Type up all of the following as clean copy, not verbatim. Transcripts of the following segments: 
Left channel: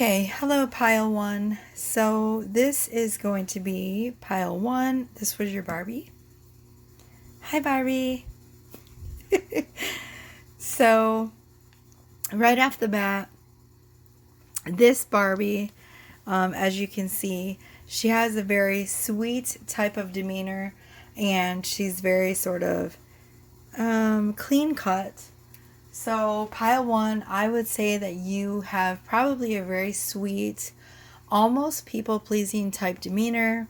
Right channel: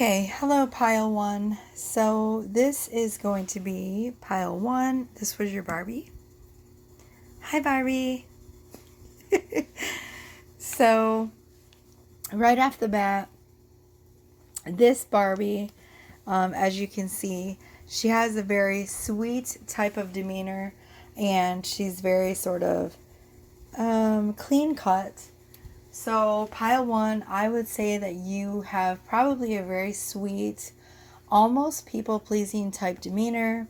Okay, hello pile one. So this is going to be pile one. This was your Barbie. Hi Barbie. So right off the bat, this Barbie, as you can see, she has a very sweet type of demeanor, and she's very sort of clean cut. So pile one, I would say that you have probably a very sweet, almost people pleasing type demeanor.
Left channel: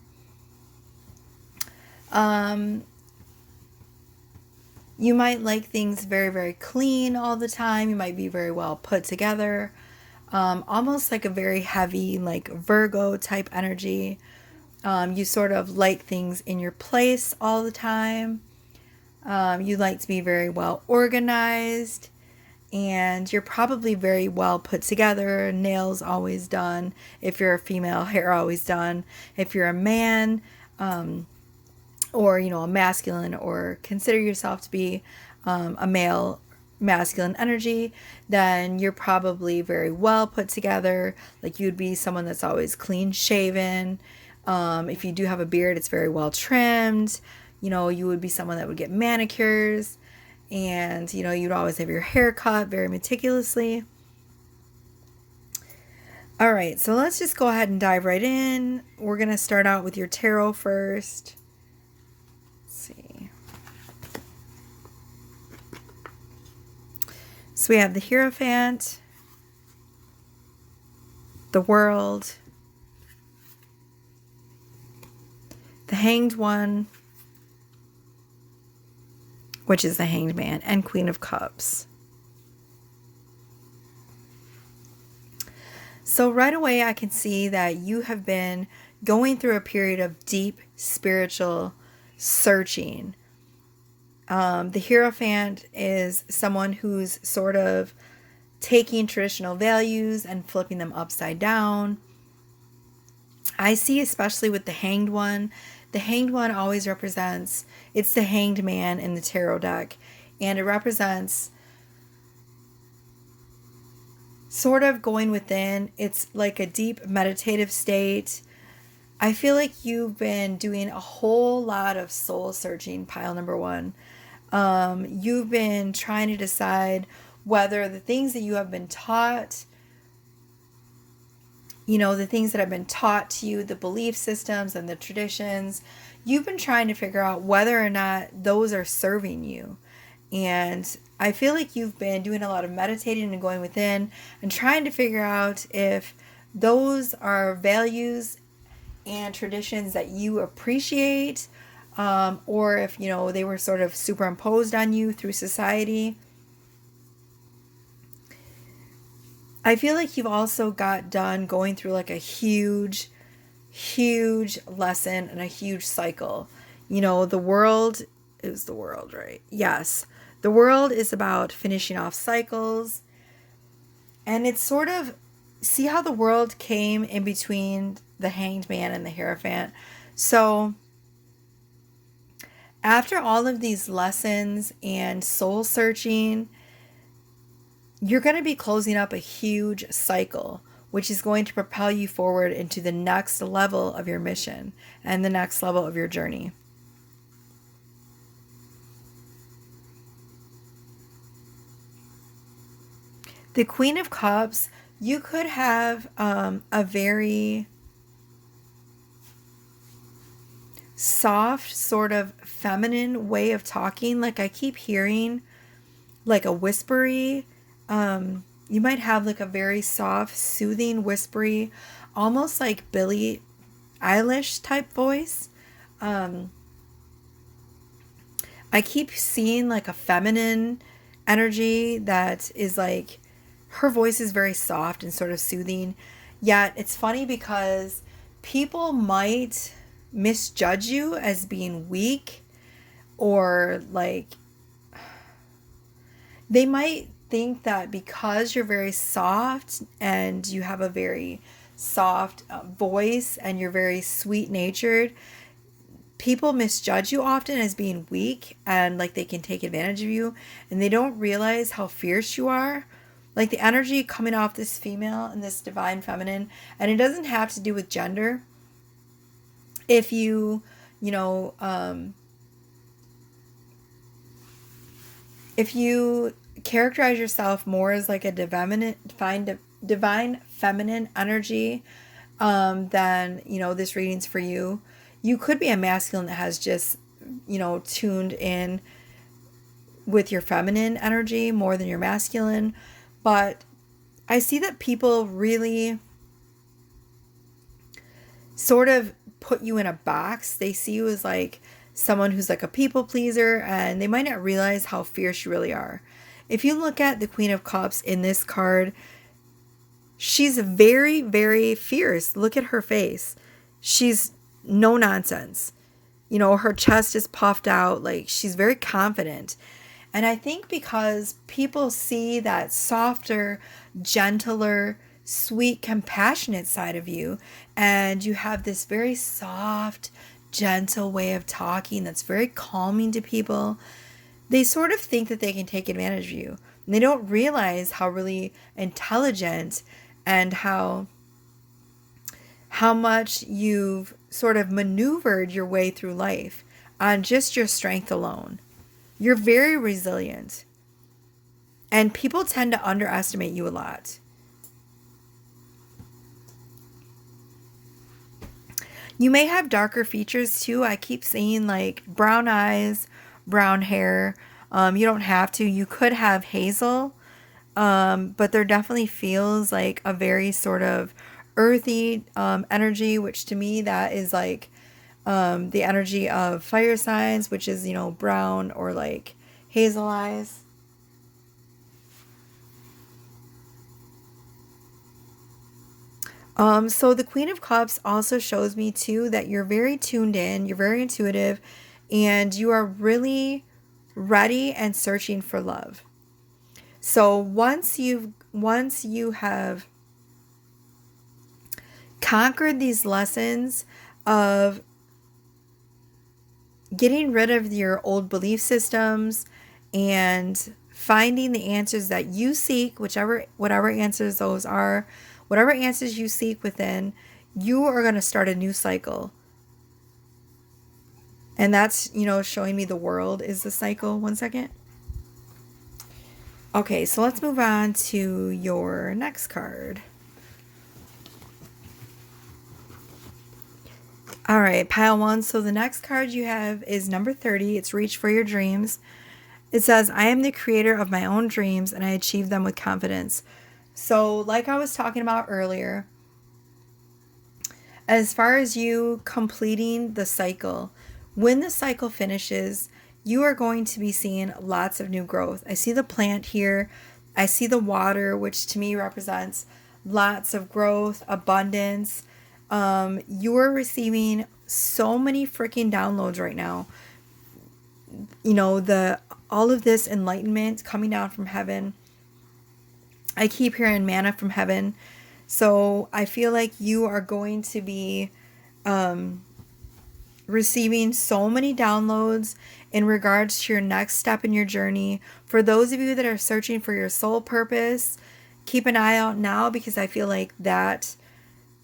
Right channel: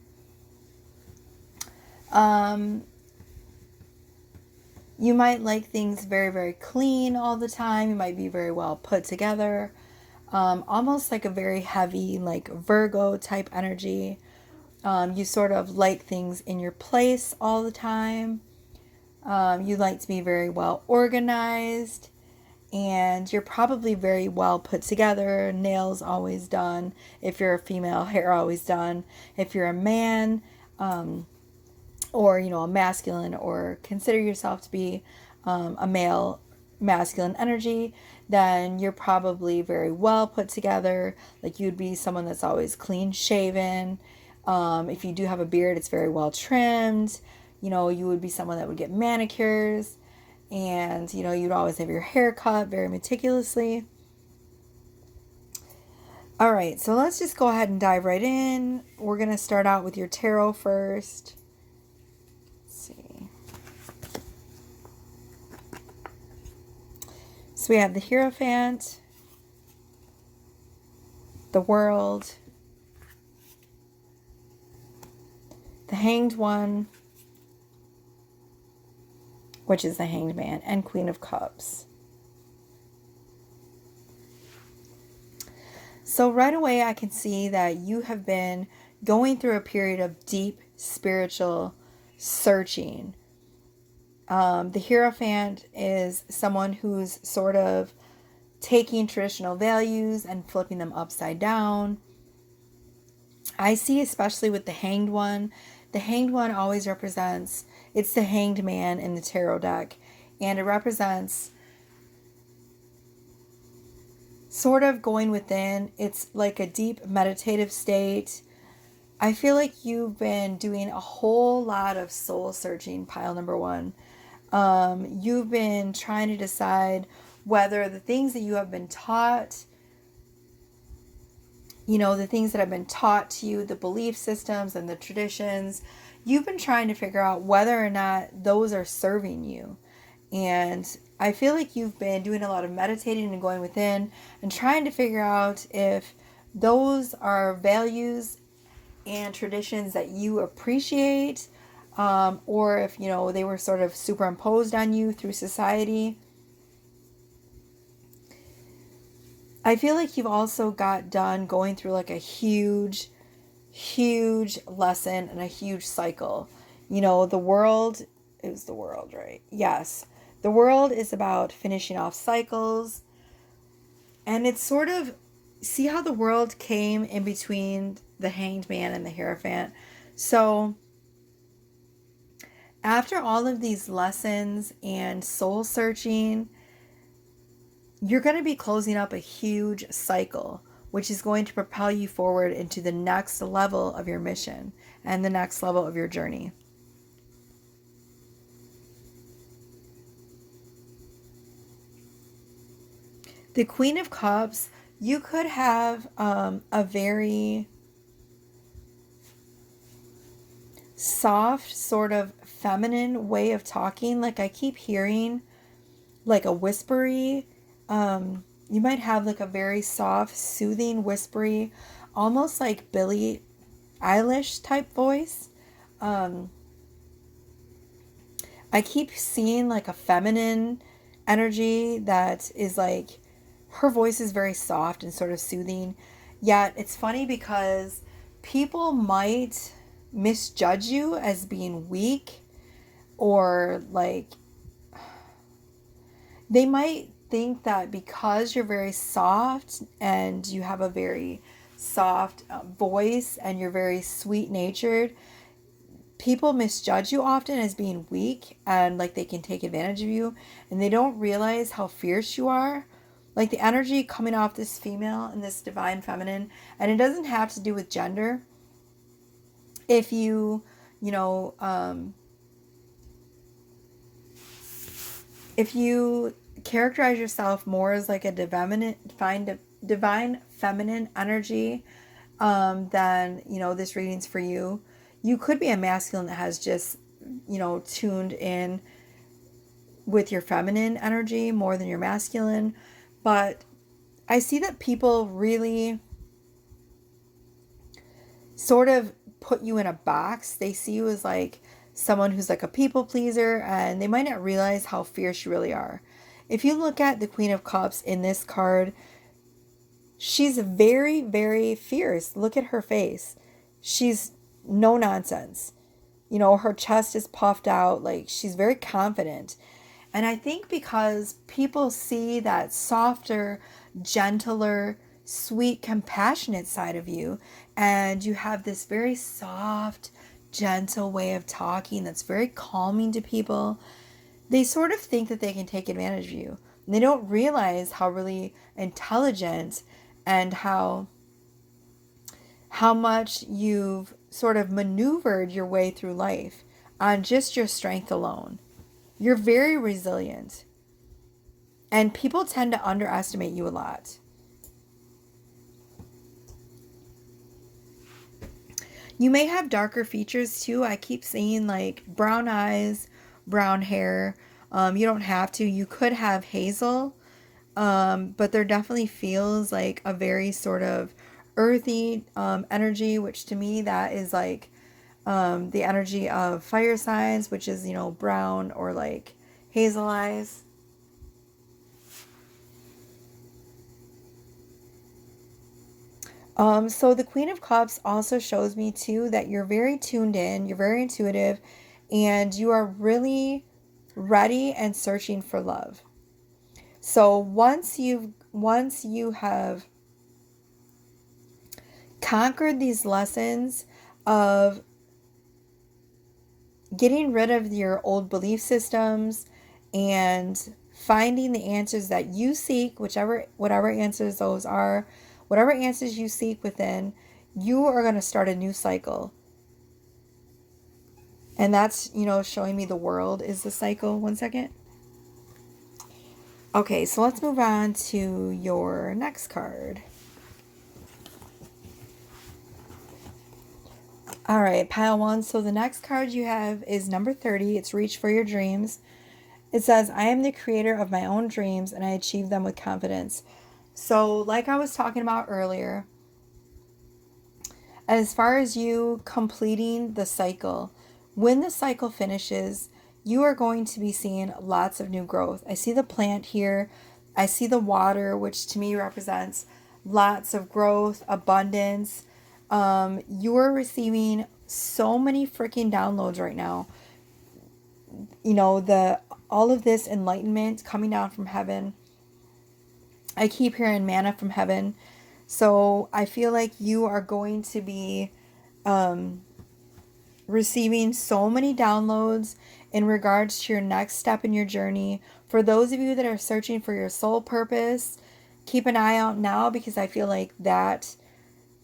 Um, you might like things very, very clean all the time. You might be very well put together. Almost like a very heavy, like Virgo type energy. You sort of like things in your place all the time. You like to be very well organized. And you're probably very well put together, nails always done. If you're a female, hair always done. If you're a man, or a masculine, or consider yourself to be a male masculine energy, then you're probably very well put together. Like you'd be someone that's always clean shaven. If you do have a beard, it's very well trimmed. You would be someone that would get manicures, and you'd always have your hair cut very meticulously. All right, so let's just go ahead and dive right in. We're going to start out with your tarot first. Let's see. So we have the Hierophant, the World, the Hanged One, which is the Hanged Man, and Queen of Cups. So right away I can see that you have been going through a period of deep spiritual searching. The Hierophant is someone who's sort of taking traditional values and flipping them upside down. I see, especially with the Hanged One, the Hanged One always represents, it's the Hanged Man in the tarot deck, and it represents sort of going within. It's like a deep meditative state. I feel like you've been doing a whole lot of soul searching, pile number one. You've been trying to decide whether the things that you have been taught, the things that have been taught to you, the belief systems and the traditions, you've been trying to figure out whether or not those are serving you. And I feel like you've been doing a lot of meditating and going within and trying to figure out if those are values and traditions that you appreciate, or if, they were sort of superimposed on you through society. I feel like you've also got done going through like a huge, huge lesson and a huge cycle. The world is the world, right? Yes. The world is about finishing off cycles. And it's sort of, see how the world came in between the Hanged Man and the Hierophant. So after all of these lessons and soul searching, you're going to be closing up a huge cycle, which is going to propel you forward into the next level of your mission and the next level of your journey. The Queen of Cups, you could have a very soft, sort of feminine way of talking. Like I keep hearing like a whispery, you might have like a very soft, soothing, whispery, almost like Billie Eilish type voice. I keep seeing like a feminine energy that is like, her voice is very soft and sort of soothing. Yet it's funny because people might misjudge you as being weak, or like they might think that because you're very soft and you have a very soft voice and you're very sweet natured, people misjudge you often as being weak and like they can take advantage of you, and they don't realize how fierce you are. like the energy coming off this female and this divine feminine, and it doesn't have to do with gender. If you, you know, if you characterize yourself more as like a divine feminine energy, then, this reading's for you. You could be a masculine that has just, tuned in with your feminine energy more than your masculine. But I see that people really sort of put you in a box. They see you as like someone who's like a people pleaser, and they might not realize how fierce you really are. If you look at the Queen of Cups in this card, she's very, very fierce. Look at her face. She's no nonsense. Her chest is puffed out. Like, she's very confident. And I think because people see that softer, gentler, sweet, compassionate side of you, and you have this very soft, gentle way of talking that's very calming to people, they sort of think that they can take advantage of you. And they don't realize how really intelligent and how much you've sort of maneuvered your way through life on just your strength alone. You're very resilient. And people tend to underestimate you a lot. You may have darker features too. I keep seeing like brown eyes, brown hair. You don't have to. You could have hazel. But there definitely feels like a very sort of earthy energy, which to me that is like the energy of fire signs, which is, brown or like hazel eyes. So the Queen of Cups also shows me too that you're very tuned in, you're very intuitive, and you are really ready and searching for love. So once you have conquered these lessons of getting rid of your old belief systems and finding the answers that you seek, whatever answers those are, whatever answers you seek within, you are going to start a new cycle. And that's, showing me the world is the cycle. One second. Okay, so let's move on to your next card. All right, pile one. So the next card you have is number 30. It's Reach for Your Dreams. It says, I am the creator of my own dreams and I achieve them with confidence. So like I was talking about earlier, as far as you completing the cycle, when the cycle finishes, you are going to be seeing lots of new growth. I see the plant here. I see the water, which to me represents lots of growth, abundance. You are receiving so many freaking downloads right now. All of this enlightenment coming down from heaven. I keep hearing manna from heaven. So I feel like you are going to be receiving so many downloads in regards to your next step in your journey. For those of you that are searching for your soul purpose, keep an eye out now, because I feel like that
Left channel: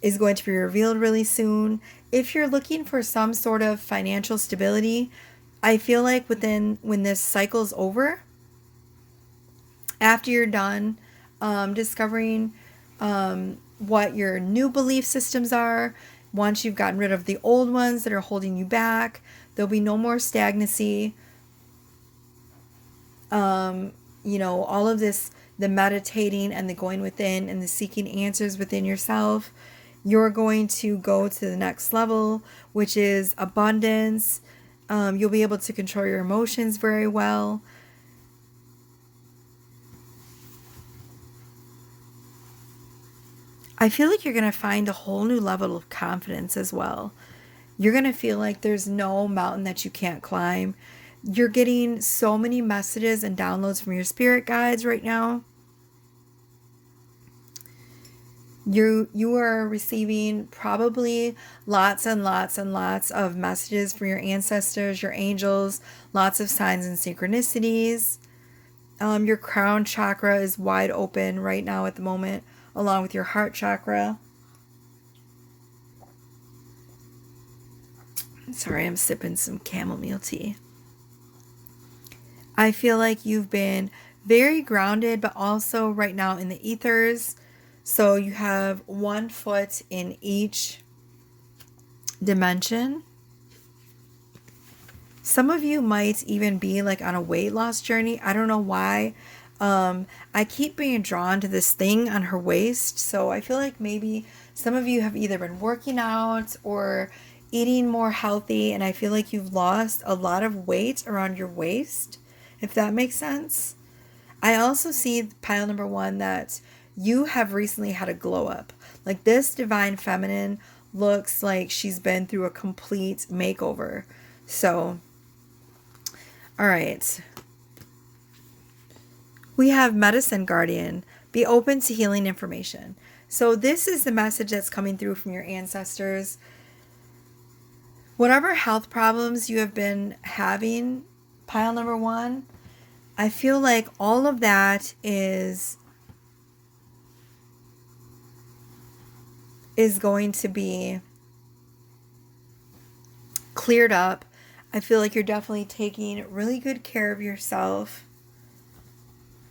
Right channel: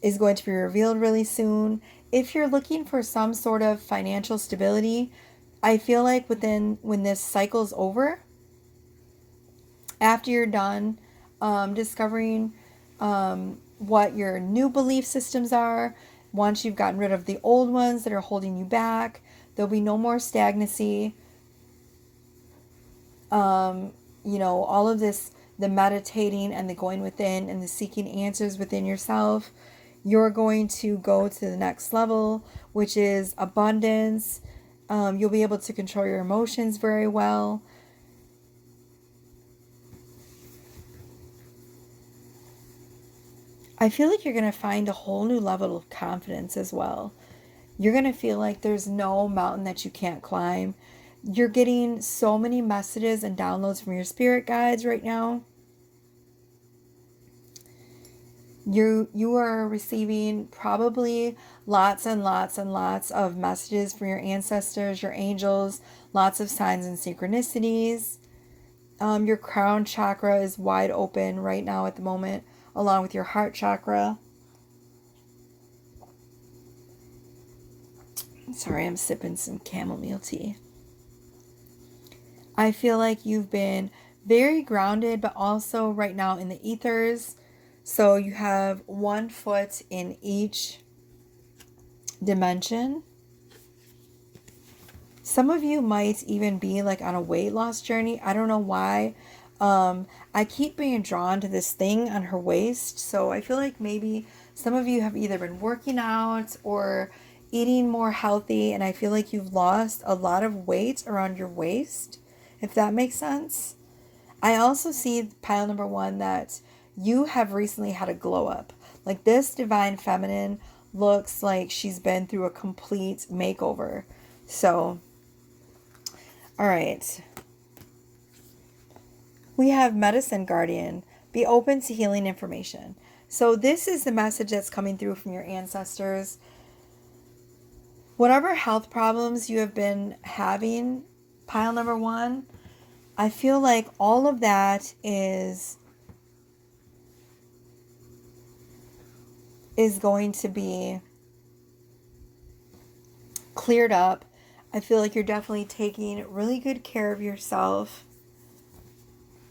is going to be revealed really soon. If you're looking for some sort of financial stability, I feel like when this cycle's over, after you're done discovering what your new belief systems are, once you've gotten rid of the old ones that are holding you back, there'll be no more stagnancy. All of this, the meditating and the going within and the seeking answers within yourself, you're going to go to the next level, which is abundance. You'll be able to control your emotions very well. I feel like you're going to find a whole new level of confidence as well. You're going to feel like there's no mountain that you can't climb. You're getting so many messages and downloads from your spirit guides right now. You are receiving probably lots and lots and lots of messages from your ancestors, your angels, lots of signs and synchronicities. Your crown chakra is wide open right now at the moment, along with your heart chakra. Sorry, I'm sipping some chamomile tea. I feel like you've been very grounded, but also right now in the ethers. So you have one foot in each dimension. Some of you might even be like on a weight loss journey. I don't know why. I keep being drawn to this thing on her waist. So I feel like maybe some of you have either been working out or eating more healthy. And I feel like you've lost a lot of weight around your waist, if that makes sense. I also see pile number 1 that you have recently had a glow up. Like this divine feminine looks like she's been through a complete makeover. So, all right. We have medicine guardian. Be open to healing information. So this is the message that's coming through from your ancestors. Whatever health problems you have been having, pile number 1, I feel like all of that is going to be cleared up. I feel like you're definitely taking really good care of yourself.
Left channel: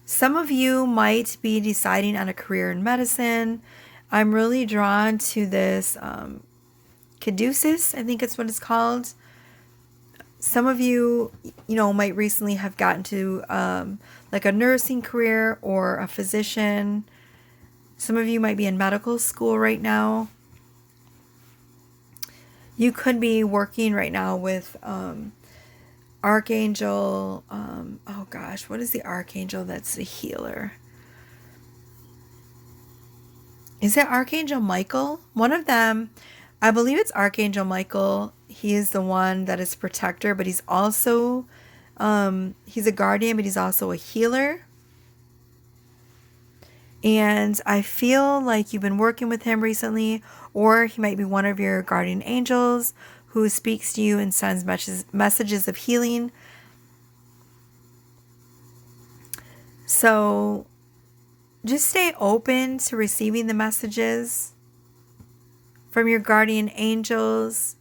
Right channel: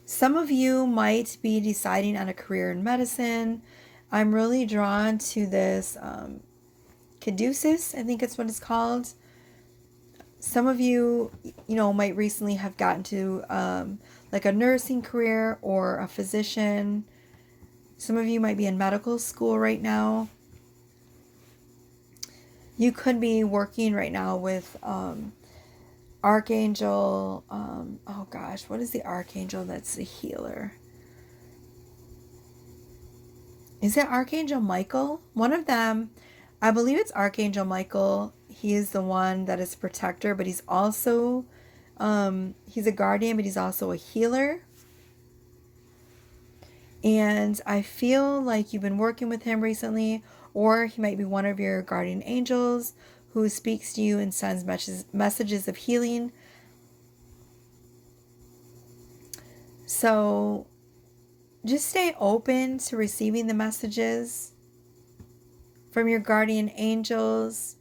Some of you might be deciding on a career in medicine. I'm really drawn to this caduceus, I think it's what it's called. Some of you, might recently have gotten to like a nursing career or a physician. Some of you might be in medical school right now. You could be working right now with Archangel. Oh gosh, what is the Archangel that's the healer? Is it Archangel Michael? One of them, I believe it's Archangel Michael. He is the one that is protector, but he's also, he's a guardian, but he's also a healer. And I feel like you've been working with him recently, or he might be one of your guardian angels who speaks to you and sends messages of healing. So just stay open to receiving the messages from your guardian angels.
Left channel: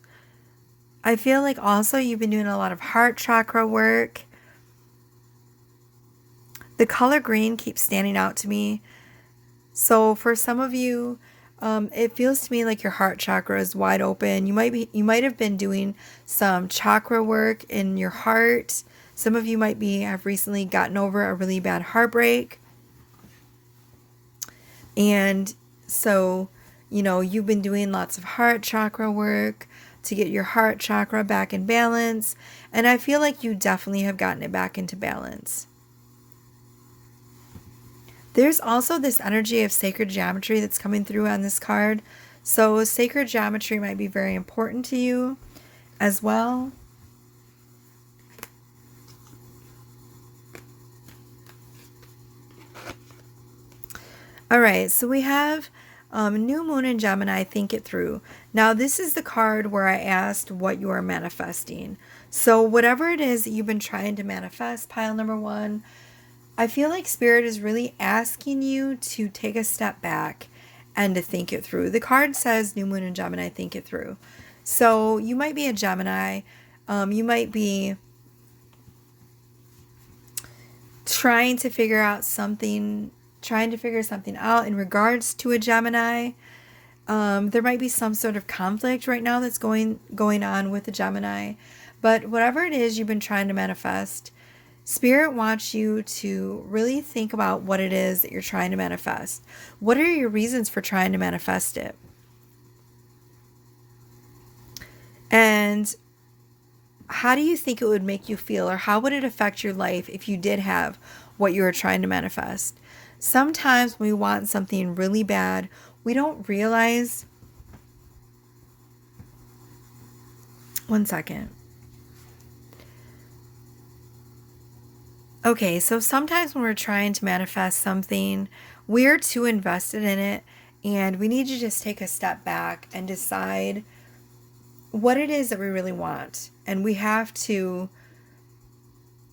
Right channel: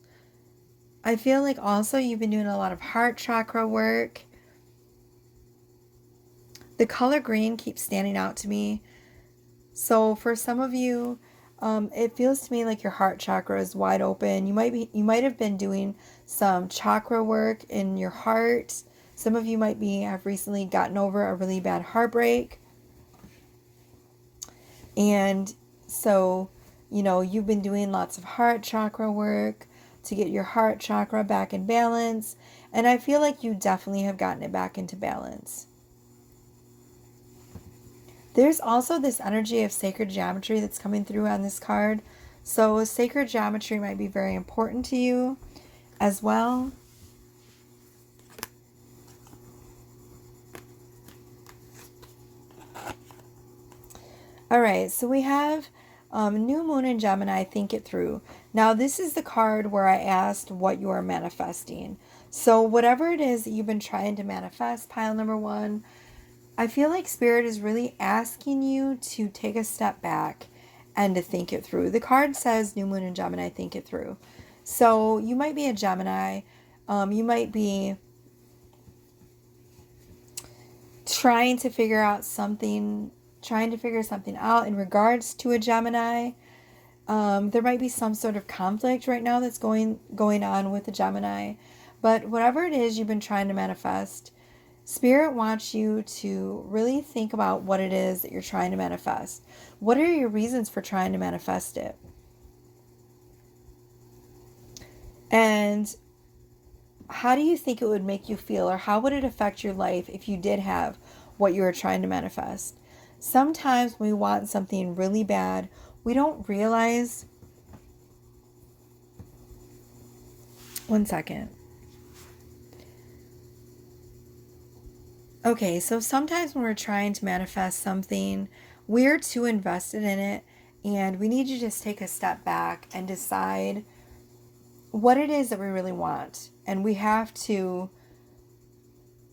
I feel like also you've been doing a lot of heart chakra work. The color green keeps standing out to me. So for some of you, it feels to me like your heart chakra is wide open. You might have been doing some chakra work in your heart. Some of you might have recently gotten over a really bad heartbreak. And so, you've been doing lots of heart chakra work to get your heart chakra back in balance. And I feel like you definitely have gotten it back into balance. There's also this energy of sacred geometry that's coming through on this card. So sacred geometry might be very important to you as well. All right, so we have New Moon in Gemini, think it through. Now, this is the card where I asked what you are manifesting. So whatever it is that you've been trying to manifest, pile number 1, I feel like Spirit is really asking you to take a step back and to think it through. The card says New Moon in Gemini, think it through. So you might be a Gemini. You might be trying to figure something out in regards to a Gemini. There might be some sort of conflict right now that's going on with the Gemini. But whatever it is you've been trying to manifest, Spirit wants you to really think about what it is that you're trying to manifest. What are your reasons for trying to manifest it? And how do you think it would make you feel, or how would it affect your life if you did have what you were trying to manifest? Sometimes when we want something really bad, we don't realize. One second. Okay, so sometimes when we're trying to manifest something, we're too invested in it, and we need to just take a step back and decide what it is that we really want. And we have to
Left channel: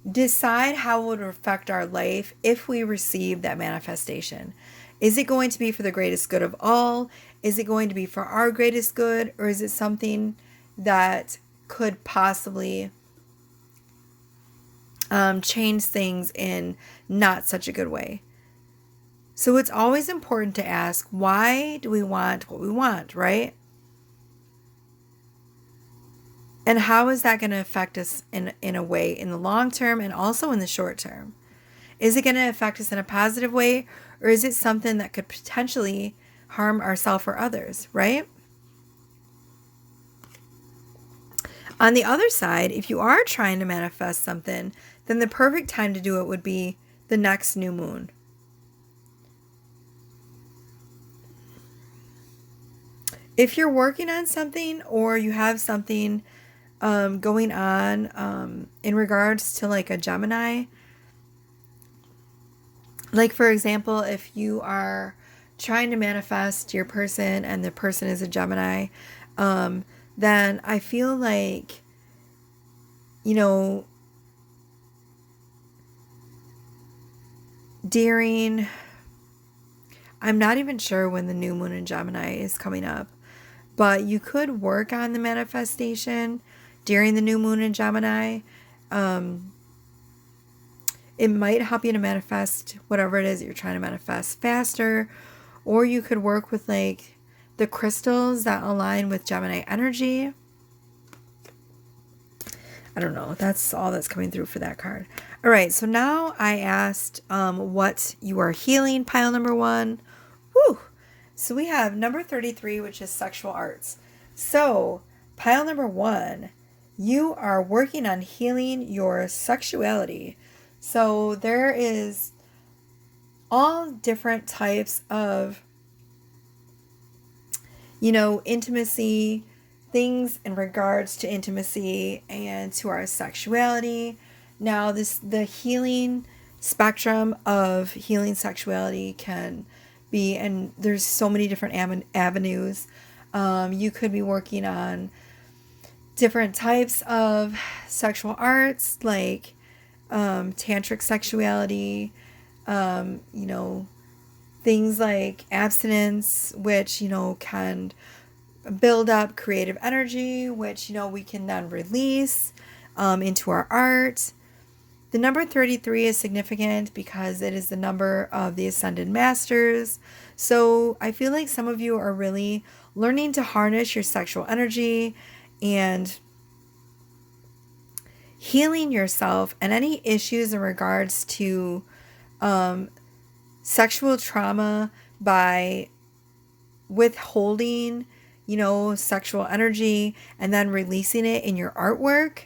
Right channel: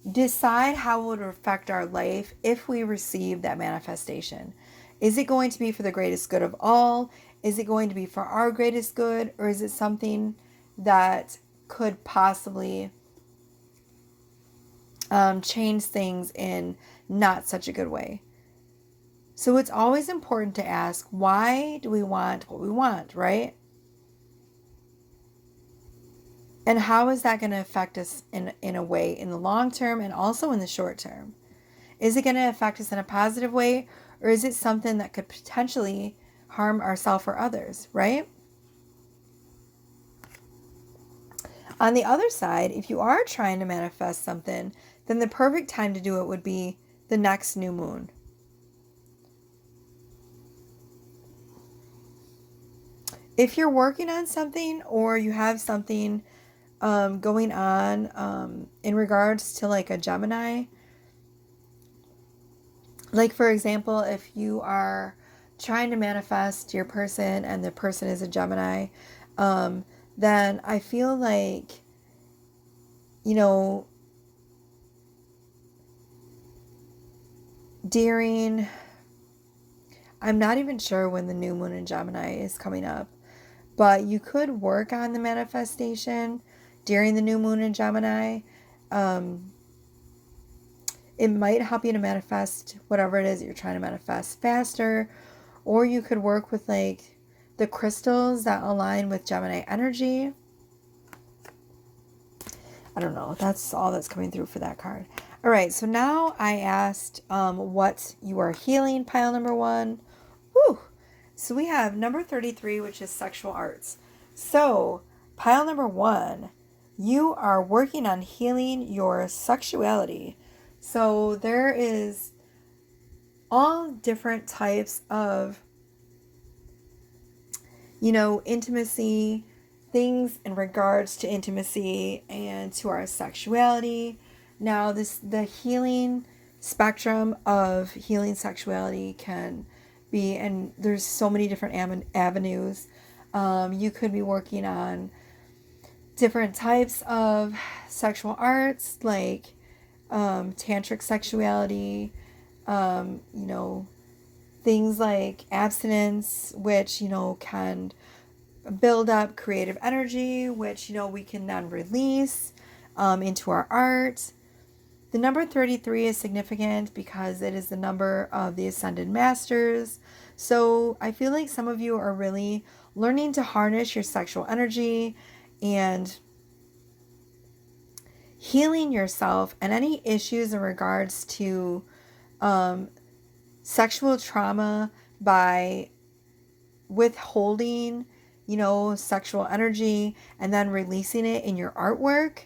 decide how it would affect our life if we receive that manifestation. Is it going to be for the greatest good of all? Is it going to be for our greatest good? Or is it something that could possibly change things in not such a good way? So it's always important to ask, why do we want what we want, right? And how is that going to affect us in a way in the long term and also in the short term? Is it going to affect us in a positive way, or is it something that could potentially harm ourselves or others, right? On the other side, if you are trying to manifest something, then the perfect time to do it would be the next new moon. If you're working on something or you have something going on in regards to like a Gemini, like for example, if you are trying to manifest your person and the person is a Gemini, then I feel like, you know, during, I'm not even sure when the new moon in Gemini is coming up, but you could work on the manifestation during the new moon in Gemini. It might help you to manifest whatever it is that you're trying to manifest faster, or you could work with like the crystals that align with Gemini energy. I don't know. That's all that's coming through for that card. All right. So now I asked what you are healing, pile number 1. Whew. So we have number 33, which is sexual arts. So pile number 1, you are working on healing your sexuality. So there is all different types of, intimacy, things in regards to intimacy and to our sexuality. Now, the healing spectrum of healing sexuality can be, and there's so many different avenues. You could be working on different types of sexual arts, like tantric sexuality, things like abstinence, which, can build up creative energy, which, we can then release into our art. The number 33 is significant because it is the number of the Ascended Masters. So I feel like some of you are really learning to harness your sexual energy and healing yourself and any issues in regards to sexual trauma by withholding, sexual energy and then releasing it in your artwork.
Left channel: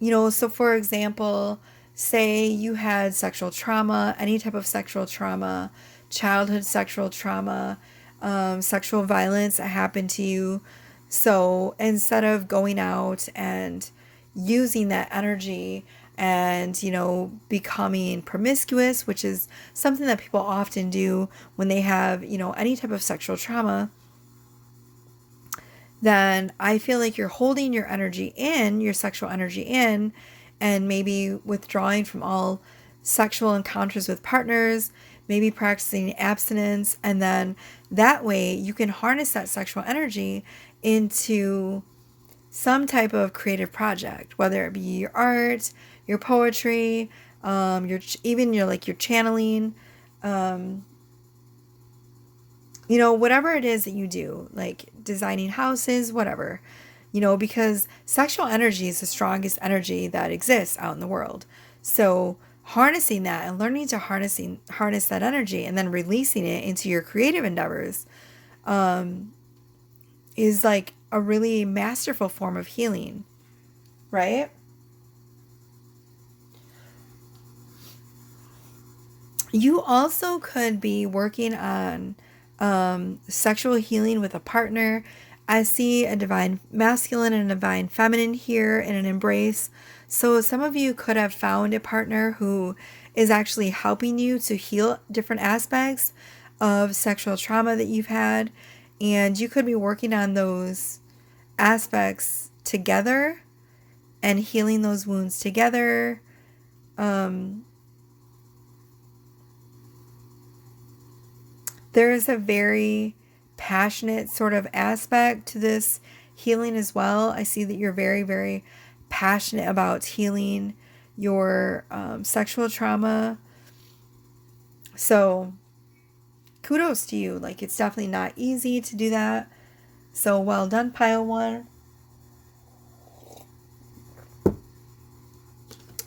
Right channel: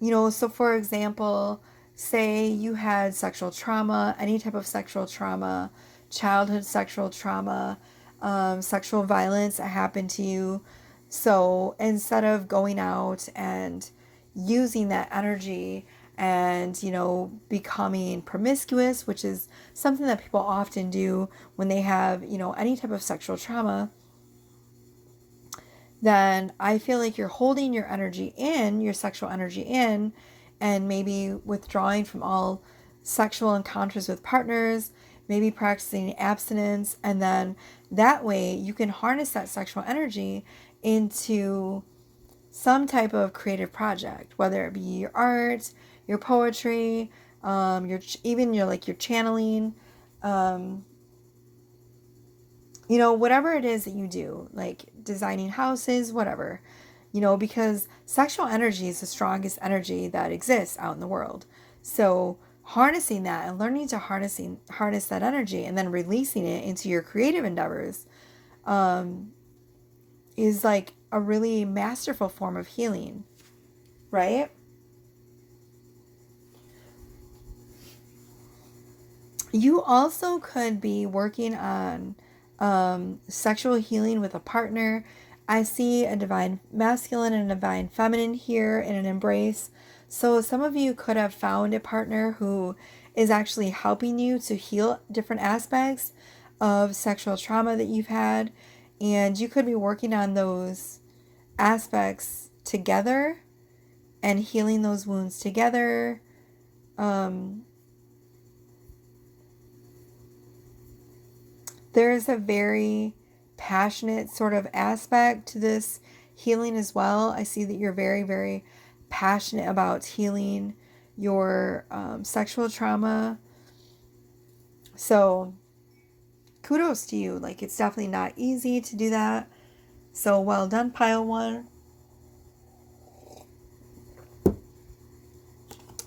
So for example, say you had sexual trauma, any type of sexual trauma, childhood sexual trauma, sexual violence that happened to you. So instead of going out and using that energy and, becoming promiscuous, which is something that people often do when they have, any type of sexual trauma, then I feel like you're holding your energy in, your sexual energy in, and maybe withdrawing from all sexual encounters with partners, maybe practicing abstinence, and then that way you can harness that sexual energy into some type of creative project, whether it be your art, your poetry, your channeling, whatever it is that you do, like designing houses, whatever, because sexual energy is the strongest energy that exists out in the world. So harnessing that and learning to harness that energy and then releasing it into your creative endeavors is like a really masterful form of healing, right? You also could be working on sexual healing with a partner. I see a divine masculine and a divine feminine here in an embrace. So some of you could have found a partner who is actually helping you to heal different aspects of sexual trauma that you've had. And you could be working on those aspects together and healing those wounds together. There is a very passionate sort of aspect to this healing as well. I see that you're very, very passionate about healing your sexual trauma. So kudos to you. Like, it's definitely not easy to do that. So well done, pile one.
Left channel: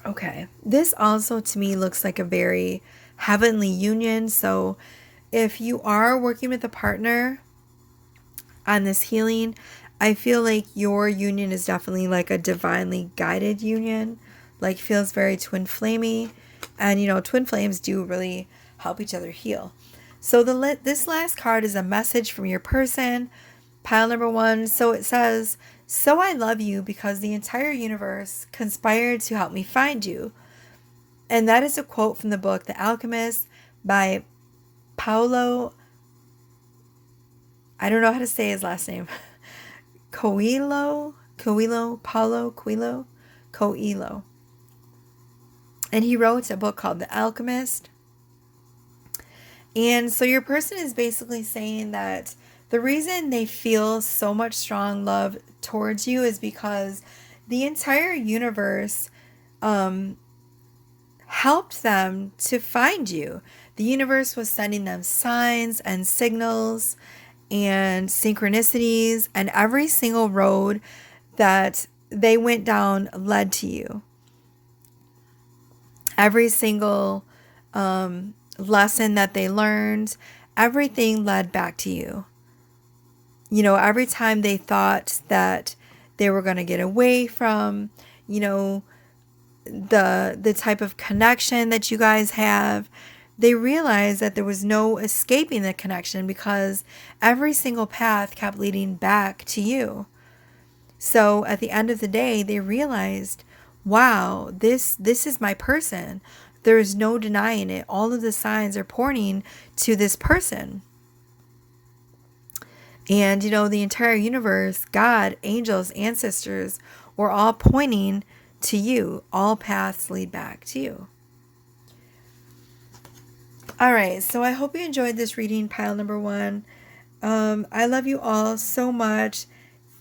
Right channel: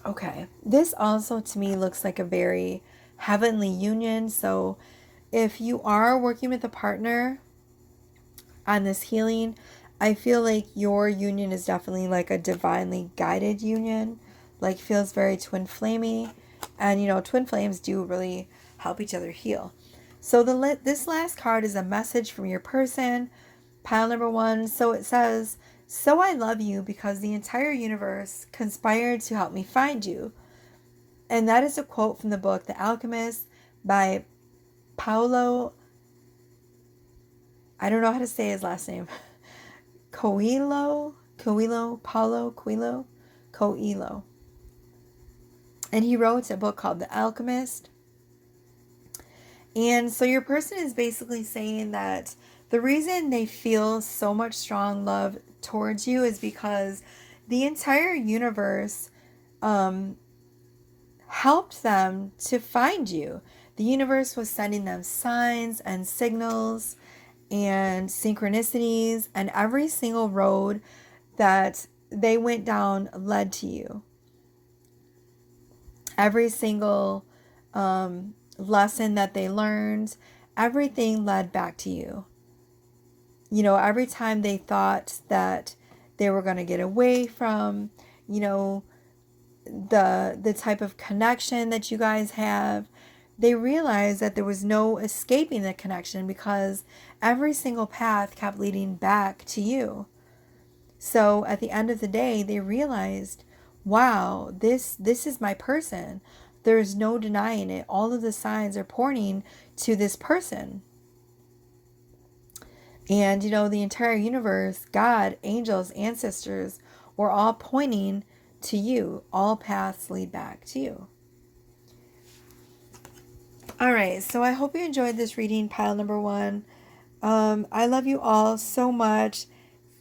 Okay. This also to me looks like a very heavenly union. So if you are working with a partner on this healing, I feel like your union is definitely like a divinely guided union. Like, feels very twin flamey. And, you know, twin flames do really help each other heal. So this last card is a message from your person, pile number one. So it says, so I love you because the entire universe conspired to help me find you. And that is a quote from the book The Alchemist by Paulo, I don't know how to say his last name, Coelho. And he wrote a book called The Alchemist. And so your person is basically saying that the reason they feel so much strong love towards you is because the entire universe helped them to find you. The universe was sending them signs and signals and synchronicities, and every single road that they went down led to you. Every single lesson that they learned, everything led back to you. You know, every time they thought that they were going to get away from, you know, the type of connection that you guys have, they realized that there was no escaping the connection because every single path kept leading back to you. So at the end of the day, they realized, wow, this is my person. There's no denying it. All of the signs are pointing to this person. And, you know, the entire universe, God, angels, ancestors, were all pointing to you. All paths lead back to you. All right, so I hope you enjoyed this reading, pile number one. I love you all so much.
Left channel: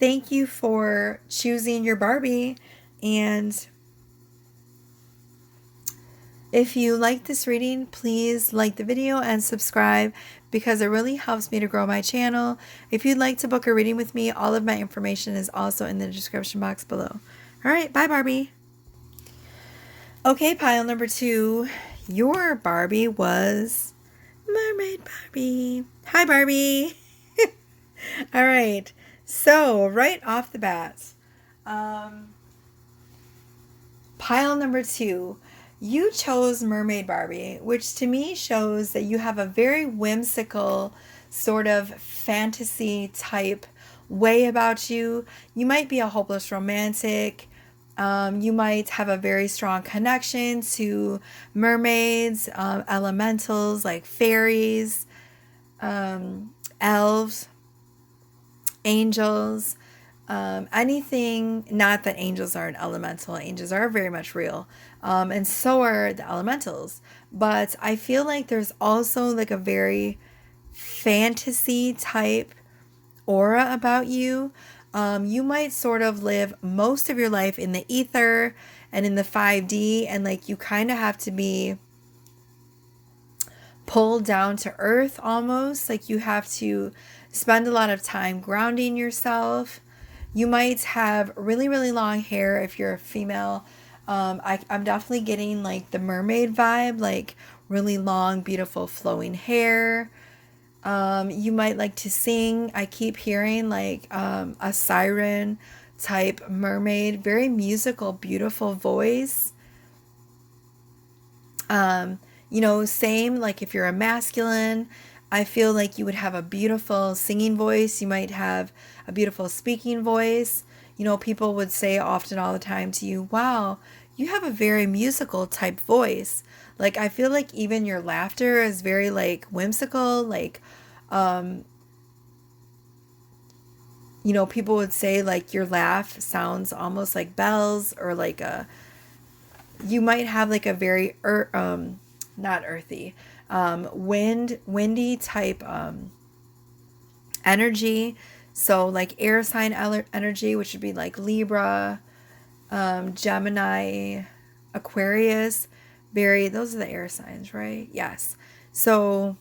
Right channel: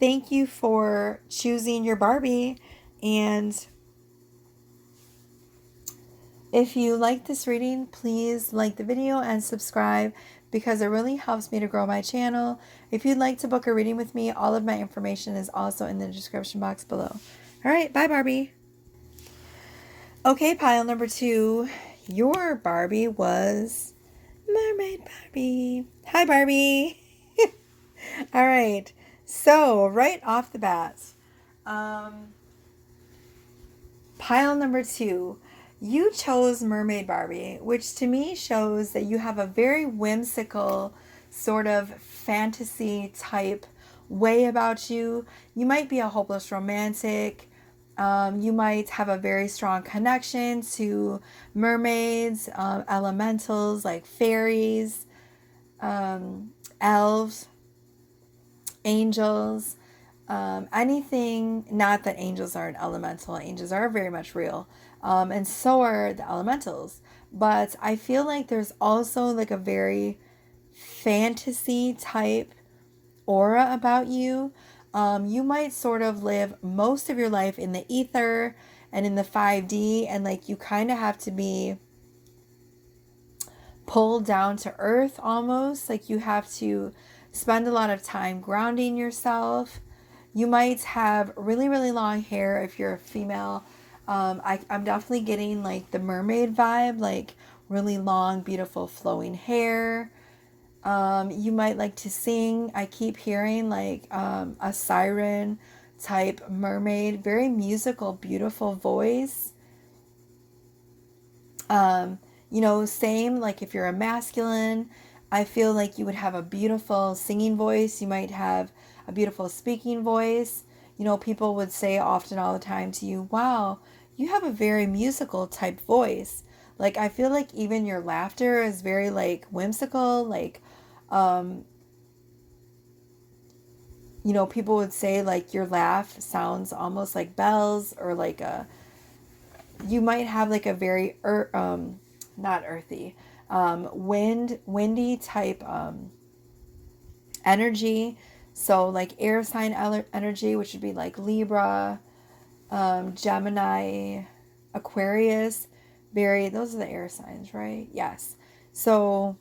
Thank you for choosing your Barbie. And if you like this reading, please like the video and subscribe because it really helps me to grow my channel. If you'd like to book a reading with me, all of my information is also in the description box below. All right, bye, Barbie. Okay, pile number two. Your Barbie was Mermaid Barbie. Hi, Barbie. All right. So, right off the bat, pile number two, you chose Mermaid Barbie, which to me shows that you have a very whimsical sort of fantasy type way about you. You might be a hopeless romantic. You might have a very strong connection to mermaids, elementals like fairies, elves, angels, anything. Not that angels are an elemental, angels are very much real, and so are the elementals. But I feel like there's also like a very fantasy type aura about you. You might sort of live most of your life in the ether and in the 5D, and like you kind of have to be pulled down to earth almost. Like you have to spend a lot of time grounding yourself. You might have really, really long hair if you're a female. I'm definitely getting like the mermaid vibe, like really long, beautiful, flowing hair. You might like to sing. I keep hearing like a siren type mermaid, very musical, beautiful voice. You know, same like if you're a masculine, I feel like you would have a beautiful singing voice. You might have a beautiful speaking voice. You know, people would say often all the time to you, wow, you have a very musical type voice. Like, I feel like even your laughter is very like whimsical, like, you people would say like your laugh sounds almost like bells, or like you might have like a very not earthy, windy type energy. So like air sign energy, which would be like Libra, Gemini, Aquarius. Those are the air signs, right? Yes. So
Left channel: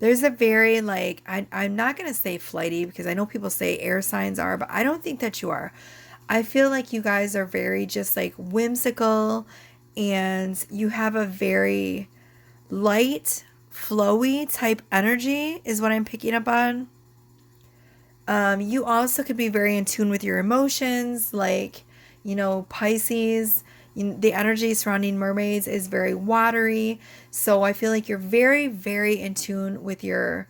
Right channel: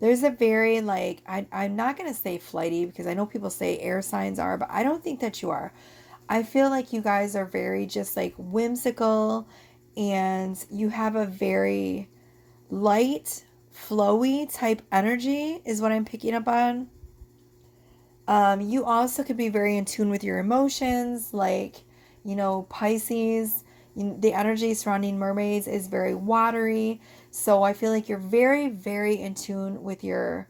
there's a very like, I'm not going to say flighty, because I know people say air signs are, but I don't think that you are. I feel like you guys are very just like whimsical, and you have a very light, flowy type energy is what I'm picking up on. You also could be very in tune with your emotions, like, Pisces. The energy surrounding mermaids is very watery. So I feel like you're very, very in tune with your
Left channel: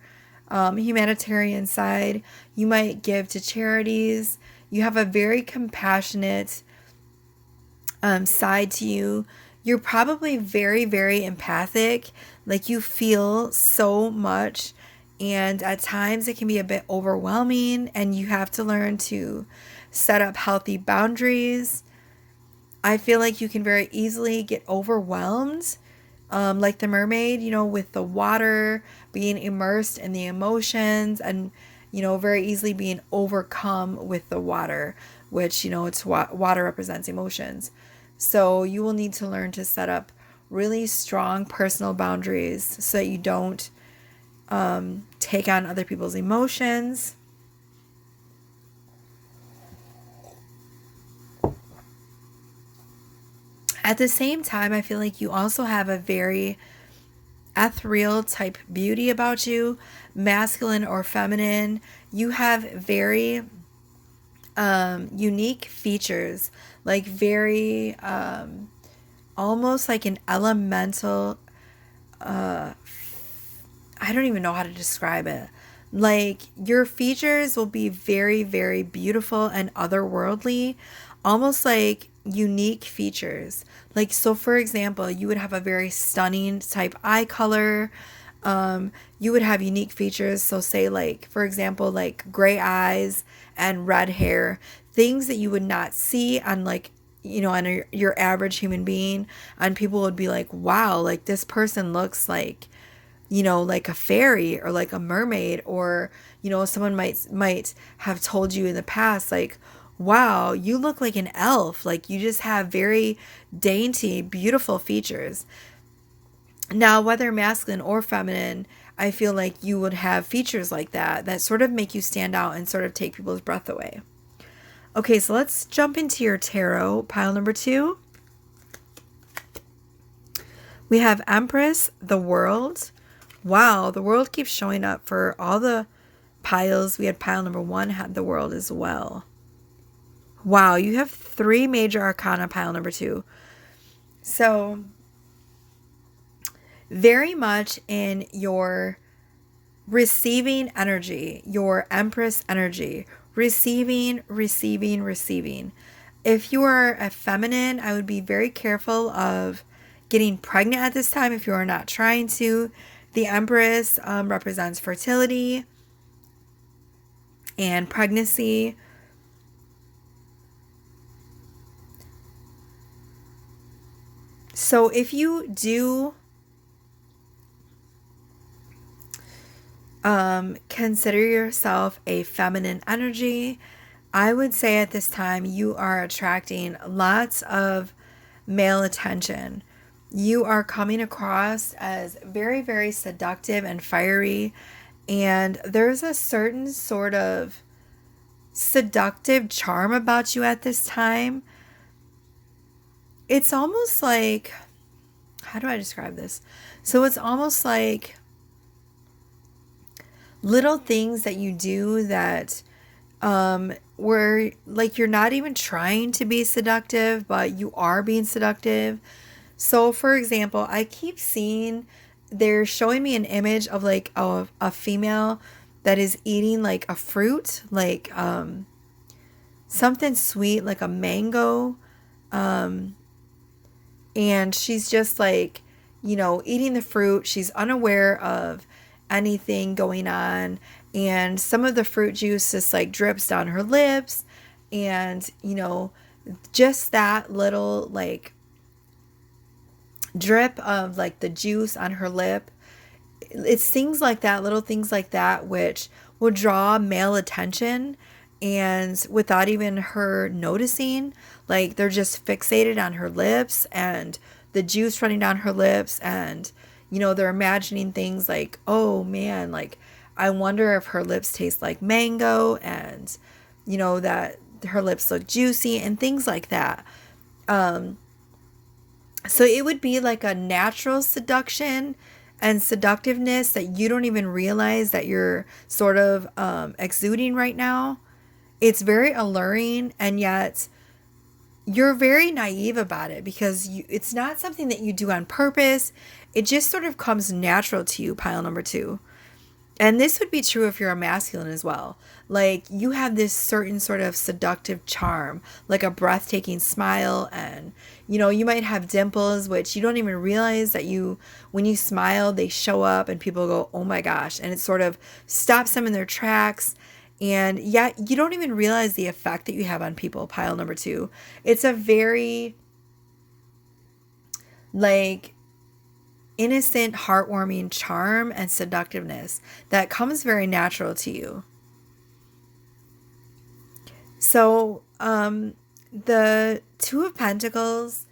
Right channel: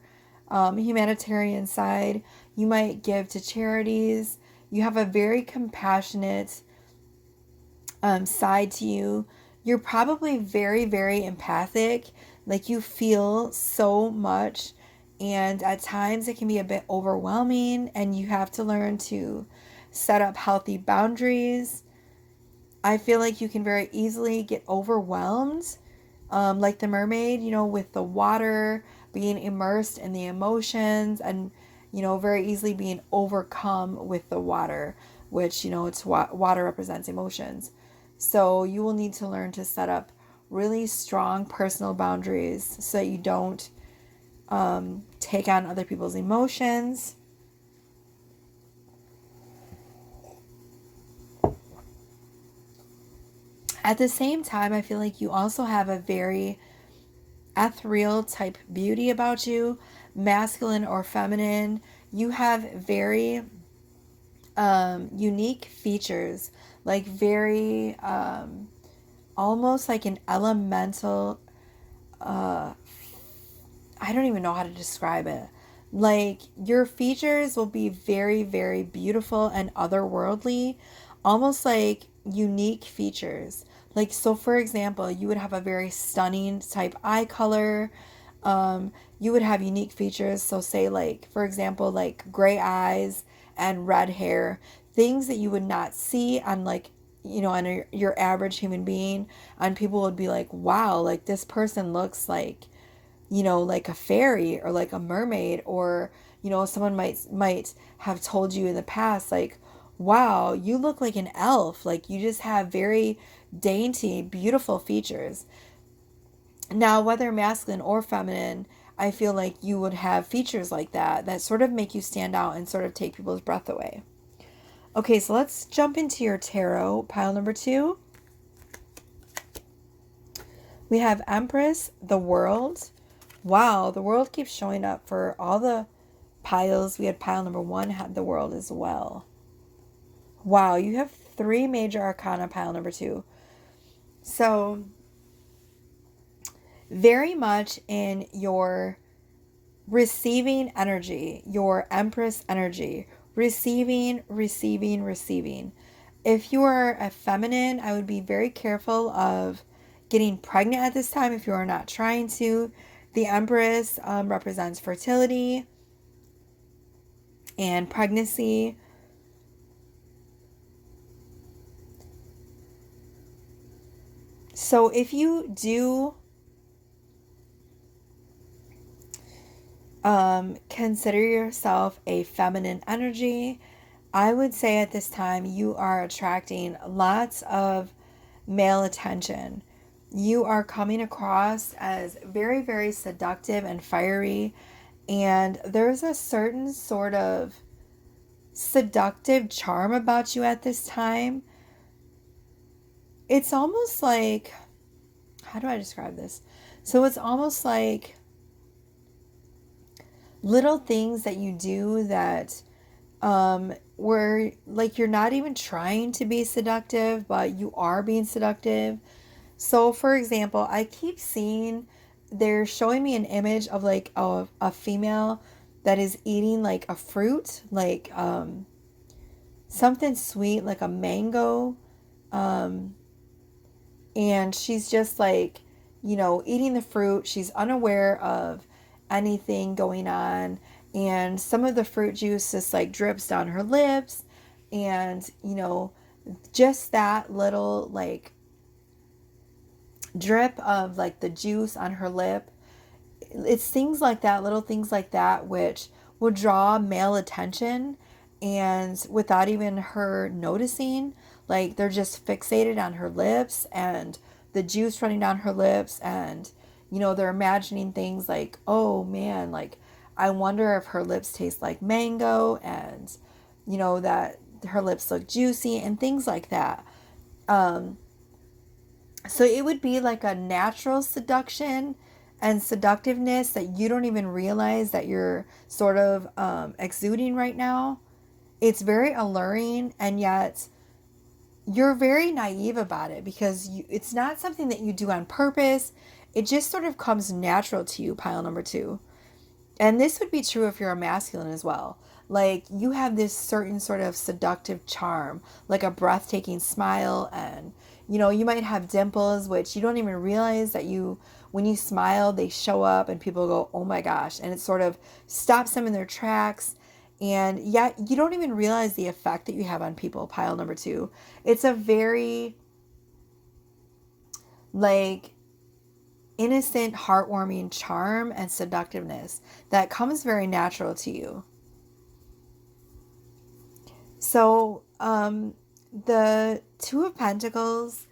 humanitarian side. You might give to charities. You have a very compassionate side to you. You're probably very, very empathic. Like, you feel so much, and at times it can be a bit overwhelming, and you have to learn to set up healthy boundaries. I feel like you can very easily get overwhelmed, like the mermaid, with the water, being immersed in the emotions, and, very easily being overcome with the water, which, it's water represents emotions. So you will need to learn to set up really strong personal boundaries so that you don't take on other people's emotions. At the same time, I feel like you also have a very ethereal type beauty about you, masculine or feminine. You have very unique features, like very almost like an elemental. I don't even know how to describe it. Like, your features will be very, very beautiful and otherworldly, almost like unique features. Like, so for example, you would have a very stunning type eye color. You would have unique features. So, say, like, for example, like gray eyes and red hair, things that you would not see on, like, on your average human being. And people would be like, wow, like, this person looks like a fairy or like a mermaid, or someone might have told you in the past, like, wow, you look like an elf, like you just have very dainty, beautiful features. Now, whether masculine or feminine, I feel like you would have features like that sort of make you stand out and sort of take people's breath away. Okay, so let's jump into your tarot pile number 2. We have Empress, the World. Wow, the World keeps showing up for all the piles. We had pile number 1 had the World as well. Wow, you have 3 major arcana pile number 2. So, very much in your receiving energy, your Empress energy. Receiving, receiving, receiving. If you are a feminine, I would be very careful of getting pregnant at this time if you are not trying to. The Empress represents fertility and pregnancy. So if you do consider yourself a feminine energy, I would say at this time you are attracting lots of male attention. You are coming across as very, very seductive and fiery, and there's a certain sort of seductive charm about you at this time. It's almost like, how do I describe this? So it's almost like little things that you do that where like you're not even trying to be seductive, but you are being seductive. So for example, I keep seeing, they're showing me an image of like a female that is eating like a fruit, like something sweet, like a mango, and she's just like, eating the fruit. She's unaware of anything going on, and some of the fruit juice just like drips down her lips, and just that little like drip of like the juice on her lip. It's things like that, little things like that, which will draw male attention, and without even her noticing, like they're just fixated on her lips and the juice running down her lips, and they're imagining things like, oh man, like I wonder if her lips taste like mango, and that her lips look juicy and things like that. So it would be like a natural seduction and seductiveness that you don't even realize that you're sort of exuding right now. It's very alluring, and yet you're very naive about it because it's not something that you do on purpose. It just sort of comes natural to you, pile number two. And this would be true if you're a masculine as well. Like you have this certain sort of seductive charm, like a breathtaking smile, and you might have dimples, which you don't even realize that when you smile, they show up and people go, oh my gosh. And it sort of stops them in their tracks. And yet you don't even realize the effect that you have on people, pile number two. It's a very like innocent, heartwarming charm and seductiveness that comes very natural to you. So, the Two of Pentacles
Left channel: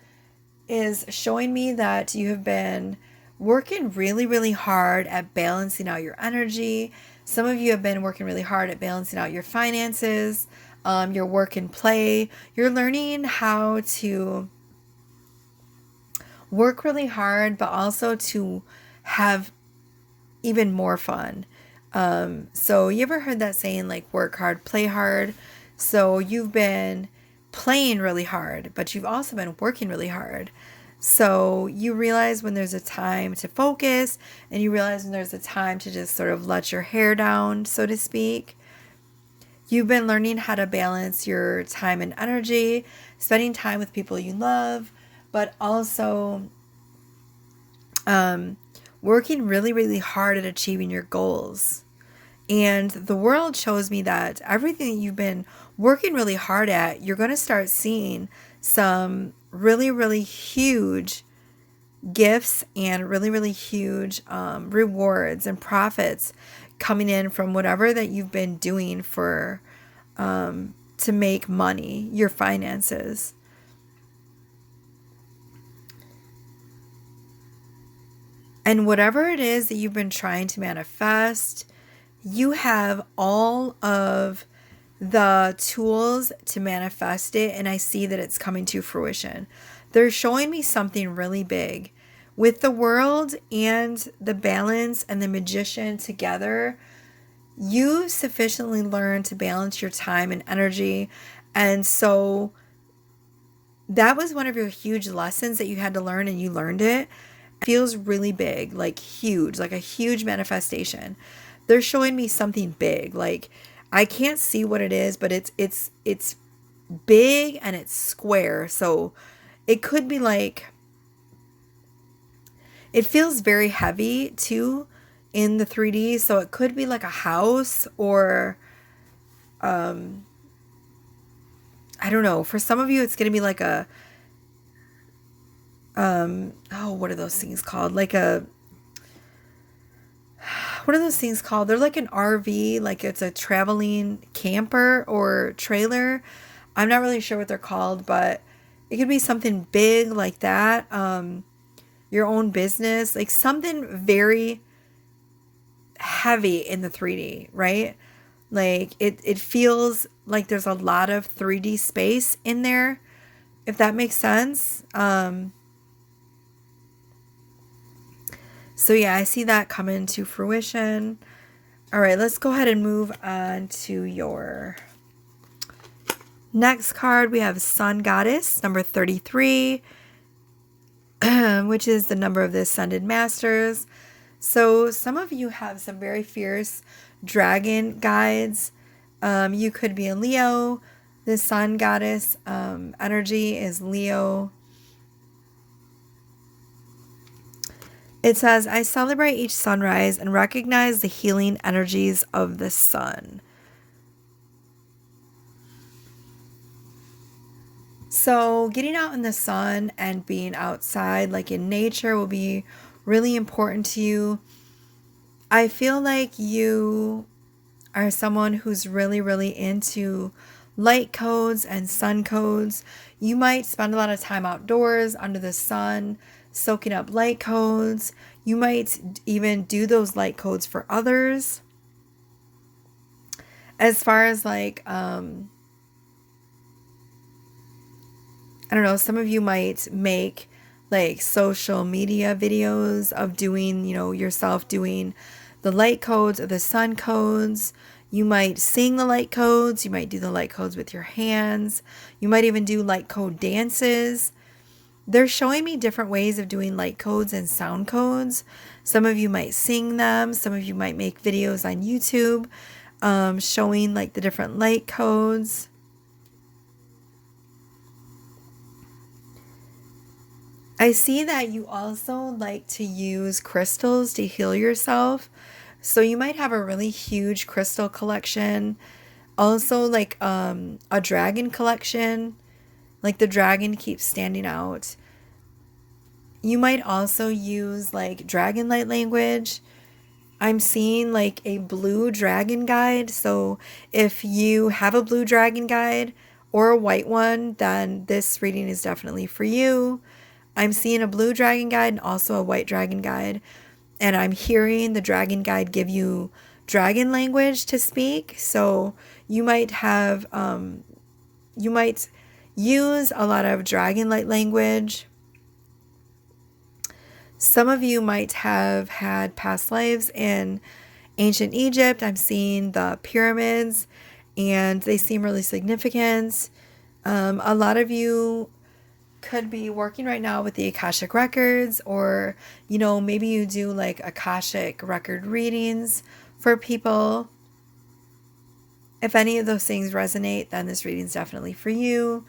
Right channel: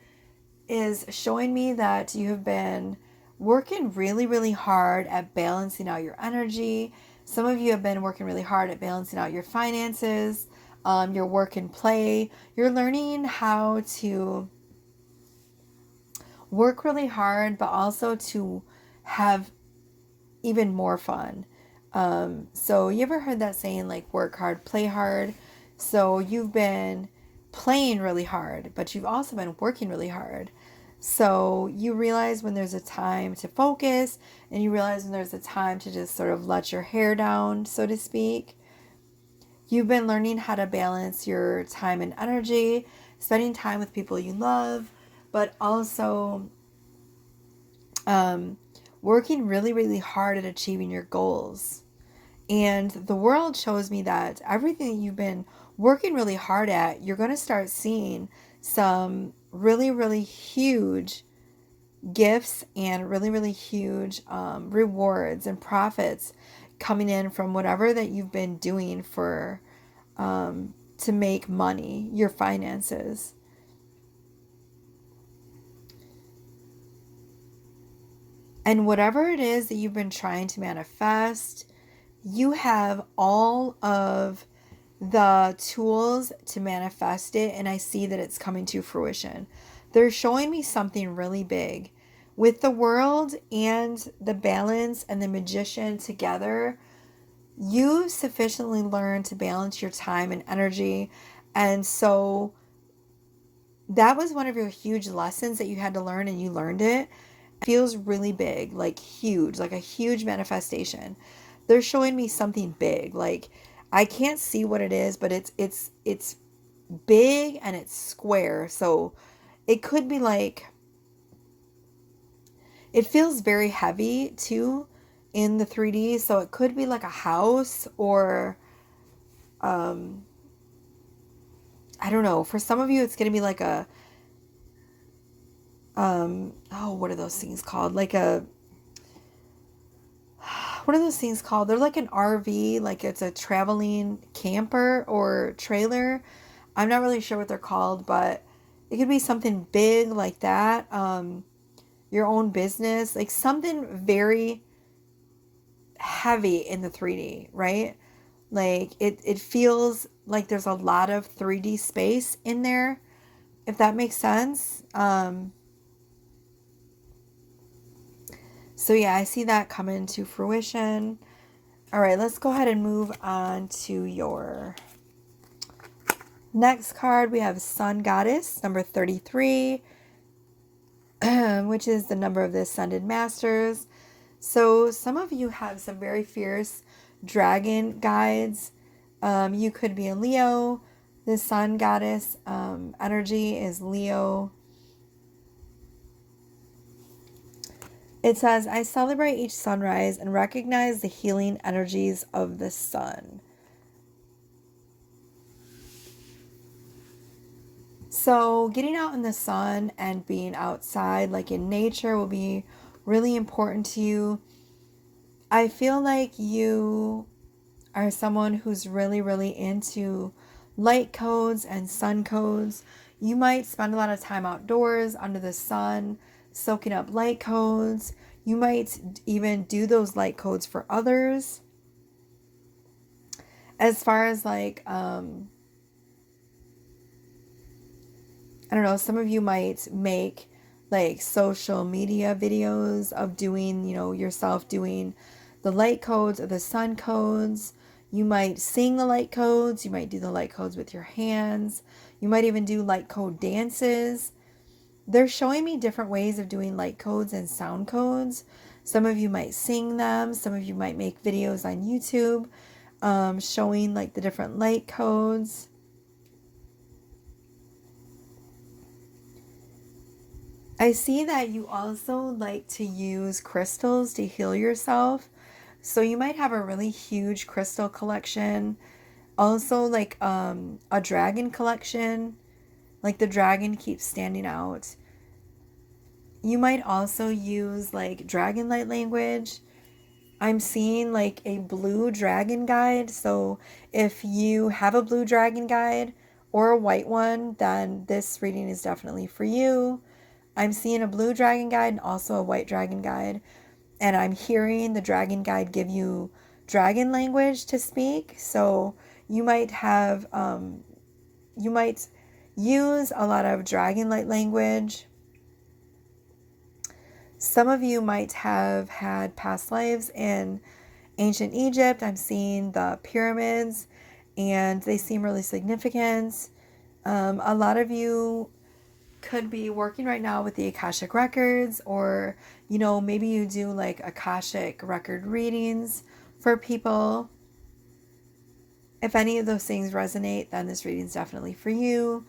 is showing me that you have been working really, really hard at balancing out your energy. Some of you have been working really hard at balancing out your finances, your work and play. You're learning how to work really hard, but also to have even more fun. So you ever heard that saying like work hard, play hard? So you've been playing really hard, but you've also been working really hard. So you realize when there's a time to focus, and you realize when there's a time to just sort of let your hair down, so to speak. You've been learning how to balance your time and energy, spending time with people you love, but also working really, really hard at achieving your goals. And the world shows me that everything that you've been working really hard at, you're going to start seeing some really, really huge gifts and really, really huge rewards and profits coming in from whatever that you've been doing for to make money, your finances. And whatever it is that you've been trying to manifest, you have all of the tools to manifest it, and I see that it's coming to fruition. They're showing me something really big. With the world and the balance and the magician together, you've sufficiently learned to balance your time and energy. And so that was one of your huge lessons that you had to learn, and you learned it. It feels really big, like huge, like a huge manifestation. They're showing me something big. Like I can't see what it is, but it's big and it's square. So it could be like, it feels very heavy too in the 3D. So it could be like a house, or I don't know. For some of you, it's going to be like a what are those things called? Like a, what are those things called? They're like an RV, like it's a traveling camper or trailer. I'm not really sure what they're called, but it could be something big like that. Your own business, like something very heavy in the 3D, right? Like it feels like there's a lot of 3D space in there, if that makes sense. So yeah, I see that coming to fruition. All right, let's go ahead and move on to your next card. We have Sun Goddess, number 33, which is the number of the Ascended Masters. So some of you have some very fierce dragon guides. You could be a Leo. The Sun Goddess energy is Leo. It says, I celebrate each sunrise and recognize the healing energies of the sun. So, getting out in the sun and being outside, like in nature, will be really important to you. I feel like you are someone who's really, really into light codes and sun codes. You might spend a lot of time outdoors under the sun, soaking up light codes. You might even do those light codes for others. As far as like, I don't know, some of you might make like social media videos of doing, yourself doing the light codes or the sun codes. You might sing the light codes. You might do the light codes with your hands. You might even do light code dances. They're showing me different ways of doing light codes and sound codes. Some of you might sing them. Some of you might make videos on YouTube showing like the different light codes. I see that you also like to use crystals to heal yourself. So you might have a really huge crystal collection. Also like a dragon collection. Like the dragon keeps standing out. You might also use like dragon light language. I'm seeing like a blue dragon guide. So if you have a blue dragon guide or a white one, then this reading is definitely for you. I'm seeing a blue dragon guide and also a white dragon guide. And I'm hearing the dragon guide give you dragon language to speak. So you might have, you might use a lot of dragon light language. Some of you might have had past lives in ancient Egypt. I'm seeing the pyramids and they seem really significant. A lot of you could be working right now with the Akashic Records, or, maybe you do like Akashic record readings for people. If any of those things resonate, then this reading is definitely for you.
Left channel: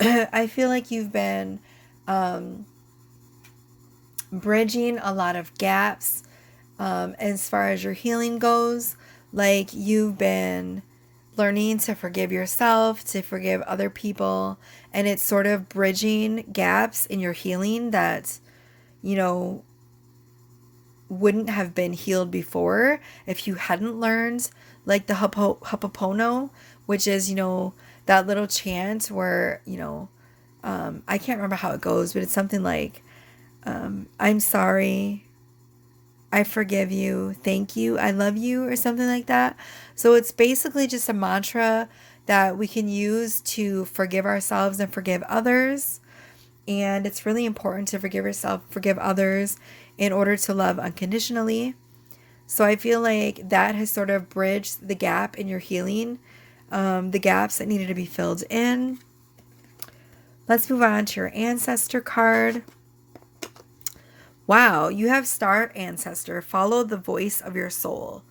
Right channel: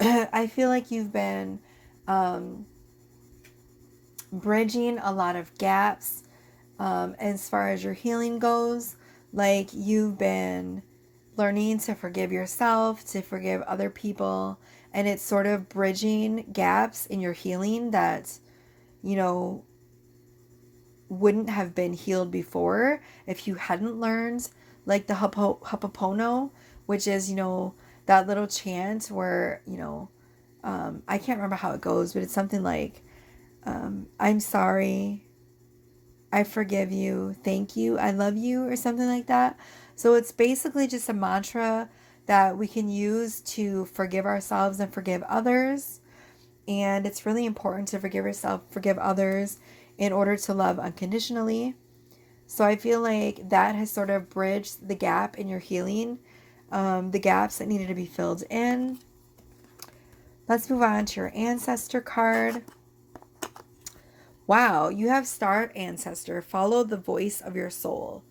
I feel like you've been bridging a lot of gaps as far as your healing goes. Like you've been learning to forgive yourself, to forgive other people, and it's sort of bridging gaps in your healing that, wouldn't have been healed before if you hadn't learned, like the Ho'oponopono, which is, that little chant where, I can't remember how it goes, but it's something like, I'm sorry, I forgive you, thank you, I love you, or something like that. So it's basically just a mantra that we can use to forgive ourselves and forgive others. And it's really important to forgive yourself, forgive others in order to love unconditionally. So I feel like that has sort of bridged the gap in your healing, the gaps that needed to be filled in. Let's move on to your ancestor card. Wow, you have Star Ancestor. Follow the voice of your soul.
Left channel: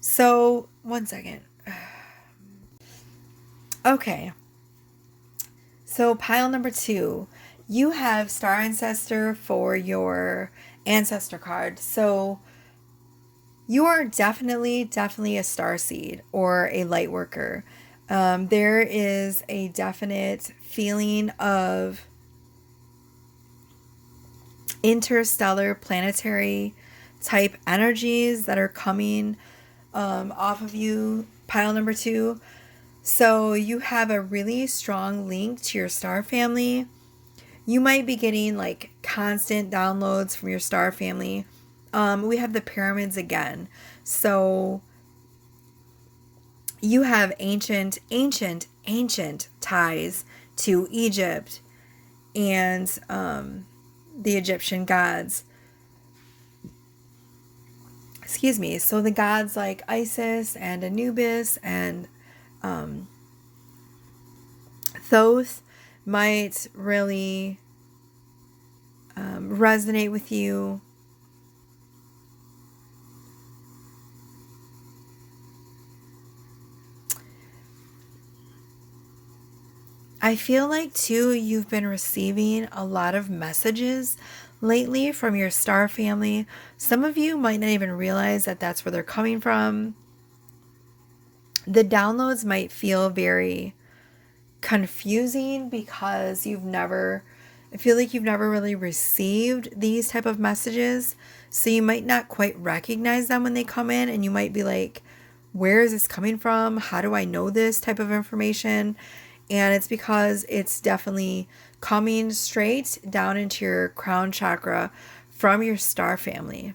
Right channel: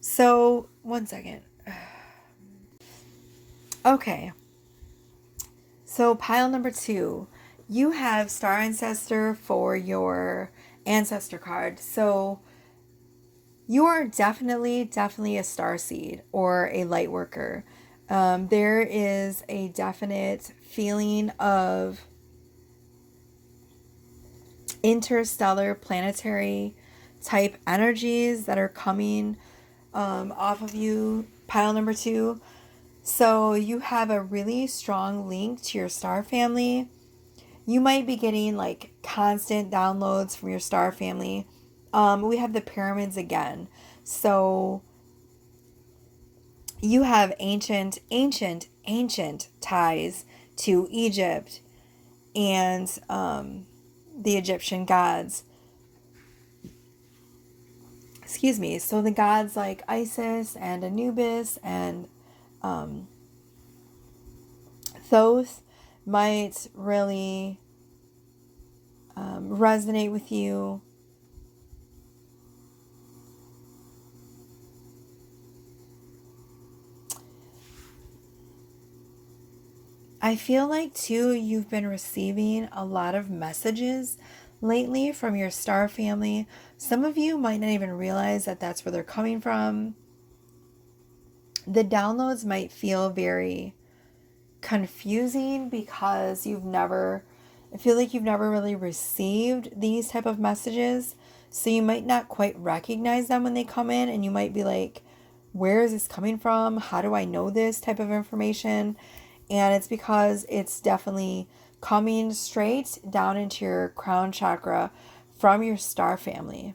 So, one second. Okay. So, pile number 2, you have Star Ancestor for your ancestor card. So, you are definitely a star seed or a light worker. There is a definite feeling of interstellar planetary type energies that are coming off of you, pile number 2. So you have a really strong link to your star family. You might be getting like constant downloads from your star family. We have the pyramids again. So you have ancient ties to Egypt and the Egyptian gods. Excuse me. So the gods like Isis and Anubis and Thoth might really resonate with you. I feel like too you've been receiving a lot of messages lately from your star family. Some of you might not even realize that that's where they're coming from. The downloads might feel very confusing because I feel like you've never really received these type of messages. So you might not quite recognize them when they come in, and you might be like, where is this coming from? How do I know this type of information? And it's because it's definitely coming straight down into your crown chakra from your star family.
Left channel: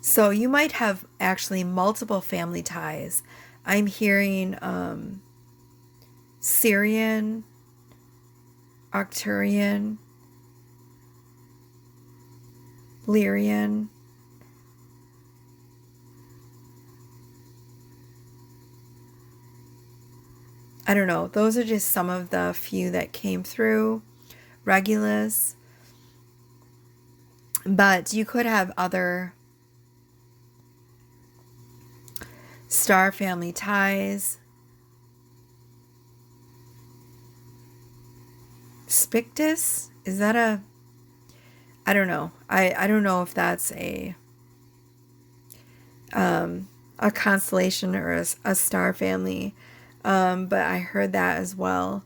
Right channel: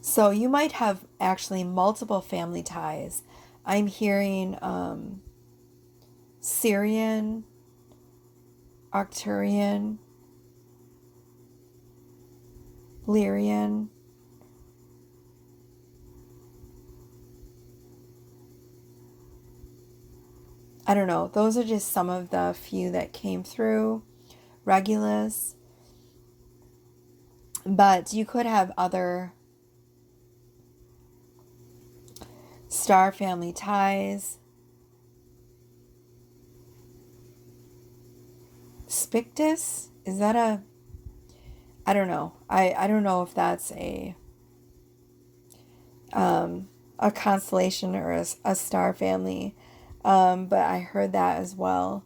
So you might have actually multiple family ties. I'm hearing Syrian, Arcturian, Lyrian. I don't know. Those are just some of the few that came through. Regulus. But you could have other star family ties. Spictus? Is that I don't know. I don't know if that's a constellation or a star family. But I heard that as well.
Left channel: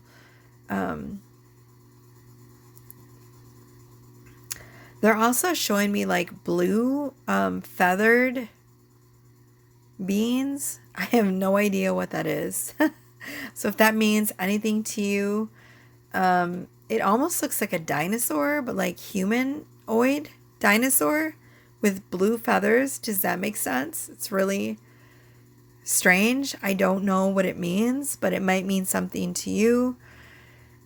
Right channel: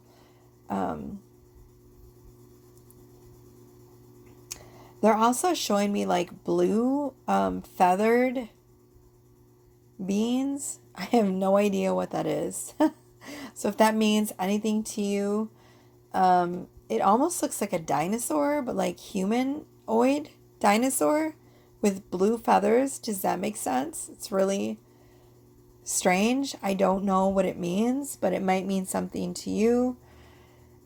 They're also showing me like blue feathered beings. I have no idea what that is. So if that means anything to you, it almost looks like a dinosaur, but like humanoid dinosaur with blue feathers. Does that make sense? It's really strange. I don't know what it means, but it might mean something to you.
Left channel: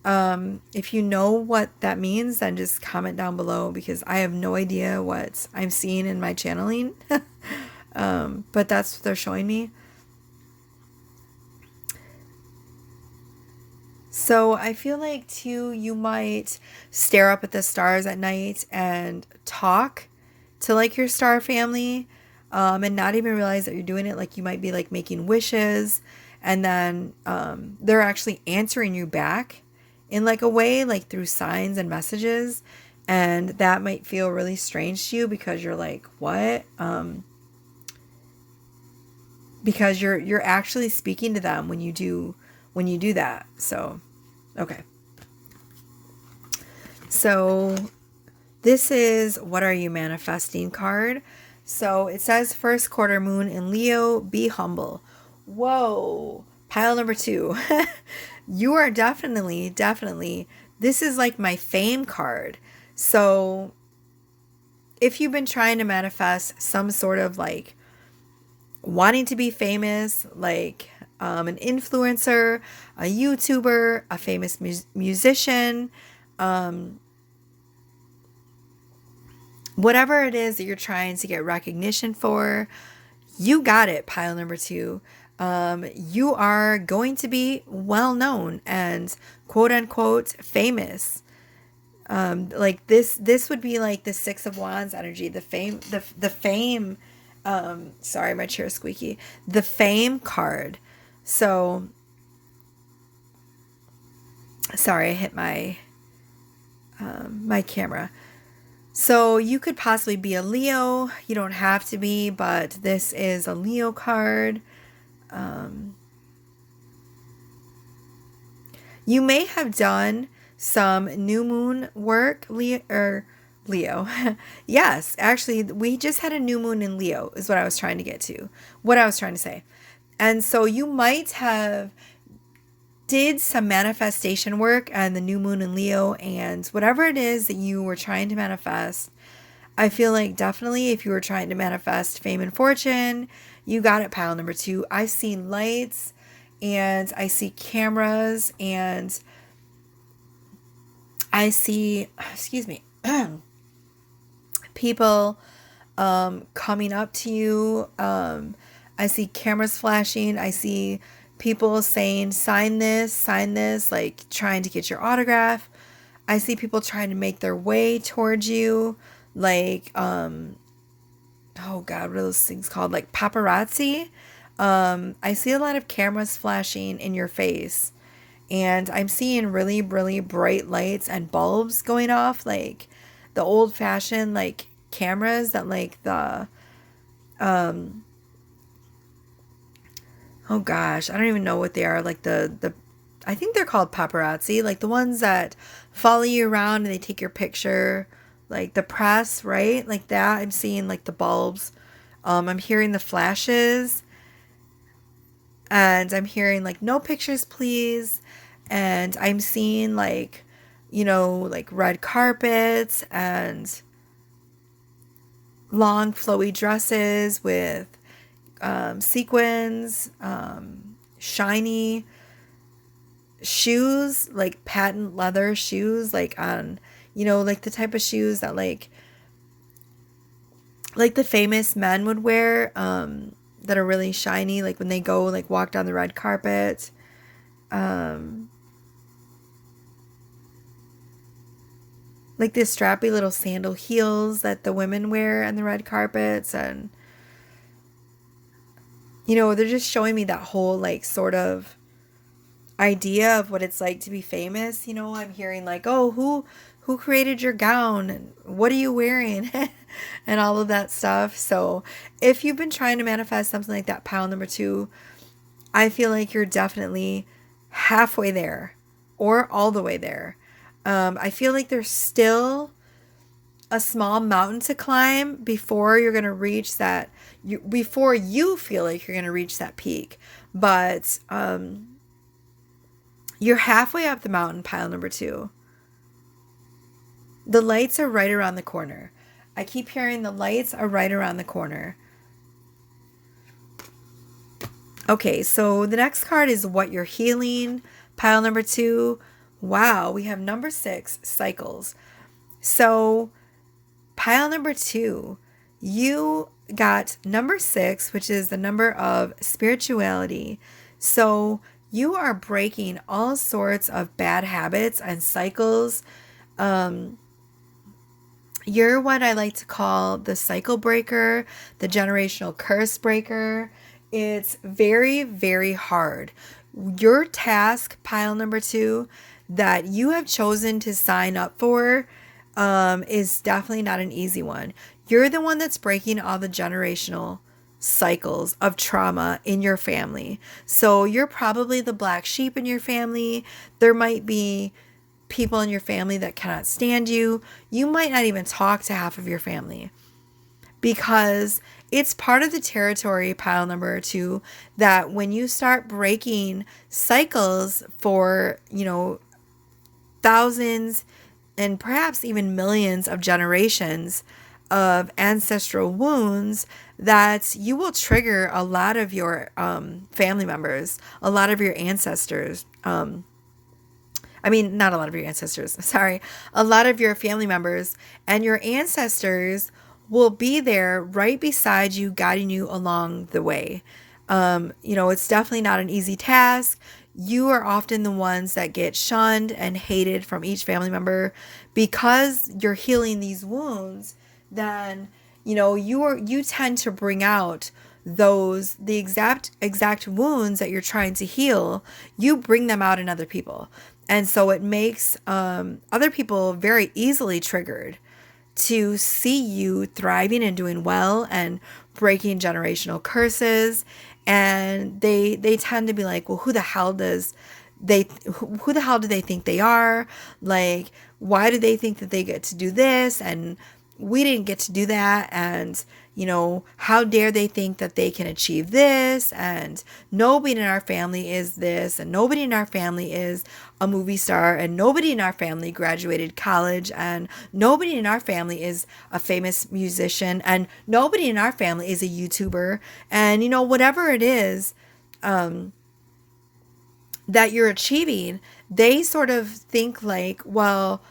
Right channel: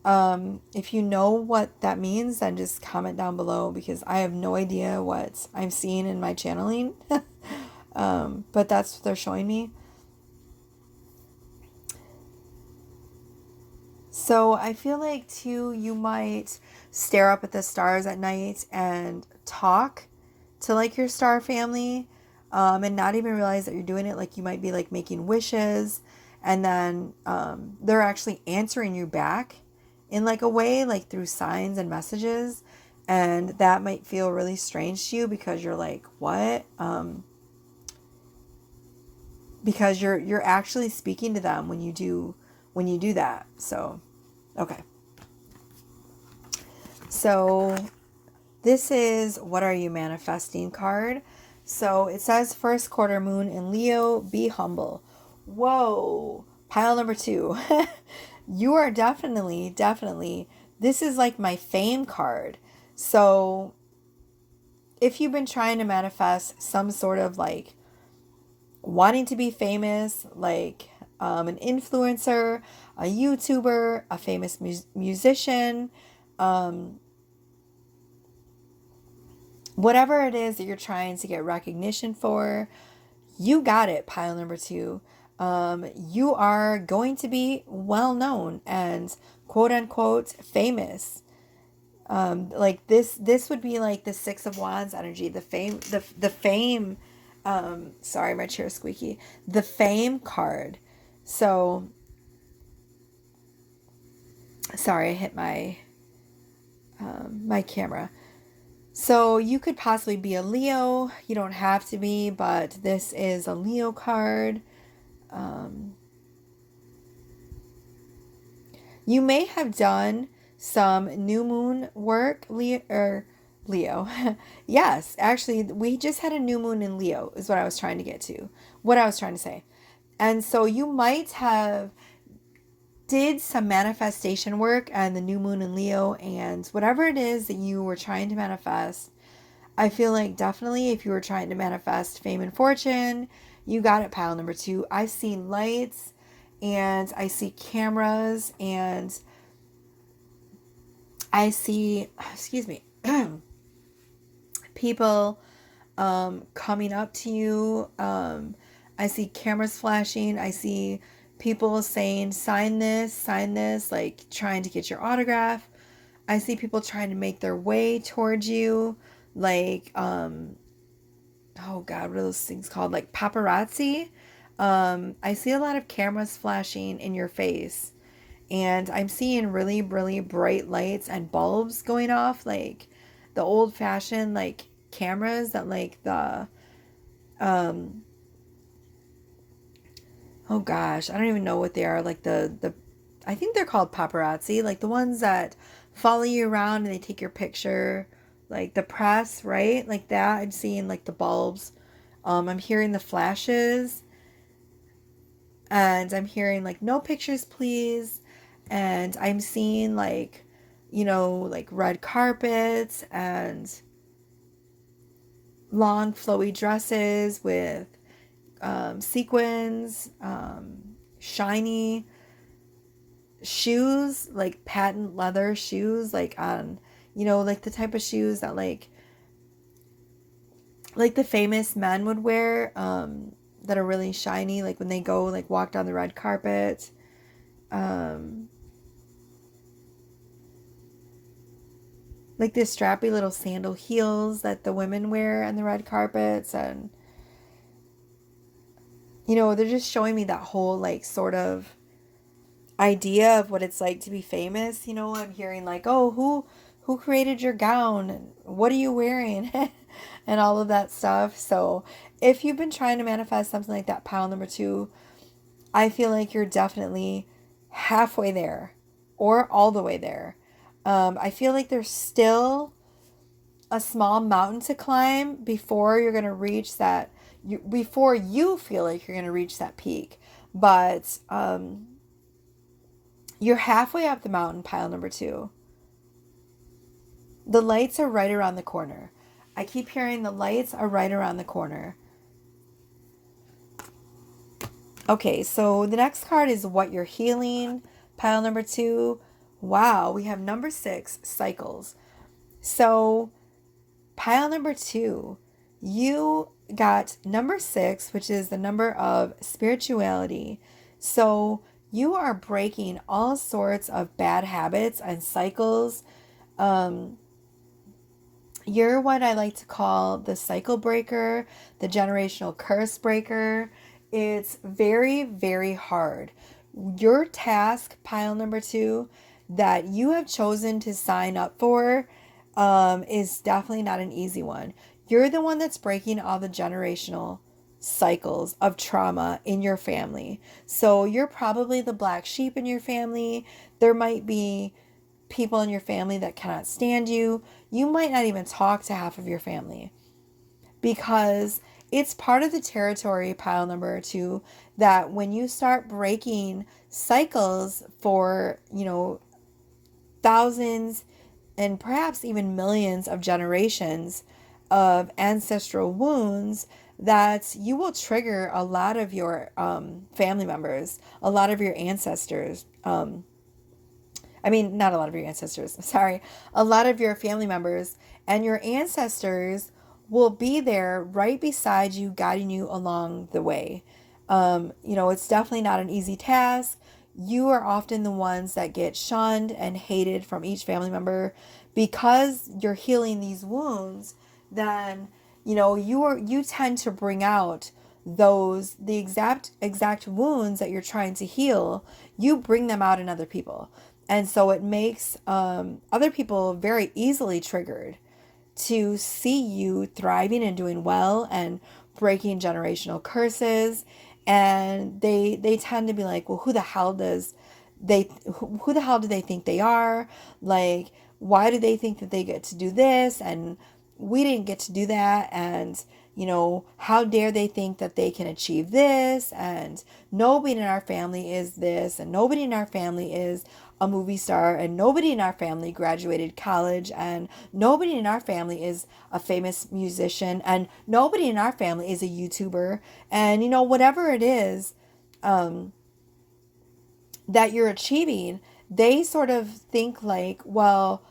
If you know what that means, then just comment down below, because I have no idea what I'm seeing in my channeling. But that's what they're showing me. So I feel like too, you might stare up at the stars at night and talk to like your star family, and not even realize that you're doing it. Like you might be like making wishes, and then they're actually answering you back in like a way, like through signs and messages. And that might feel really strange to you because you're like, what? Because you're actually speaking to them when you do that. So, okay. So this is what are you manifesting card. So it says first quarter moon in Leo, be humble. Whoa. Pile number 2. You are definitely, this is like my fame card. So if you've been trying to manifest some sort of like wanting to be famous, like an influencer, a YouTuber, a famous musician, whatever it is that you're trying to get recognition for, you got it, pile number 2. You are going to be well known and quote unquote famous. Like this would be like the 6 of Wands energy, the fame, the fame. Sorry, my chair's squeaky. The fame card. So, sorry, I hit my my camera. So you could possibly be a Leo. You don't have to be, but this is a Leo card. You may have done some new moon work, Leo. Yes, actually, we just had a new moon in Leo, is what I was trying to get to. What I was trying to say. And so you might have did some manifestation work and the new moon in Leo, and whatever it is that you were trying to manifest, I feel like definitely if you were trying to manifest fame and fortune, you got it, pile number 2. I see lights and I see cameras and I see, excuse me, people coming up to you. I see cameras flashing. I see people saying, sign this, like trying to get your autograph. I see people trying to make their way towards you, like, oh God, what are those things called? Like paparazzi. I see a lot of cameras flashing in your face, And I'm seeing really, really bright lights and bulbs going off, like the old fashioned like cameras that like the um oh gosh, I don't even know what they are, like the I think they're called paparazzi, like the ones that follow you around and they take your picture, like the press, right? Like that. I'm seeing like the bulbs. I'm hearing the flashes, and I'm hearing like no pictures please, and I'm seeing like, like red carpets and long flowy dresses with sequins, shiny shoes, like patent leather shoes, like on, like the type of shoes that like the famous men would wear, that are really shiny, like when they go like walk down the red carpet. Um, like the strappy little sandal heels that the women wear on the red carpets, and they're just showing me that whole like sort of idea of what it's like to be famous. I'm hearing like, oh, who created your gown and what are you wearing, and all of that stuff. So if you've been trying to manifest something like that, pile number two, I feel like you're definitely halfway there or all the way there. I feel like there's still a small mountain to climb before you're going to reach that, before you feel like you're going to reach that peak. But you're halfway up the mountain, pile number two. The lights are right around the corner. I keep hearing the lights are right around the corner. Okay, so the next card is what you're healing, pile number two. Wow, we have number 6, cycles. So, pile number two, you got number 6, which is the number of spirituality. So, you are breaking all sorts of bad habits and cycles. Um, you're what I like to call the cycle breaker, the generational curse breaker. It's very, very hard. Your task, pile number two, that you have chosen to sign up for, is definitely not an easy one. You're the one that's breaking all the generational cycles of trauma in your family. So you're probably the black sheep in your family. There might be people in your family that cannot stand you. You might not even talk to half of your family because it's part of the territory, pile number two, that when you start breaking cycles for, thousands and perhaps even millions of generations of ancestral wounds, that you will trigger a lot of your family members, a lot of your ancestors. I mean, not a lot of your ancestors, sorry, a lot of your family members, and your ancestors will be there right beside you, guiding you along the way. It's definitely not an easy task. You are often the ones that get shunned and hated from each family member because you're healing these wounds. Then, you tend to bring out the exact wounds that you're trying to heal. You bring them out in other people. And so it makes other people very easily triggered to see you thriving and doing well and breaking generational curses. And they tend to be like, well, who the hell do they think they are? Like, why do they think that they get to do this and we didn't get to do that? And how dare they think that they can achieve this? And nobody in our family is this, and nobody in our family is a movie star, and nobody in our family graduated college, and nobody in our family is a famous musician, and nobody in our family is a YouTuber. And whatever it is that you're achieving, they sort of think like, well,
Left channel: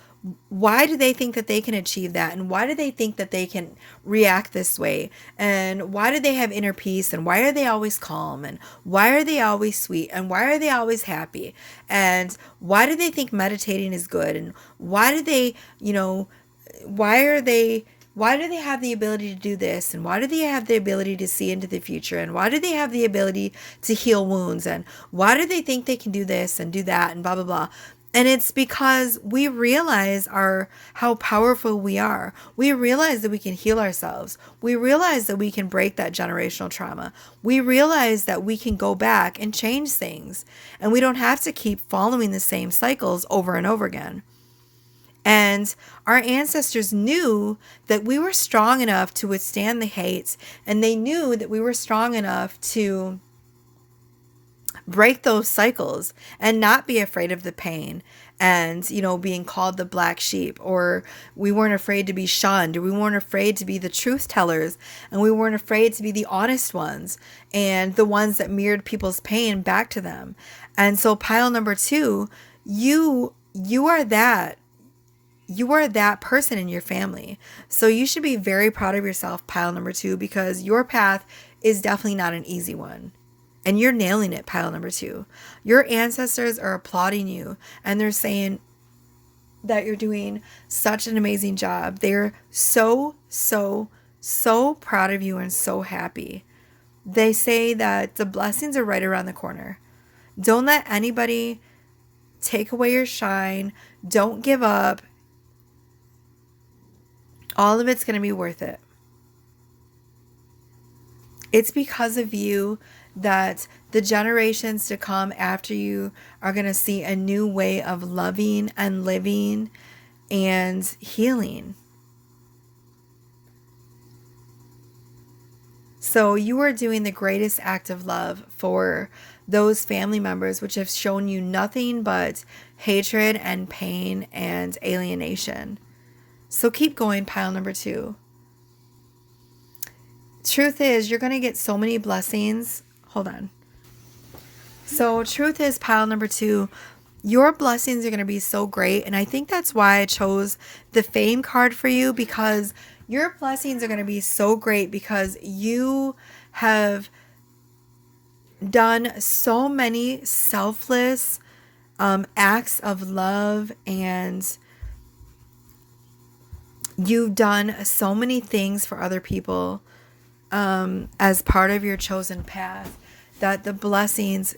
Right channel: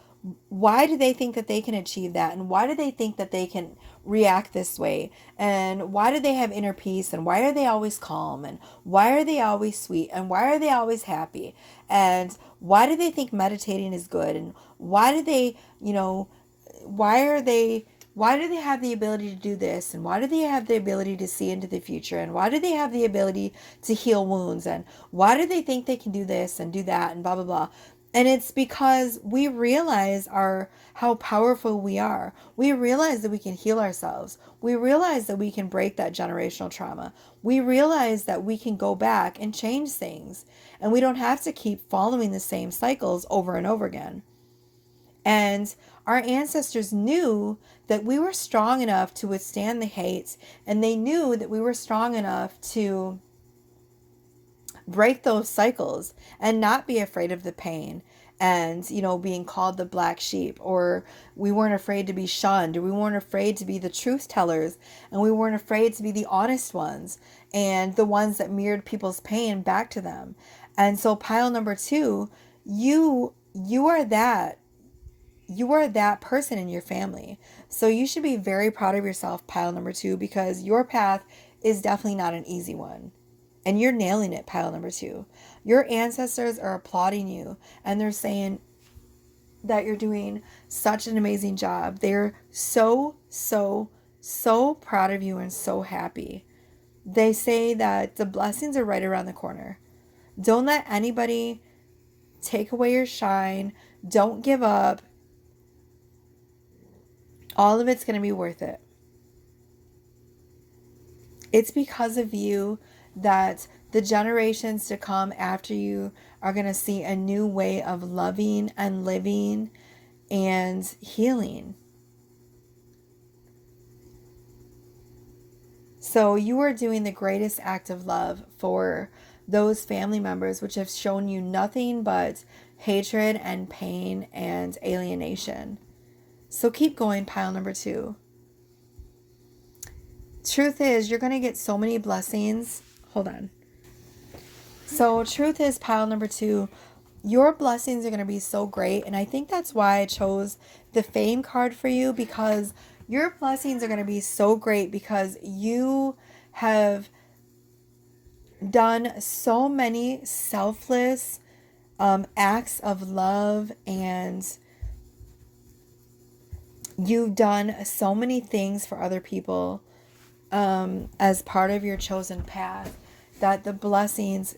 why do they think that they can achieve that? And why do they think that they can react this way? And why do they have inner peace? And why are they always calm? And why are they always sweet? And why are they always happy? And why do they think meditating is good? And why do they, why are they why do they have the ability to do this? And why do they have the ability to see into the future? And why do they have the ability to heal wounds? And why do they think they can do this and do that and blah, blah, blah? And it's because we realize how powerful we are. We realize that we can heal ourselves. We realize that we can break that generational trauma. We realize that we can go back and change things. And we don't have to keep following the same cycles over and over again. And our ancestors knew that we were strong enough to withstand the hate, and they knew that we were strong enough to break those cycles and not be afraid of the pain and, being called the black sheep, or we weren't afraid to be shunned, or we weren't afraid to be the truth tellers, and we weren't afraid to be the honest ones and the ones that mirrored people's pain back to them. And so pile number 2, you are that. You are that person in your family. So you should be very proud of yourself, pile number 2, because your path is definitely not an easy one. And you're nailing it, pile number 2. Your ancestors are applauding you, and they're saying that you're doing such an amazing job. They're so, so, so proud of you and so happy. They say that the blessings are right around the corner. Don't let anybody take away your shine. Don't give up. All of it's going to be worth it. It's because of you that the generations to come after you are going to see a new way of loving and living and healing. So you are doing the greatest act of love for those family members which have shown you nothing but hatred and pain and alienation. So keep going, pile number 2. Truth is, you're going to get so many blessings. Hold on. So truth is, pile number 2, your blessings are going to be so great. And I think that's why I chose the fame card for you, because your blessings are going to be so great because you have done so many selfless acts of love, and you've done so many things for other people as part of your chosen path, that the blessings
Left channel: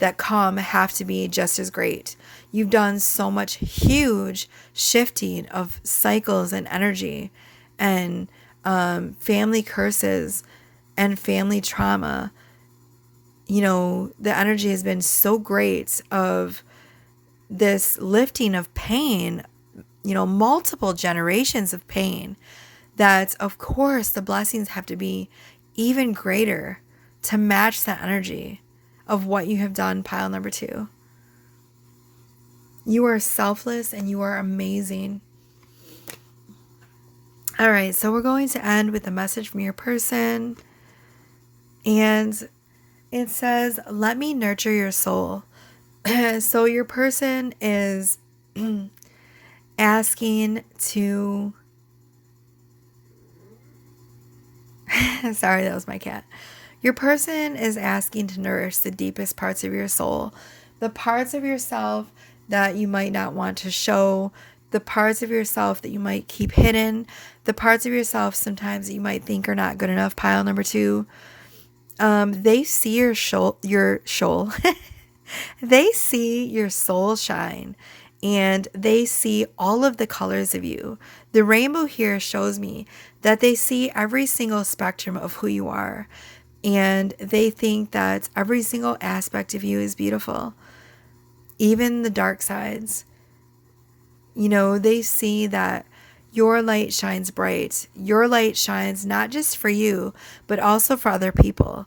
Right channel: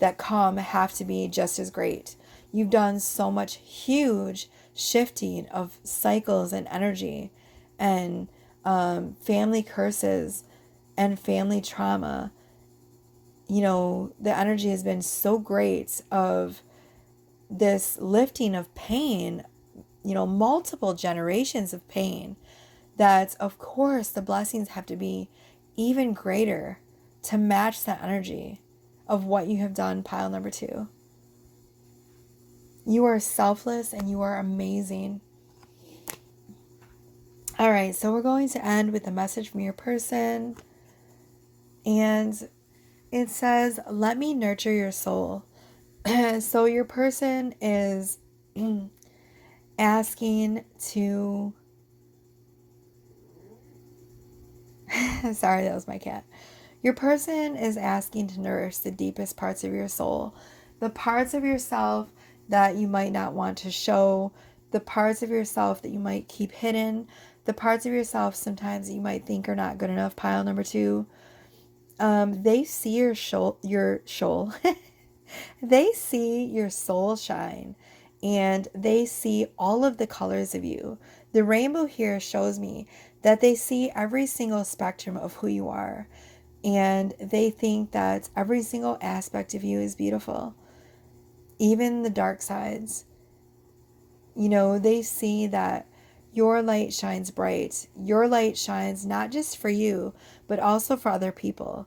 that come have to be just as great. You've done so much huge shifting of cycles and energy and family curses and family trauma. The energy has been so great of this lifting of pain, multiple generations of pain, that of course the blessings have to be even greater to match that energy of what you have done, pile number 2. You are selfless and you are amazing. All right, so we're going to end with a message from your person. And it says, let me nurture your soul. So your person is asking to... Sorry, that was my cat. Your person is asking to nourish the deepest parts of your soul, the parts of yourself that you might not want to show, the parts of yourself that you might keep hidden, the parts of yourself sometimes that you might think are not good enough, pile number 2. They see your soul. They see your soul shine, and they see all of the colors of you. The rainbow here shows me that they see every single spectrum of who you are, and they think that every single aspect of you is beautiful, even the dark sides. They see that your light shines bright. Your light shines not just for you, but also for other people.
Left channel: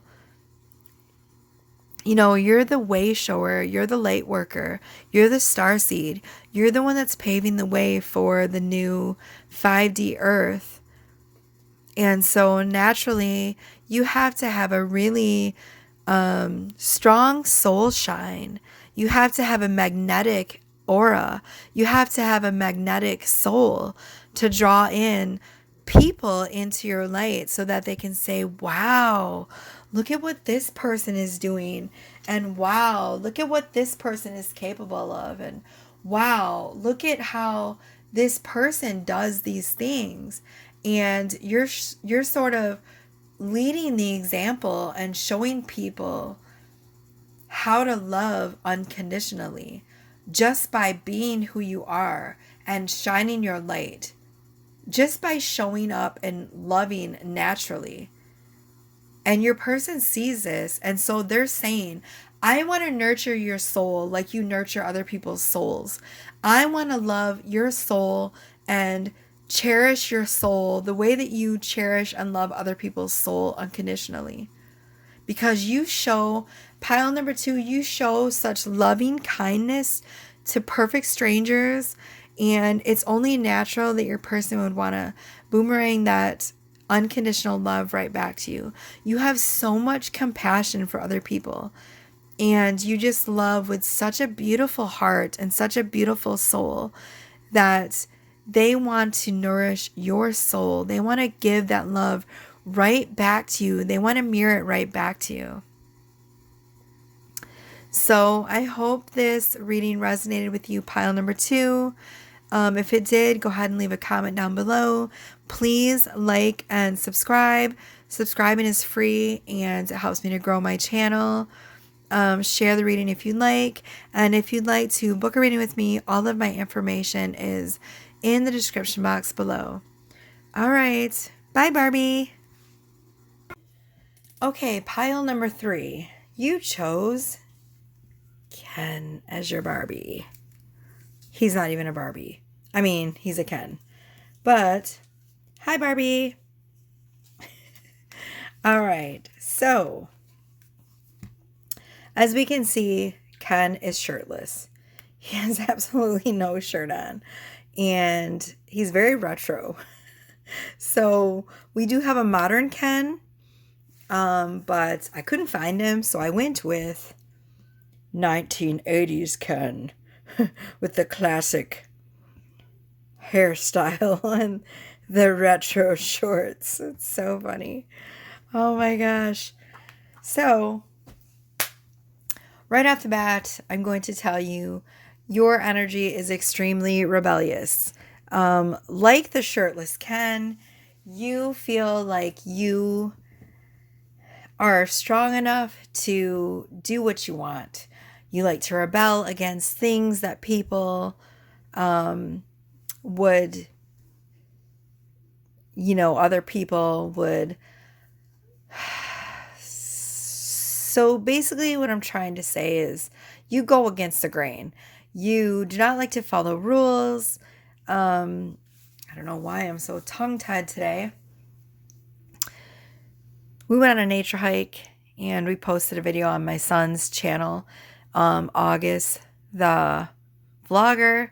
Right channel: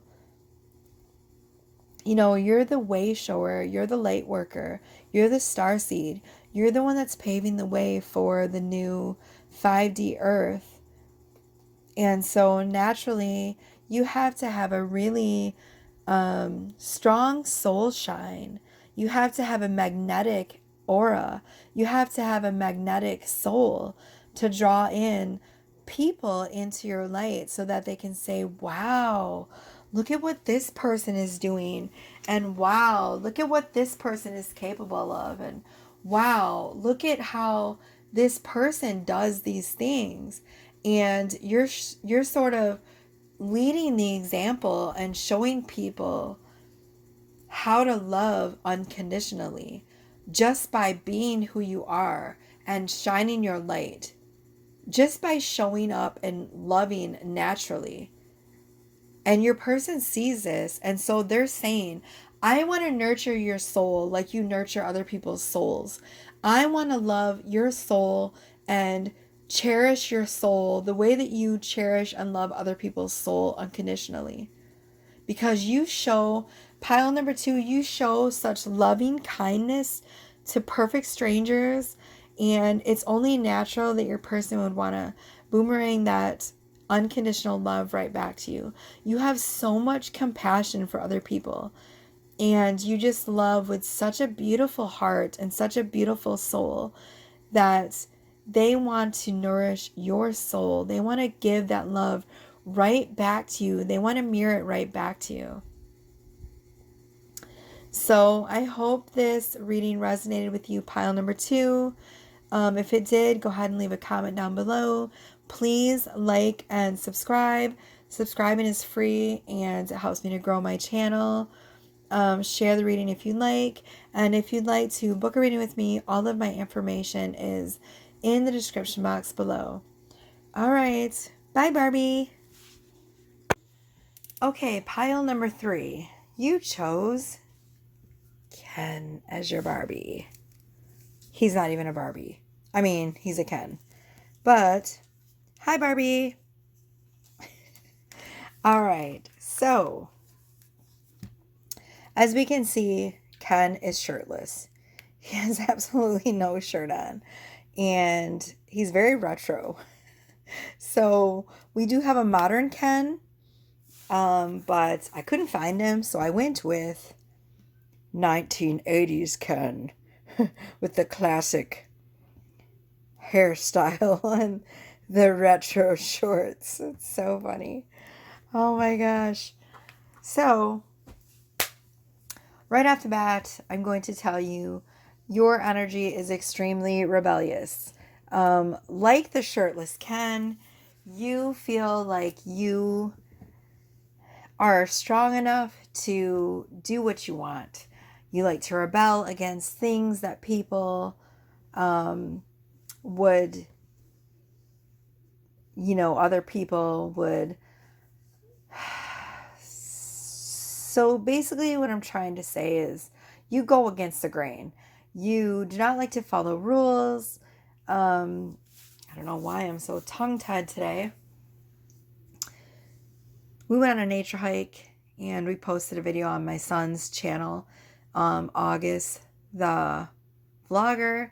You're the way shower, you're the light worker, you're the starseed, you're the one that's paving the way for the new 5D Earth. And so naturally, you have to have a really strong soul shine. You have to have a magnetic aura. You have to have a magnetic soul to draw in people into your light so that they can say, wow, look at what this person is doing. And wow, look at what this person is capable of. And wow, look at how this person does these things, and you're sort of leading the example and showing people how to love unconditionally just by being who you are and shining your light, just by showing up and loving naturally. And your person sees this, and so they're saying, I want to nurture your soul like you nurture other people's souls. I want to love your soul and cherish your soul the way that you cherish and love other people's soul unconditionally. Because you show, pile number 2, you show such loving kindness to perfect strangers, and it's only natural that your person would want to boomerang that unconditional love right back to you. You have so much compassion for other people, and you just love with such a beautiful heart and such a beautiful soul that they want to nourish your soul. They want to give that love right back to you. They want to mirror it right back to you. So I hope this reading resonated with you, pile number 2. If it did, go ahead and leave a comment down below. Please like and subscribe. Subscribing is free and it helps me to grow my channel. Share the reading if you'd like. And if you'd like to book a reading with me, all of my information is in the description box below. All right. Bye, Barbie. Okay, pile number 3. You chose Ken as your Barbie. He's not even a Barbie. I mean, he's a Ken. But, hi, Barbie. All right. So, as we can see, Ken is shirtless. He has absolutely no shirt on. And he's very retro. So, we do have a modern Ken. But I couldn't find him, so I went with 1980s Ken with the classic hairstyle and the retro shorts. It's so funny. Oh my gosh. So, right off the bat, I'm going to tell you your energy is extremely rebellious. Like the shirtless Ken, you feel like you are strong enough to do what you want. You like to rebel against things that people would, other people would. So basically what I'm trying to say is you go against the grain. You do not like to follow rules. I don't know why I'm so tongue-tied today. We went on a nature hike and we posted a video on my son's channel, August the vlogger,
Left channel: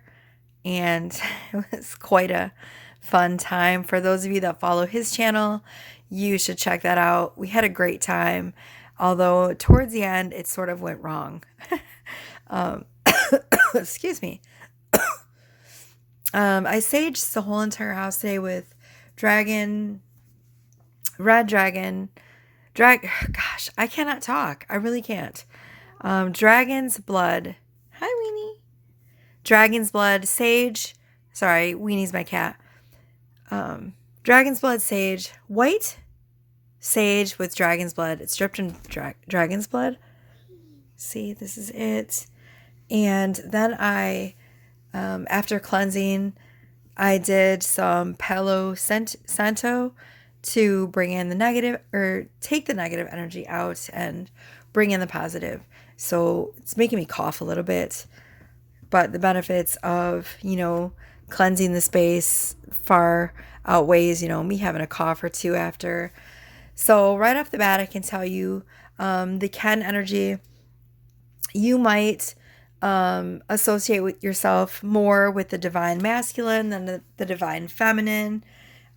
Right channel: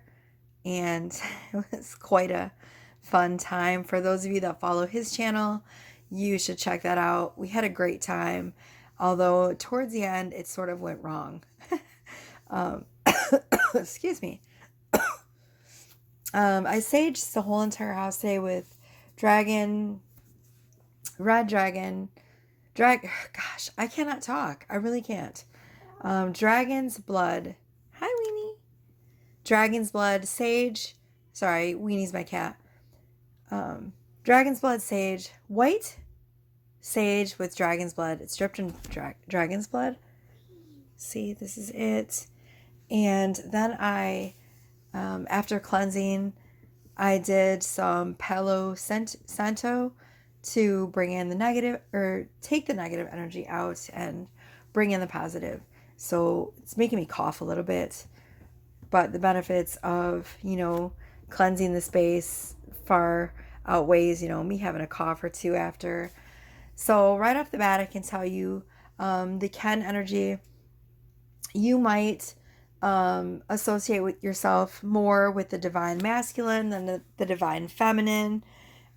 and it was quite a fun time. For those of you that follow his channel, you should check that out. We had a great time, although towards the end it sort of went wrong. Excuse me. I saged the whole entire house today with red dragon, gosh, I cannot talk. I really can't. Dragon's blood. Hi, Weenie. Dragon's blood, sage. Sorry, Weenie's my cat. Dragon's blood, sage. White sage with dragon's blood. It's dripped in dragon's blood. See, this is it. And then I, after cleansing, I did some Palo Santo to bring in the negative, or take the negative energy out and bring in the positive. So it's making me cough a little bit, but the benefits of, cleansing the space far outweighs, me having a cough or two after. So right off the bat, I can tell you, the Ken energy, you might associate with yourself more with the divine masculine than the divine feminine.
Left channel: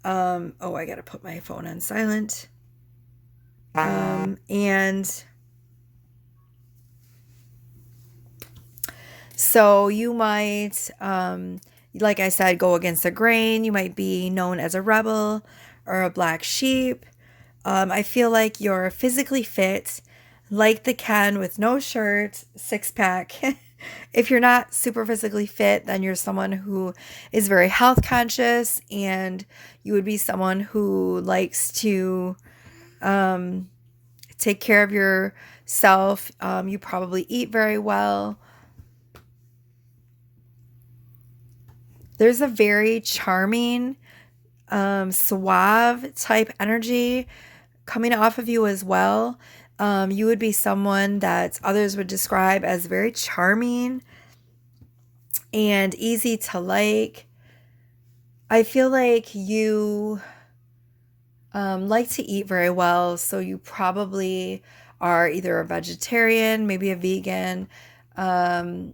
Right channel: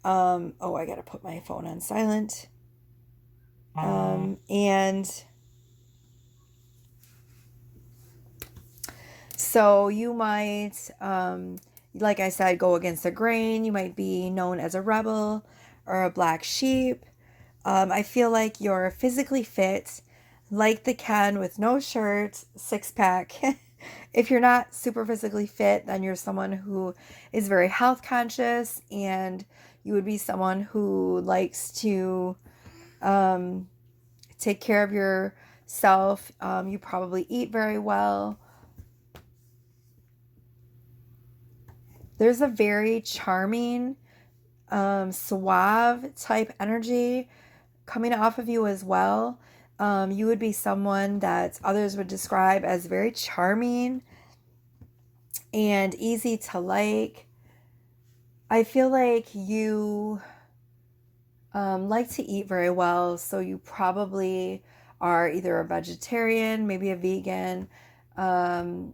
I gotta put my phone on silent. And so you might, like I said, go against the grain. You might be known as a rebel or a black sheep. I feel like you're physically fit, like the Ken with no shirt, 6-pack. If you're not super physically fit, then you're someone who is very health conscious, and you would be someone who likes to take care of yourself. You probably eat very well. There's a very charming, suave type energy coming off of you as well. You would be someone that others would describe as very charming and easy to like. I feel like you like to eat very well, so you probably are either a vegetarian, maybe a vegan. Um,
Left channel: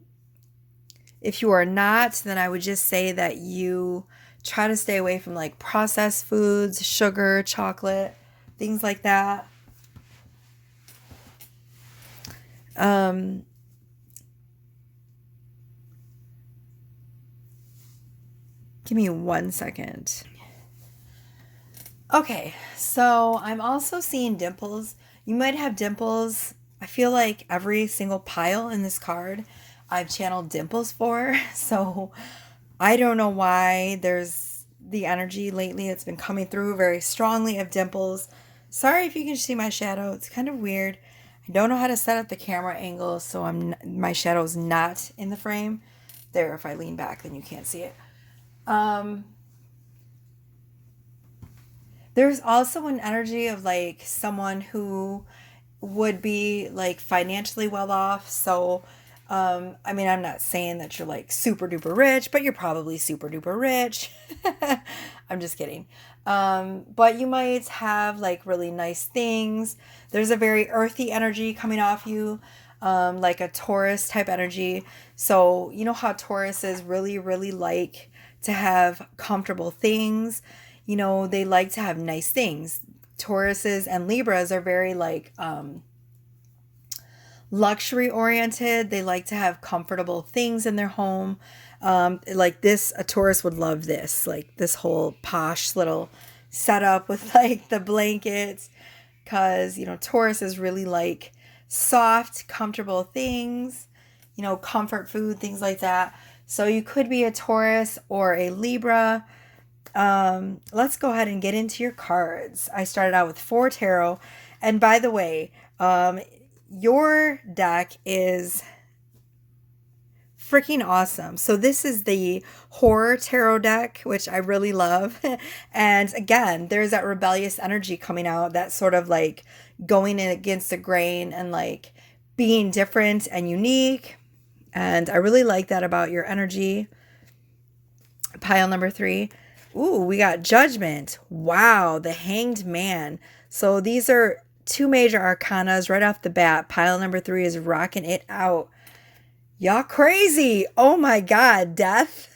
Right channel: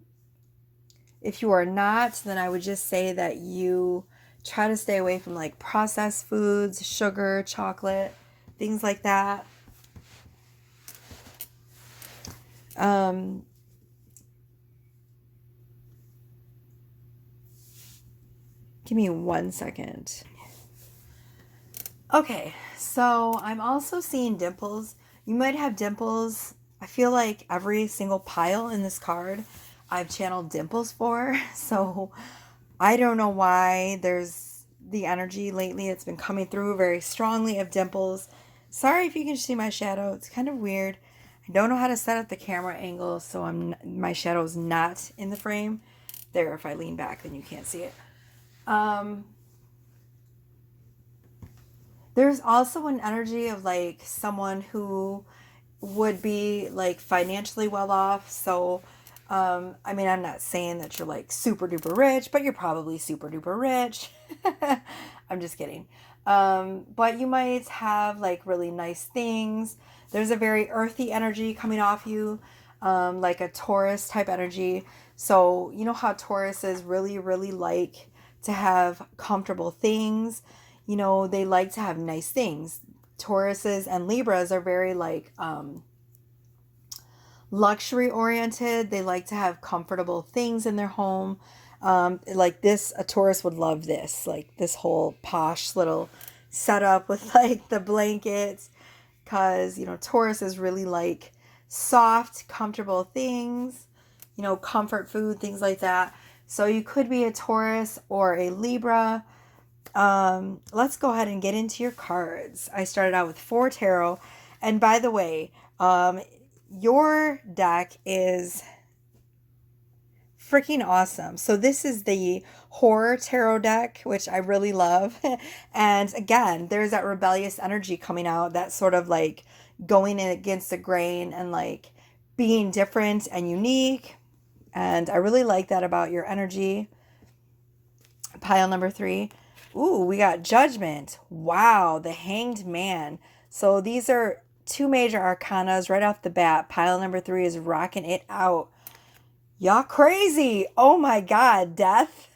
if you are not, then I would just say that you try to stay away from like processed foods, sugar, chocolate, things like that. Um, Give me 1 second. Okay, so I'm also seeing dimples. You might have dimples. I feel like every single pile in this card I've channeled dimples for. So I don't know why there's the energy lately. It's been coming through very strongly of dimples. Sorry if you can see my shadow. It's kind of weird. I don't know how to set up the camera angle so my shadow's not in the frame. There, if I lean back, then you can't see it. There's also an energy of like someone who would be like financially well off. So, I mean, I'm not saying that you're like super duper rich, but you're probably super duper rich. I'm just kidding. But you might have like really nice things. There's a very earthy energy coming off you, like a Taurus type energy. So, you know how Tauruses really, really like to have comfortable things. You know, they like to have nice things. Tauruses and Libras are very like luxury oriented. They like to have comfortable things in their home. Like this, a Taurus would love this, like this whole posh little setup with like the blankets, because you know Taurus is really like soft, comfortable things, you know, comfort food, things like that. So you could be a Taurus or a Libra. Let's go ahead and get into your cards. I started out with 4 tarot. And by the way, your deck is freaking awesome. So this is the horror tarot deck, which I really love. And again, there's that rebellious energy coming out, that sort of like going in against the grain and like being different and unique. And I really like that about your energy. Pile number 3. Ooh, we got Judgment. Wow, the Hanged Man. So these are 2 major arcanas right off the bat. Pile number 3 is rocking it out. Y'all crazy. Oh my God, Death.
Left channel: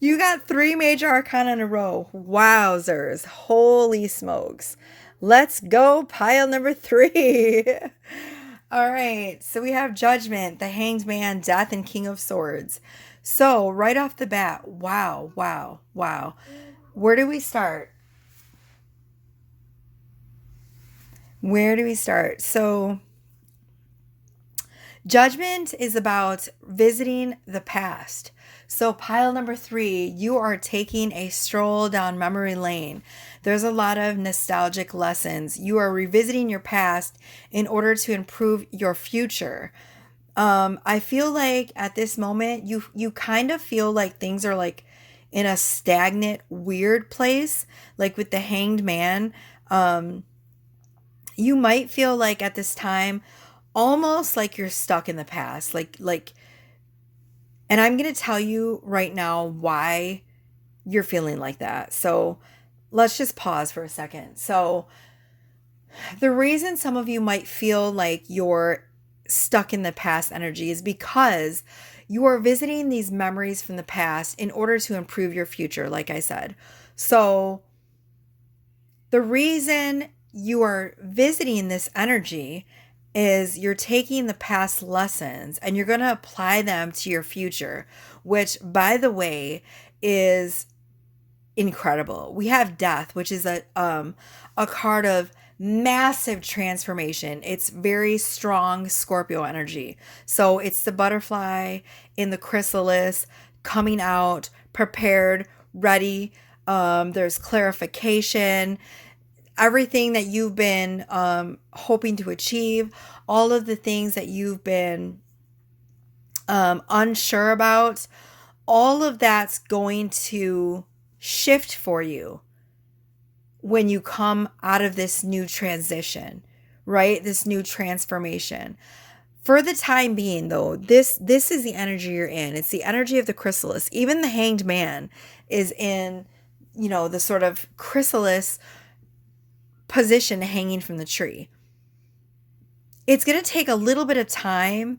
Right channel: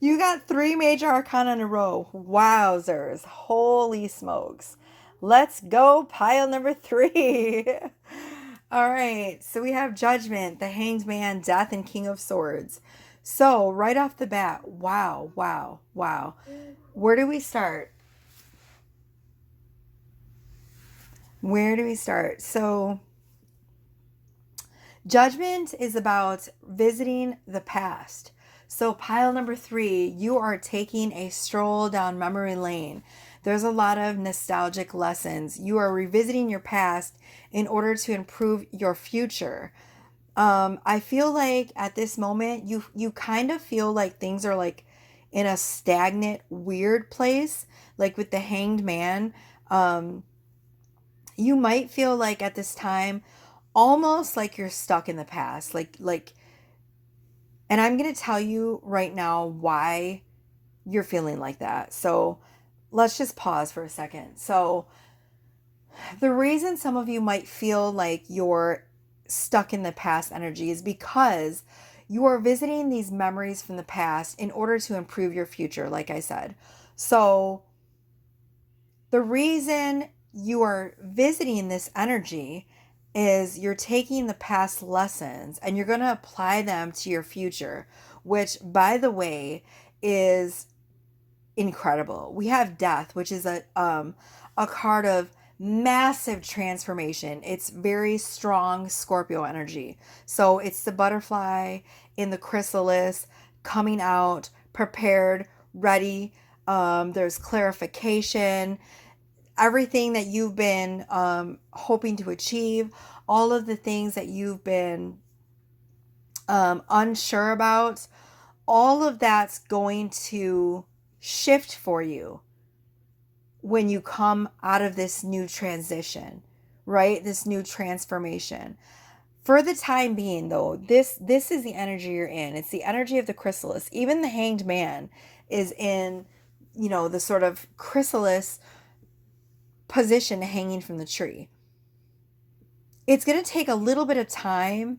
You got 3 major arcana in a row. Wowzers. Holy smokes. Let's go, pile number 3. All right, so we have Judgment, the Hanged Man, Death, and King of Swords. So right off the bat, wow, wow, wow. Where do we start? Where do we start? So Judgment is about visiting the past. So pile number 3, you are taking a stroll down memory lane. There's a lot of nostalgic lessons. You are revisiting your past in order to improve your future. I feel like at this moment you kind of feel like things are like in a stagnant, weird place, like with the Hanged Man. You might feel like at this time almost like you're stuck in the past, like and I'm going to tell you right now why you're feeling like that. So let's just pause for a second. So the reason some of you might feel like you're stuck in the past energy is because you are visiting these memories from the past in order to improve your future, like I said. So the reason you are visiting this energy is you're taking the past lessons and you're going to apply them to your future, which, by the way, is incredible. We have Death, which is a card of massive transformation. It's very strong Scorpio energy. So it's the butterfly in the chrysalis coming out, prepared, ready. There's clarification, everything that you've been hoping to achieve, all of the things that you've been unsure about, all of that's going to shift for you when you come out of this new transition, right? This new transformation. For the time being, though, this is the energy you're in. It's the energy of the chrysalis. Even the hanged man is in, the sort of chrysalis position hanging from the tree. It's going to take a little bit of time.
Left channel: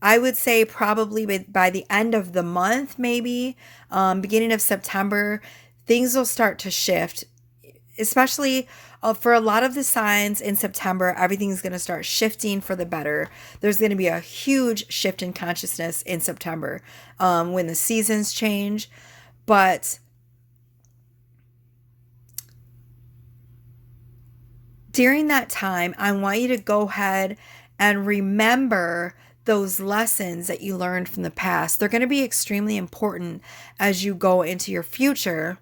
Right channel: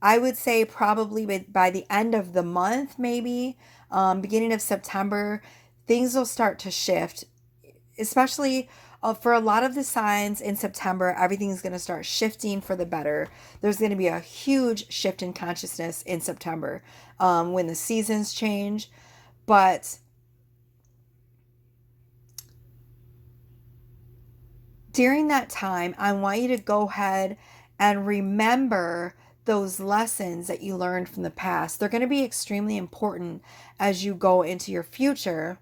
I would say probably by the end of the month, maybe beginning of September, things will start to shift, especially for a lot of the signs in September. Everything's going to start shifting for the better. There's going to be a huge shift in consciousness in September when the seasons change. But during that time, I want you to go ahead and remember those lessons that you learned from the past. They're going to be extremely important as you go into your future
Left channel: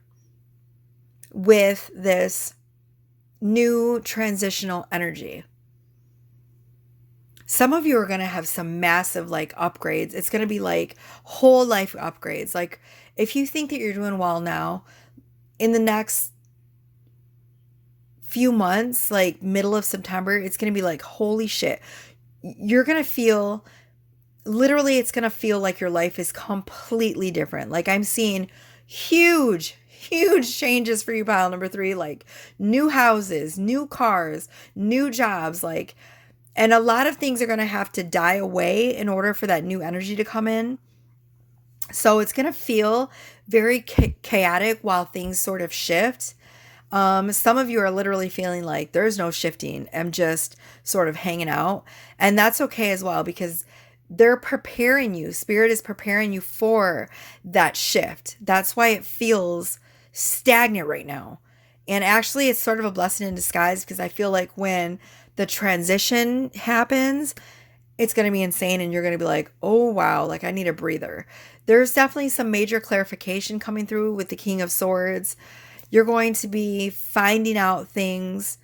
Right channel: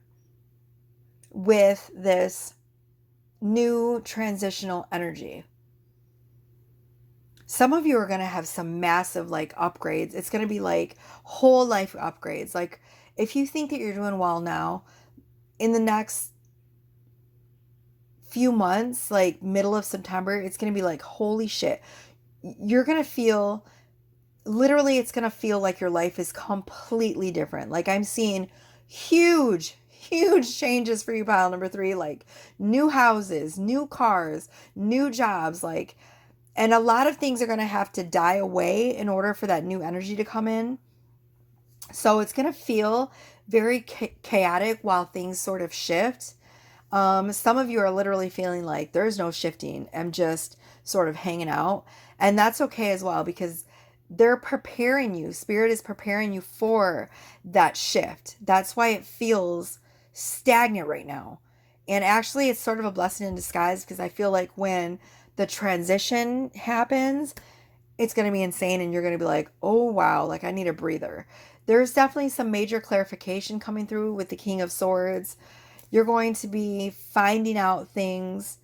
with this new transitional energy. Some of you are going to have some massive upgrades. It's going to be like whole life upgrades. Like if you think that you're doing well now, in the next few months, like middle of September, it's going to be like, holy shit. You're going to feel, literally, it's going to feel like your life is completely different. Like I'm seeing huge changes for you, pile number 3, like new houses, new cars, new jobs, and a lot of things are going to have to die away in order for that new energy to come in. So it's going to feel very chaotic while things sort of shift. Some of you are literally feeling like there's no shifting. I'm just sort of hanging out. And that's okay as well, because they're preparing you. Spirit is preparing you for that shift. That's why it feels stagnant right now. And actually, it's sort of a blessing in disguise, because I feel like when the transition happens, it's going to be insane. And you're going to be like, oh, wow, like I need a breather. There's definitely some major clarification coming through with the King of Swords. You're going to be finding out things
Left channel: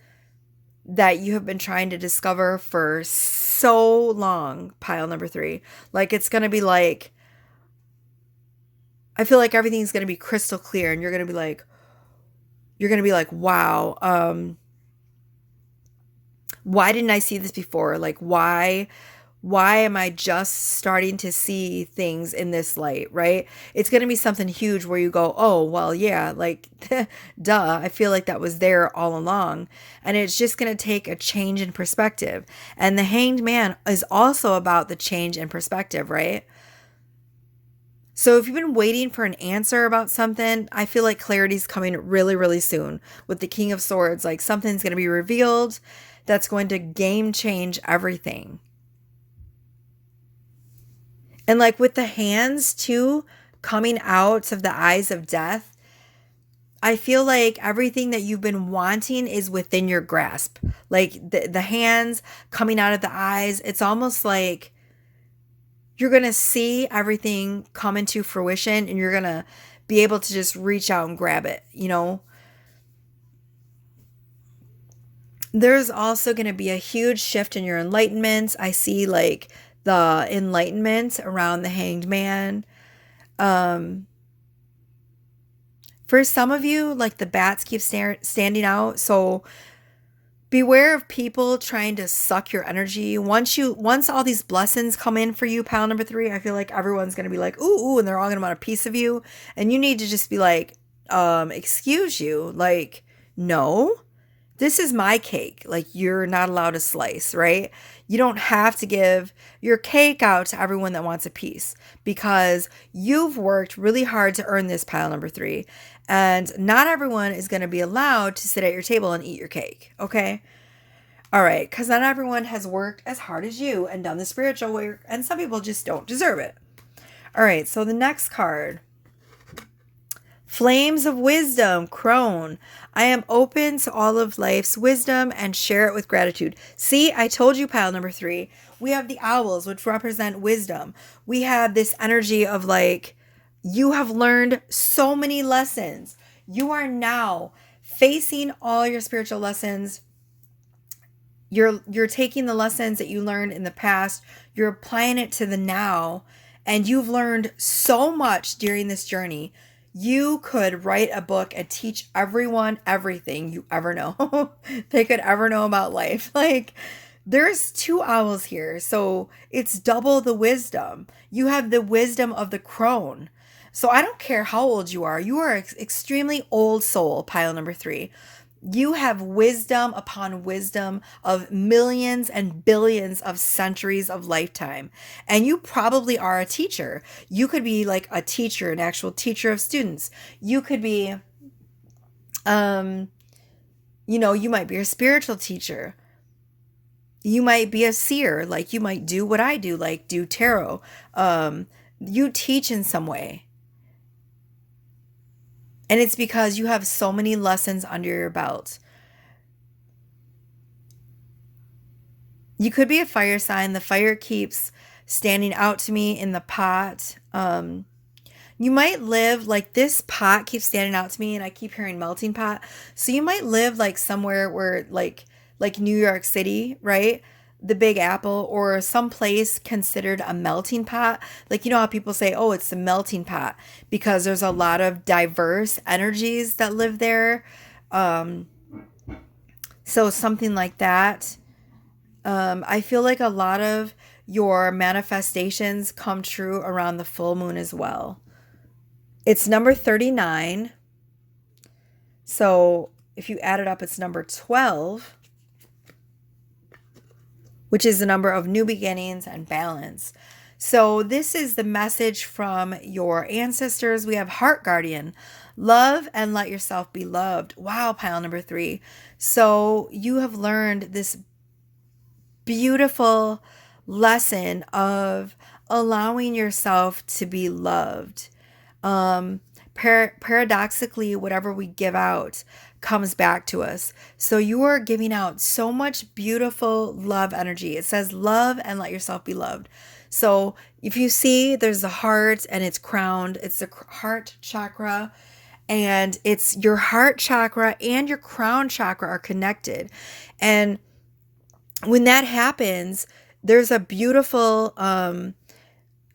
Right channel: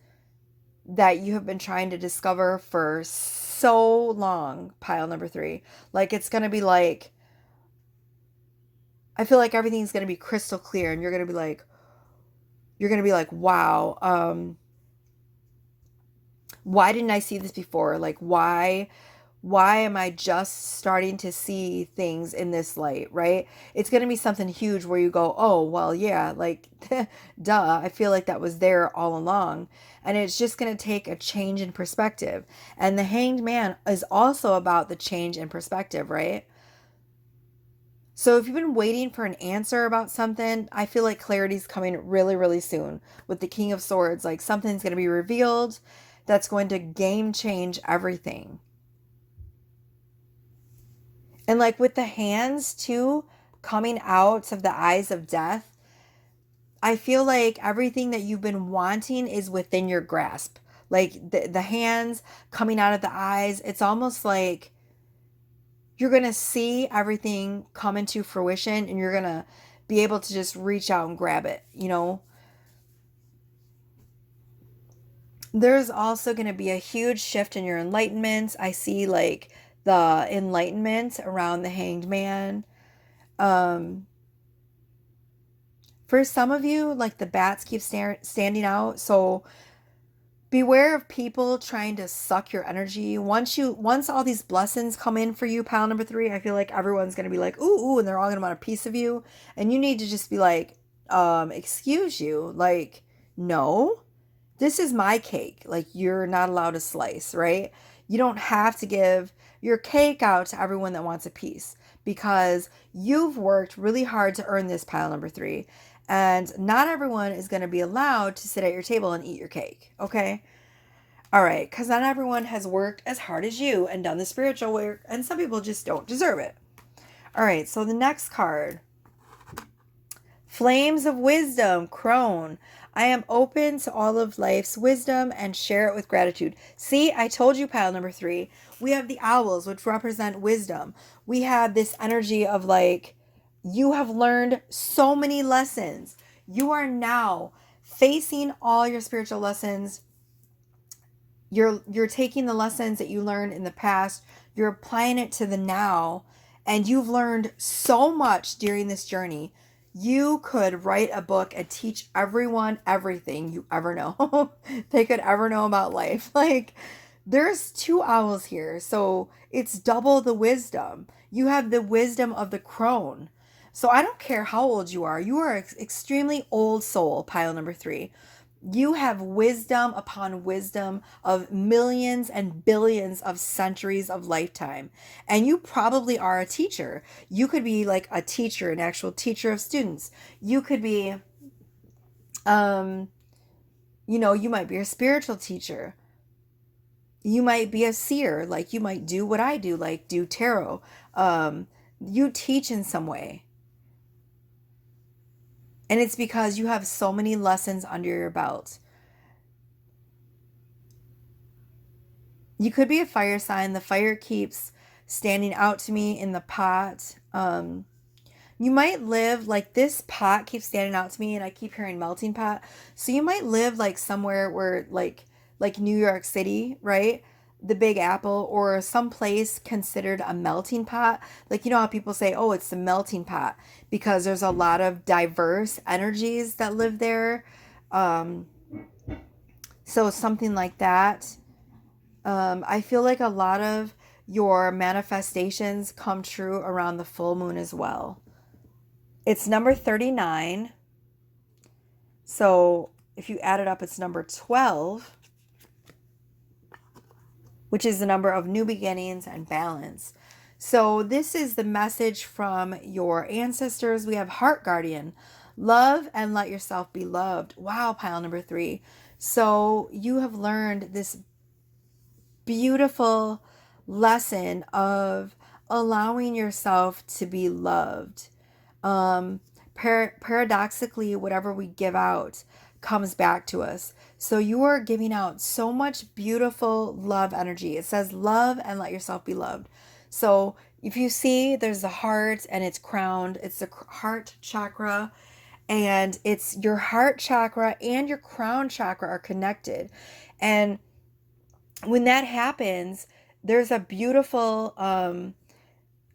that you have been trying to discover for so long, pile number 3. Like it's going to be like, I feel like everything's going to be crystal clear, and you're going to be like, wow, why didn't I see this before? Like, why am I just starting to see things in this light, right? It's going to be something huge where you go, oh, well, yeah, like, duh, I feel like that was there all along. And it's just going to take a change in perspective. And the Hanged Man is also about the change in perspective, right? So if you've been waiting for an answer about something, I feel like clarity's coming really, really soon. With the King of Swords, like something's going to be revealed that's going to game change everything. And like with the hands too, coming out of the eyes of death, I feel like everything that you've been wanting is within your grasp. Like the hands coming out of the eyes, it's almost like you're going to see everything come into fruition, and you're going to be able to just reach out and grab it, There's also going to be a huge shift in your enlightenment. I see like the enlightenment around the Hanged Man. For some of you, like the bats keep standing out. So beware of people trying to suck your energy. Once all these blessings come in for you, pile number 3, I feel like everyone's going to be like, ooh, and they're all going to want a piece of you. And you need to just be like, excuse you. Like, no, this is my cake. Like, you're not allowed to slice, right? You don't have to give your cake out to everyone that wants a piece, because you've worked really hard to earn this, pile number 3. And not everyone is going to be allowed to sit at your table and eat your cake, okay? All right, because not everyone has worked as hard as you and done the spiritual work, and some people just don't deserve it. All right, so the next card, Flames of wisdom, crone. I am open to all of life's wisdom and share it with gratitude. See, I told you, pile number 3. We have the owls, which represent wisdom. We have this energy of like, you have learned so many lessons. You are now facing all your spiritual lessons. You're taking the lessons that you learned in the past, you're applying it to the now, and you've learned so much during this journey. You could write a book and teach everyone everything you ever know they could ever know about life. Like, there's 2 owls here, so it's double the wisdom. You have the wisdom of the crone. So I don't care how old you are. You are extremely old soul, pile number 3. You have wisdom upon wisdom of millions and billions of centuries of lifetime. And you probably are a teacher. You could be like a teacher, an actual teacher of students. You could be, you might be a spiritual teacher. You might be a seer, like you might do what I do, like do tarot. You teach in some way. And it's because you have so many lessons under your belt. You could be a fire sign. The fire keeps standing out to me in the pot. You might live like this pot keeps standing out to me, and I keep hearing melting pot. So you might live like somewhere where like New York City, right? The Big Apple, or some place considered a melting pot. Like, you know how people say, oh, it's the melting pot, because there's a lot of diverse energies that live there. Um, so something like that. I feel like a lot of your manifestations come true around the full moon as well. It's number 39. So if you add it up, it's number 12, which is the number of new beginnings and balance. So this is the message from your ancestors. We have Heart Guardian. Love and let yourself be loved. Wow, pile number 3. So you have learned this beautiful lesson of allowing yourself to be loved. Paradoxically, whatever we give out comes back to us. So you are giving out so much beautiful love energy. It says love and let yourself be loved. So if you see, there's a heart and it's crowned. It's the heart chakra, and it's your heart chakra and your crown chakra are connected. And when that happens, there's a beautiful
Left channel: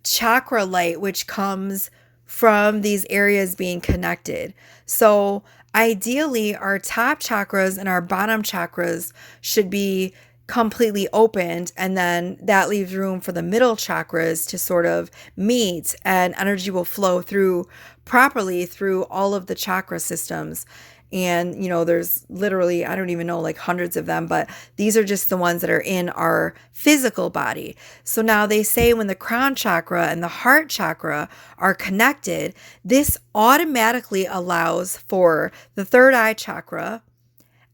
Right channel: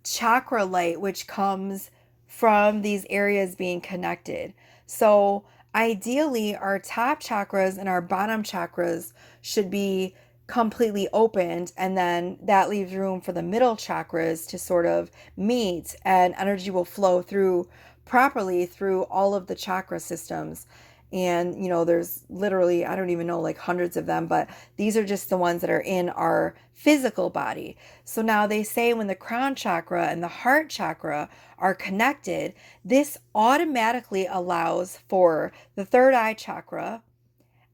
chakra light which comes from these areas being connected. So ideally, our top chakras and our bottom chakras should be completely opened, and then that leaves room for the middle chakras to sort of meet, and energy will flow through properly through all of the chakra systems. And there's literally, I don't even know, like hundreds of them, but these are just the ones that are in our physical body. So now they say when the crown chakra and the heart chakra are connected, this automatically allows for the third eye chakra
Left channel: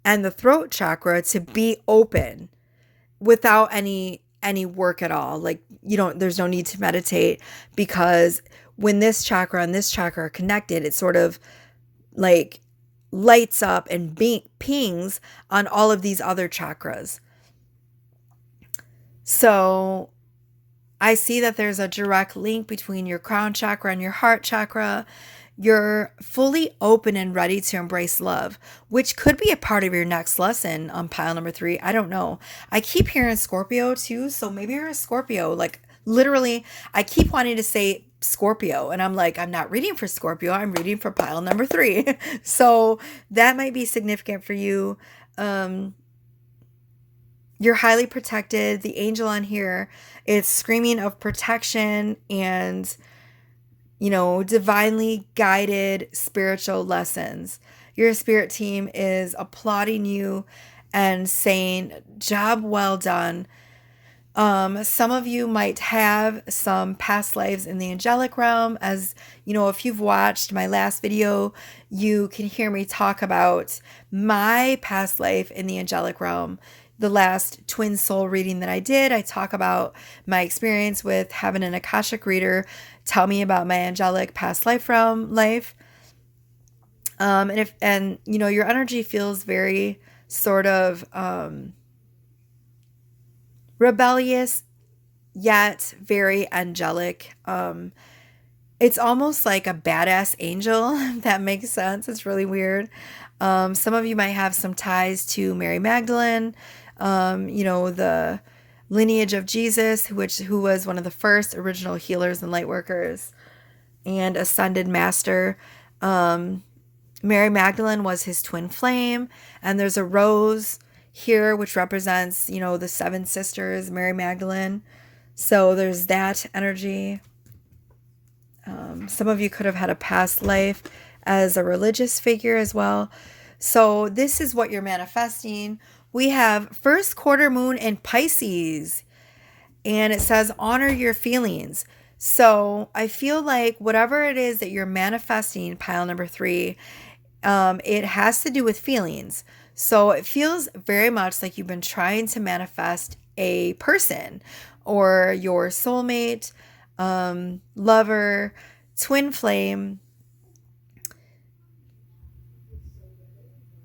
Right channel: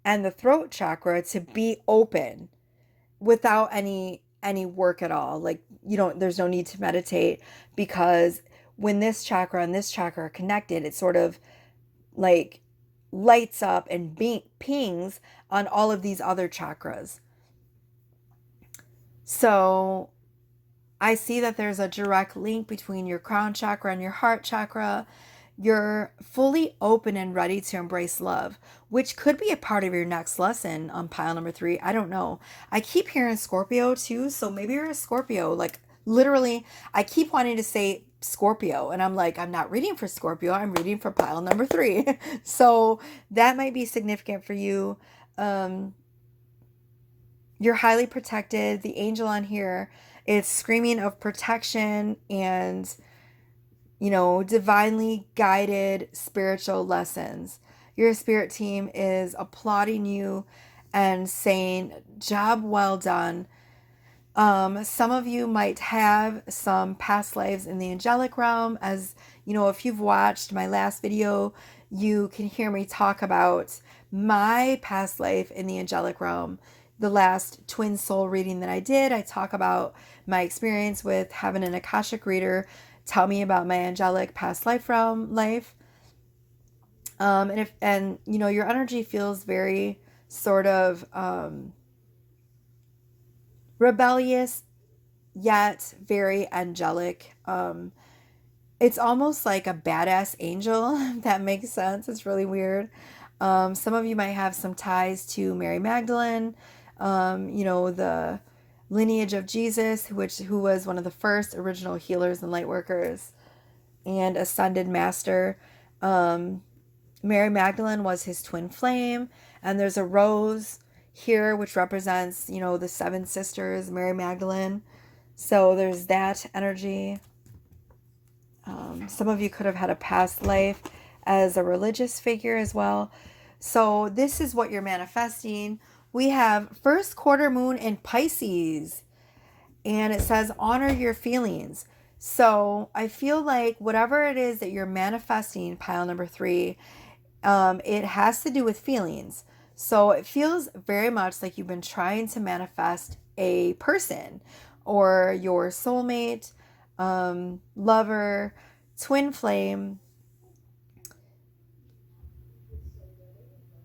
and the throat chakra to be open without any work at all. Like, there's no need to meditate, because when this chakra and this chakra are connected, it sort of like lights up and pings on all of these other chakras. So I see that there's a direct link between your crown chakra and your heart chakra. You're fully open and ready to embrace love, which could be a part of your next lesson on pile number 3. I don't know. I keep hearing Scorpio too, so maybe you're a Scorpio. Like, literally, I keep wanting to say Scorpio, and I'm like, I'm not reading for Scorpio, I'm reading for pile number 3. So that might be significant for you. You're highly protected. The angel on here is screaming of protection and divinely guided spiritual lessons. Your spirit team is applauding you and saying, job well done. Some of you might have some past lives in the angelic realm. As if you've watched my last video, you can hear me talk about my past life in the angelic realm. The last twin soul reading that I did, I talk about my experience with having an Akashic reader tell me about my angelic past life realm life. And you know, your energy feels very sort of rebellious yet very angelic. It's almost like a badass angel, if that makes sense. It's really weird. Some of you might have some ties to Mary Magdalene, you know, the lineage of Jesus, who was one of the first original healers and light workers and ascended master. Mary Magdalene was his twin flame, and there's a rose here which represents, you know, the seven sisters, Mary Magdalene. So there's that energy. Some of you could have had a past life as a religious figure as well. So this is what you're manifesting. We have first quarter moon in Pisces, and it says honor your feelings. So I feel like whatever it is that you're manifesting, pile number 3, it has to do with feelings. So it feels very much like you've been trying to manifest a person or your soulmate, lover, twin flame.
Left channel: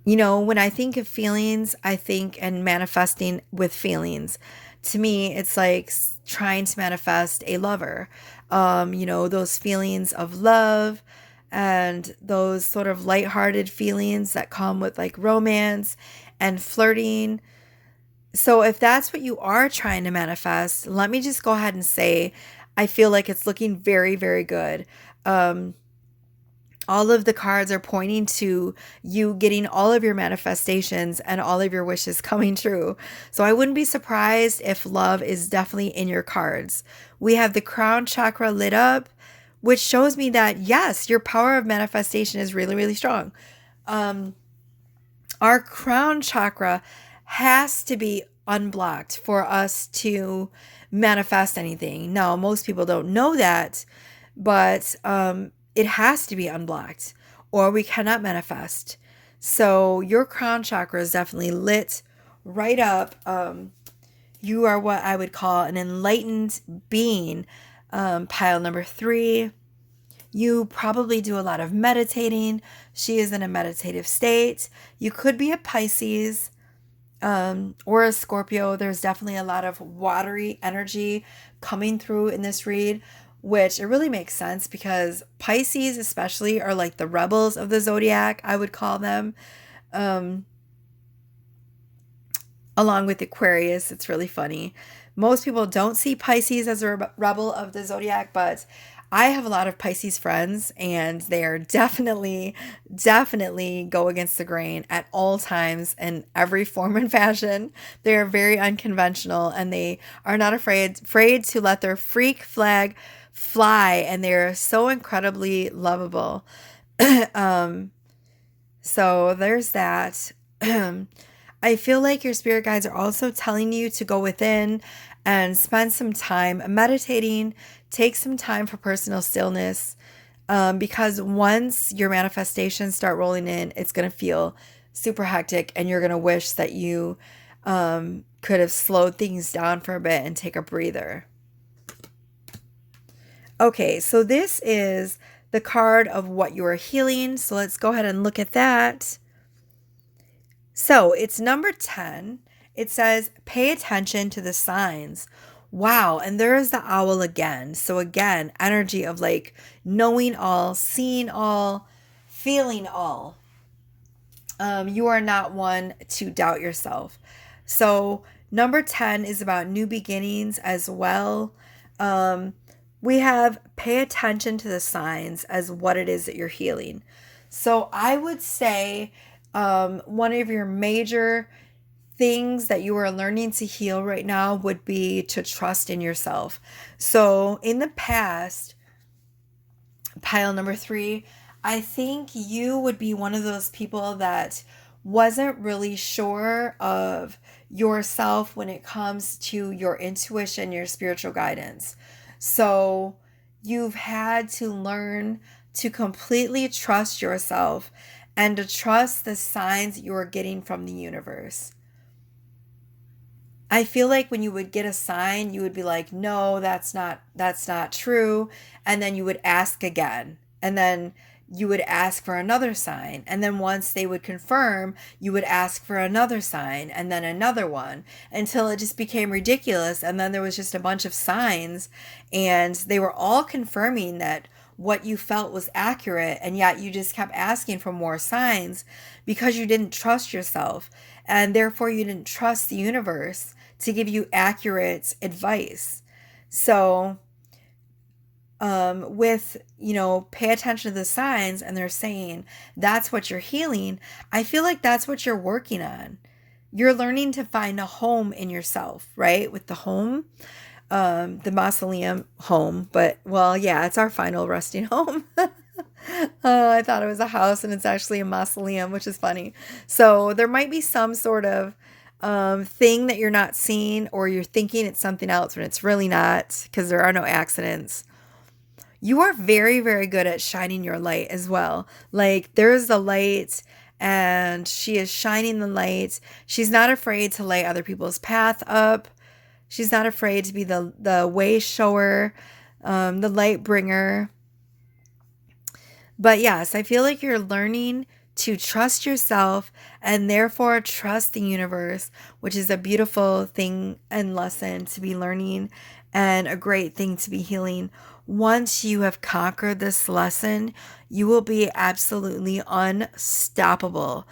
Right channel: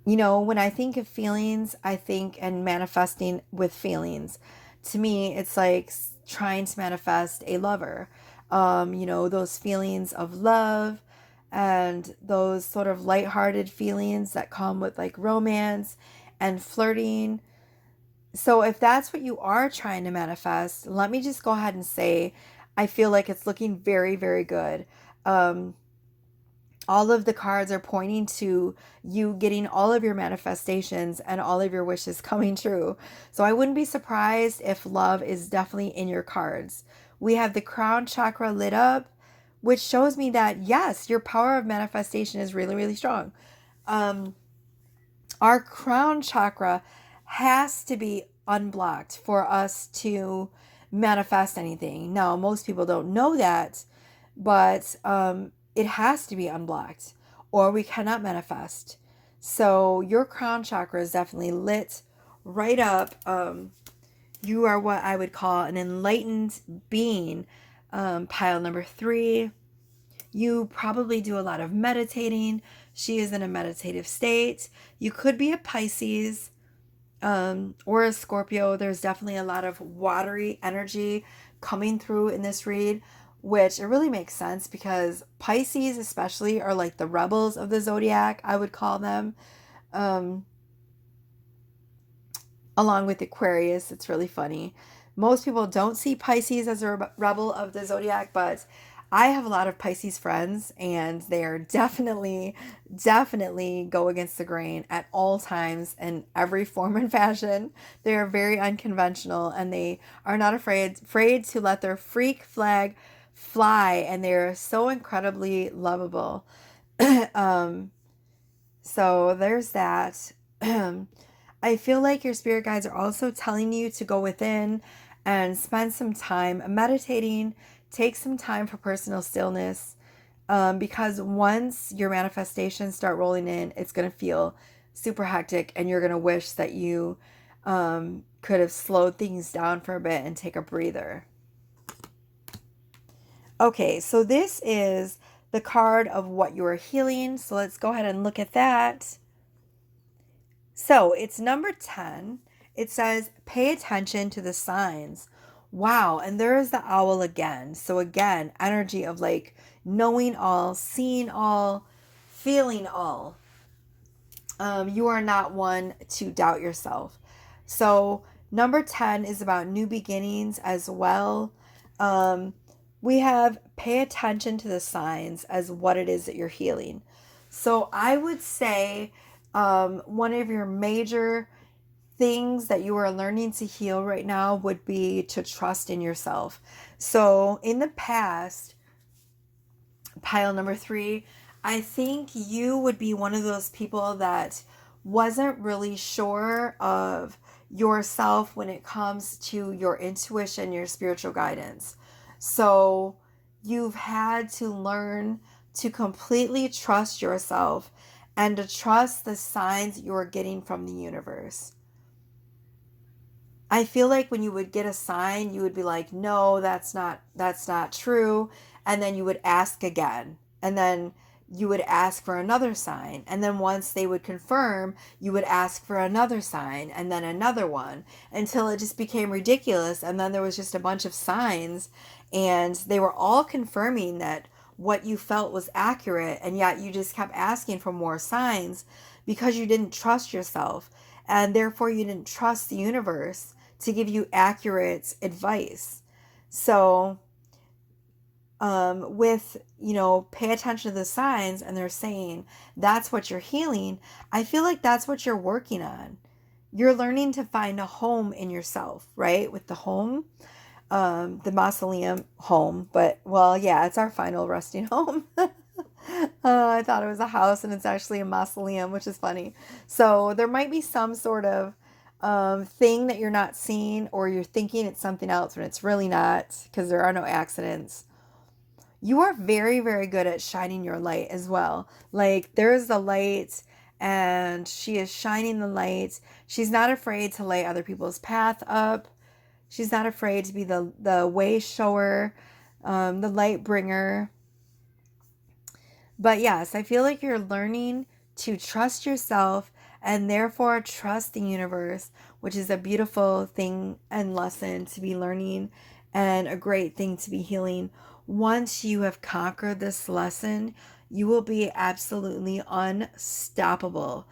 You know, when I think of feelings, I think and manifesting with feelings. To me, it's like trying to manifest a lover. You know, those feelings of love and those sort of lighthearted feelings that come with like romance and flirting. So if that's what you are trying to manifest, let me just go ahead and say, I feel like it's looking very, very good. Um, all of the cards are pointing to you getting all of your manifestations and all of your wishes coming true. So I wouldn't be surprised if love is definitely in your cards. We have the crown chakra lit up, which shows me that yes, your power of manifestation is really, really strong. Our crown chakra has to be unblocked for us to manifest anything. Now, most people don't know that, but it has to be unblocked or we cannot manifest. So your crown chakra is definitely lit right up. You are what I would call an enlightened being. Pile number 3. You probably do a lot of meditating. She is in a meditative state. You could be a Pisces or a Scorpio. There's definitely a lot of watery energy coming through in this read, which it really makes sense because Pisces especially are like the rebels of the zodiac, I would call them. Along with Aquarius, it's really funny. Most people don't see Pisces as a rebel of the zodiac, but I have a lot of Pisces friends and they are definitely go against the grain at all times in every form and fashion. They are very unconventional and they are not afraid to let their freak flag fly, and they're so incredibly lovable. So there's that. I feel like your spirit guides are also telling you to go within and spend some time meditating, take some time for personal stillness, because once your manifestations start rolling in, it's going to feel super hectic and you're going to wish that you could have slowed things down for a bit and take a breather. Okay, so this is the card of what you are healing. So let's go ahead and look at that. So it's number 10. It says, pay attention to the signs. Wow. And there is the owl again. So again, energy of like knowing all, seeing all, feeling all. You are not one to doubt yourself. So number 10 is about new beginnings as well. We have pay attention to the signs as what it is that you're healing. So I would say one of your major things that you are learning to heal right now would be to trust in yourself. So in the past, pile number 3, I think you would be one of those people that wasn't really sure of yourself when it comes to your intuition, your spiritual guidance. So you've had to learn to completely trust yourself and to trust the signs you're getting from the universe. I feel like when you would get a sign, you would be like, no, that's not true. And then you would ask again. And then you would ask for another sign. And then once they would confirm, you would ask for another sign and then another one until it just became ridiculous. And then there was just a bunch of signs and they were all confirming that what you felt was accurate. And yet you just kept asking for more signs because you didn't trust yourself. And therefore you didn't trust the universe to give you accurate advice. So, pay attention to the signs and they're saying that's what you're healing. I feel like that's what you're working on. You're learning to find a home in yourself, right? With the home, the mausoleum home, but well, yeah, it's our final resting home. I thought it was a house and it's actually a mausoleum, which is funny. So there might be some sort of thing that you're not seeing, or you're thinking it's something else when it's really not, because there are no accidents. You are very, very good at shining your light as well. Like there's the light and she is shining the light. She's not afraid to light other people's path up. She's not afraid to be the way shower, the light bringer. But yes, I feel like you're learning to trust yourself and therefore trust the universe, which is a beautiful thing and lesson to be learning and a great thing to be healing. Once you have conquered this lesson, you will be absolutely unstoppable.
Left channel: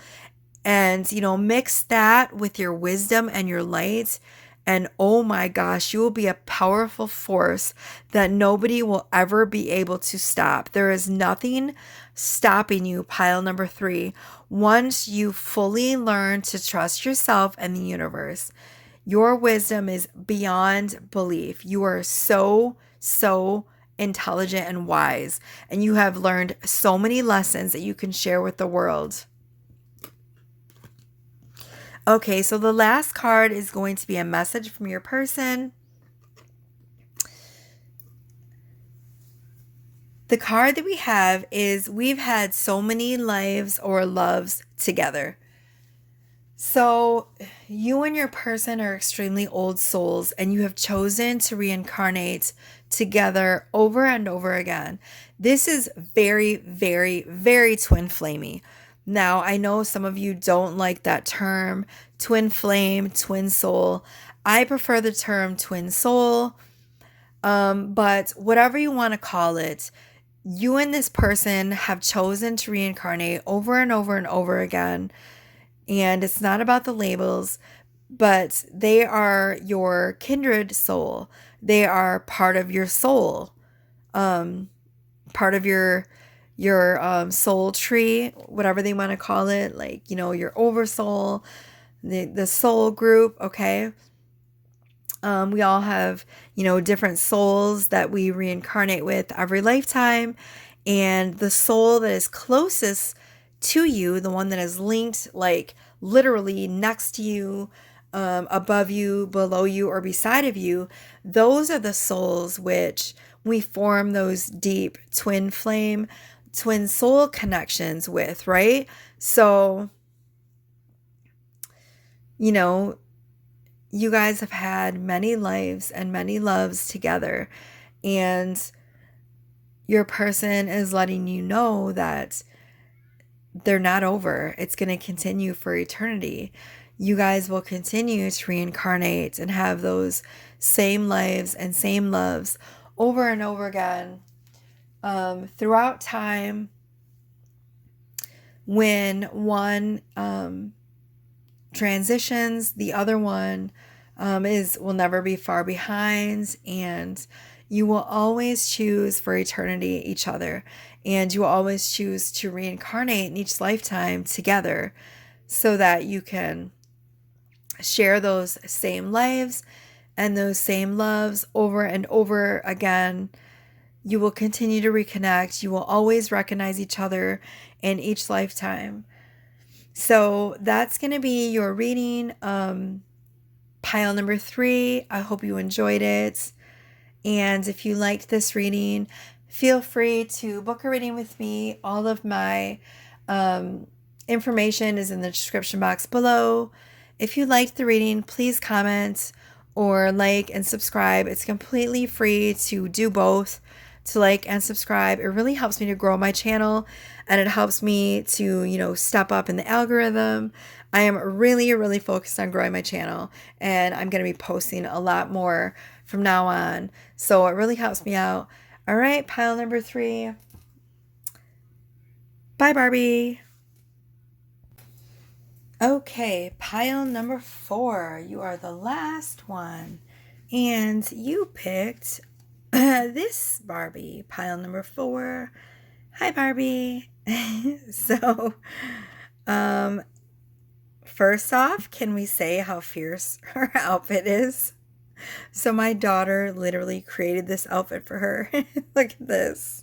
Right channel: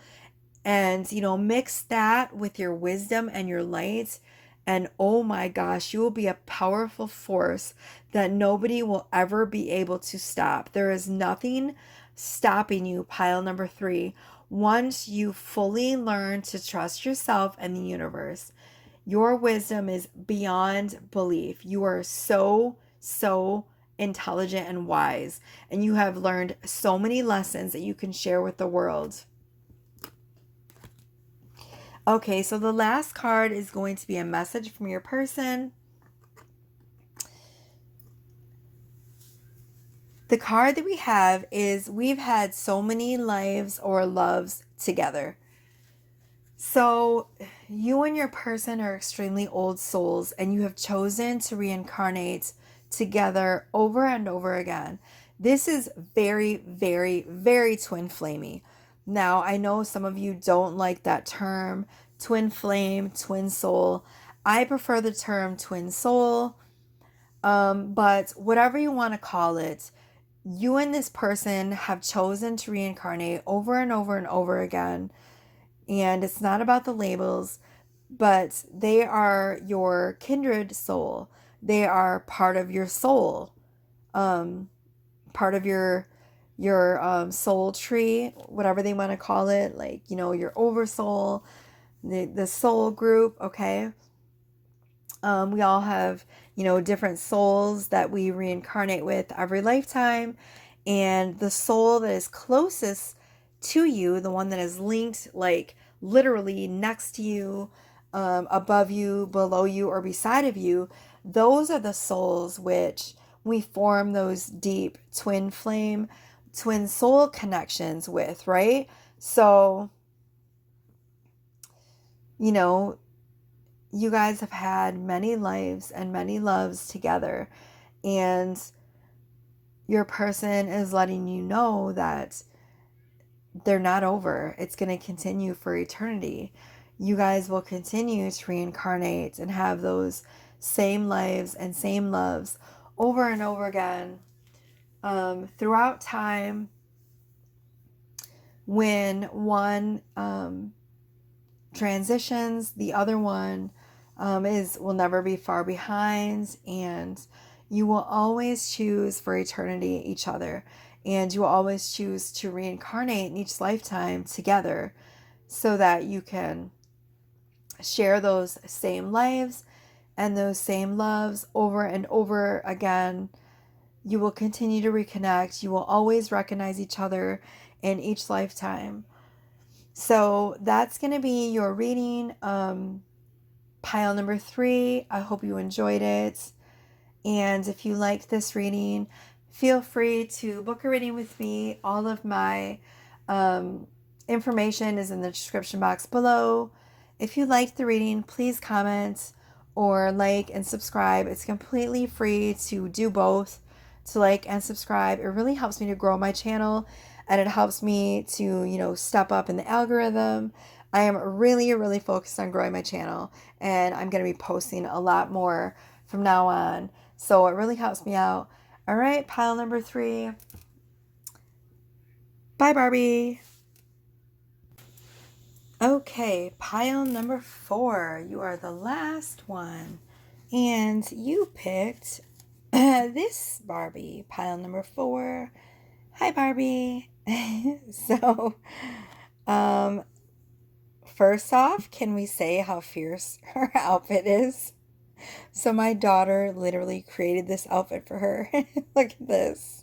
And, mix that with your wisdom and your light. And oh my gosh, you will be a powerful force that nobody will ever be able to stop. There is nothing stopping you, pile number 3, once you fully learn to trust yourself and the universe. Your wisdom is beyond belief. You are so, so intelligent and wise, and you have learned so many lessons that you can share with the world. Okay, so the last card is going to be a message from your person. The card that we have is we've had so many lives or loves together. So you and your person are extremely old souls, and you have chosen to reincarnate together over and over again. This is very, very, very twin flamey. Now, I know some of you don't like that term, twin flame, twin soul. I prefer the term twin soul, but whatever you want to call it, you and this person have chosen to reincarnate over and over and over again. And it's not about the labels, but they are your kindred soul. They are part of your soul, part of your soul tree, whatever they want to call it, like, your oversoul, the soul group, okay? We all have, different souls that we reincarnate with every lifetime. And the soul that is closest to you, the one that is linked, like literally next to you, above you, below you, or beside of you, those are the souls which we form those deep twin flame, twin soul connections with, right? So, you guys have had many lives and many loves together, and your person is letting you know that they're not over. It's going to continue for eternity. You guys will continue to reincarnate and have those same lives and same loves over and over again throughout time. When one transitions, the other one will never be far behind, and you will always choose for eternity each other, and you will always choose to reincarnate in each lifetime together so that you can share those same lives and those same loves over and over again. You will continue to reconnect. You will always recognize each other in each lifetime. So that's going to be your reading, pile number 3. I hope you enjoyed it. And if you liked this reading, feel free to book a reading with me. All of my information is in the description box below. If you liked the reading, please comment or like and subscribe. It's completely free to do both. to like and subscribe. It really helps me to grow my channel, and it helps me to, step up in the algorithm. I am really, really focused on growing my channel, and I'm going to be posting a lot more from now on. So it really helps me out. All right, pile number 3. Bye, Barbie. Okay, pile number 4. You are the last one. And you picked this Barbie, pile number 4. Hi, Barbie. So, um, first off, can we say how fierce her outfit is? So my daughter literally created this outfit for her. Look at this.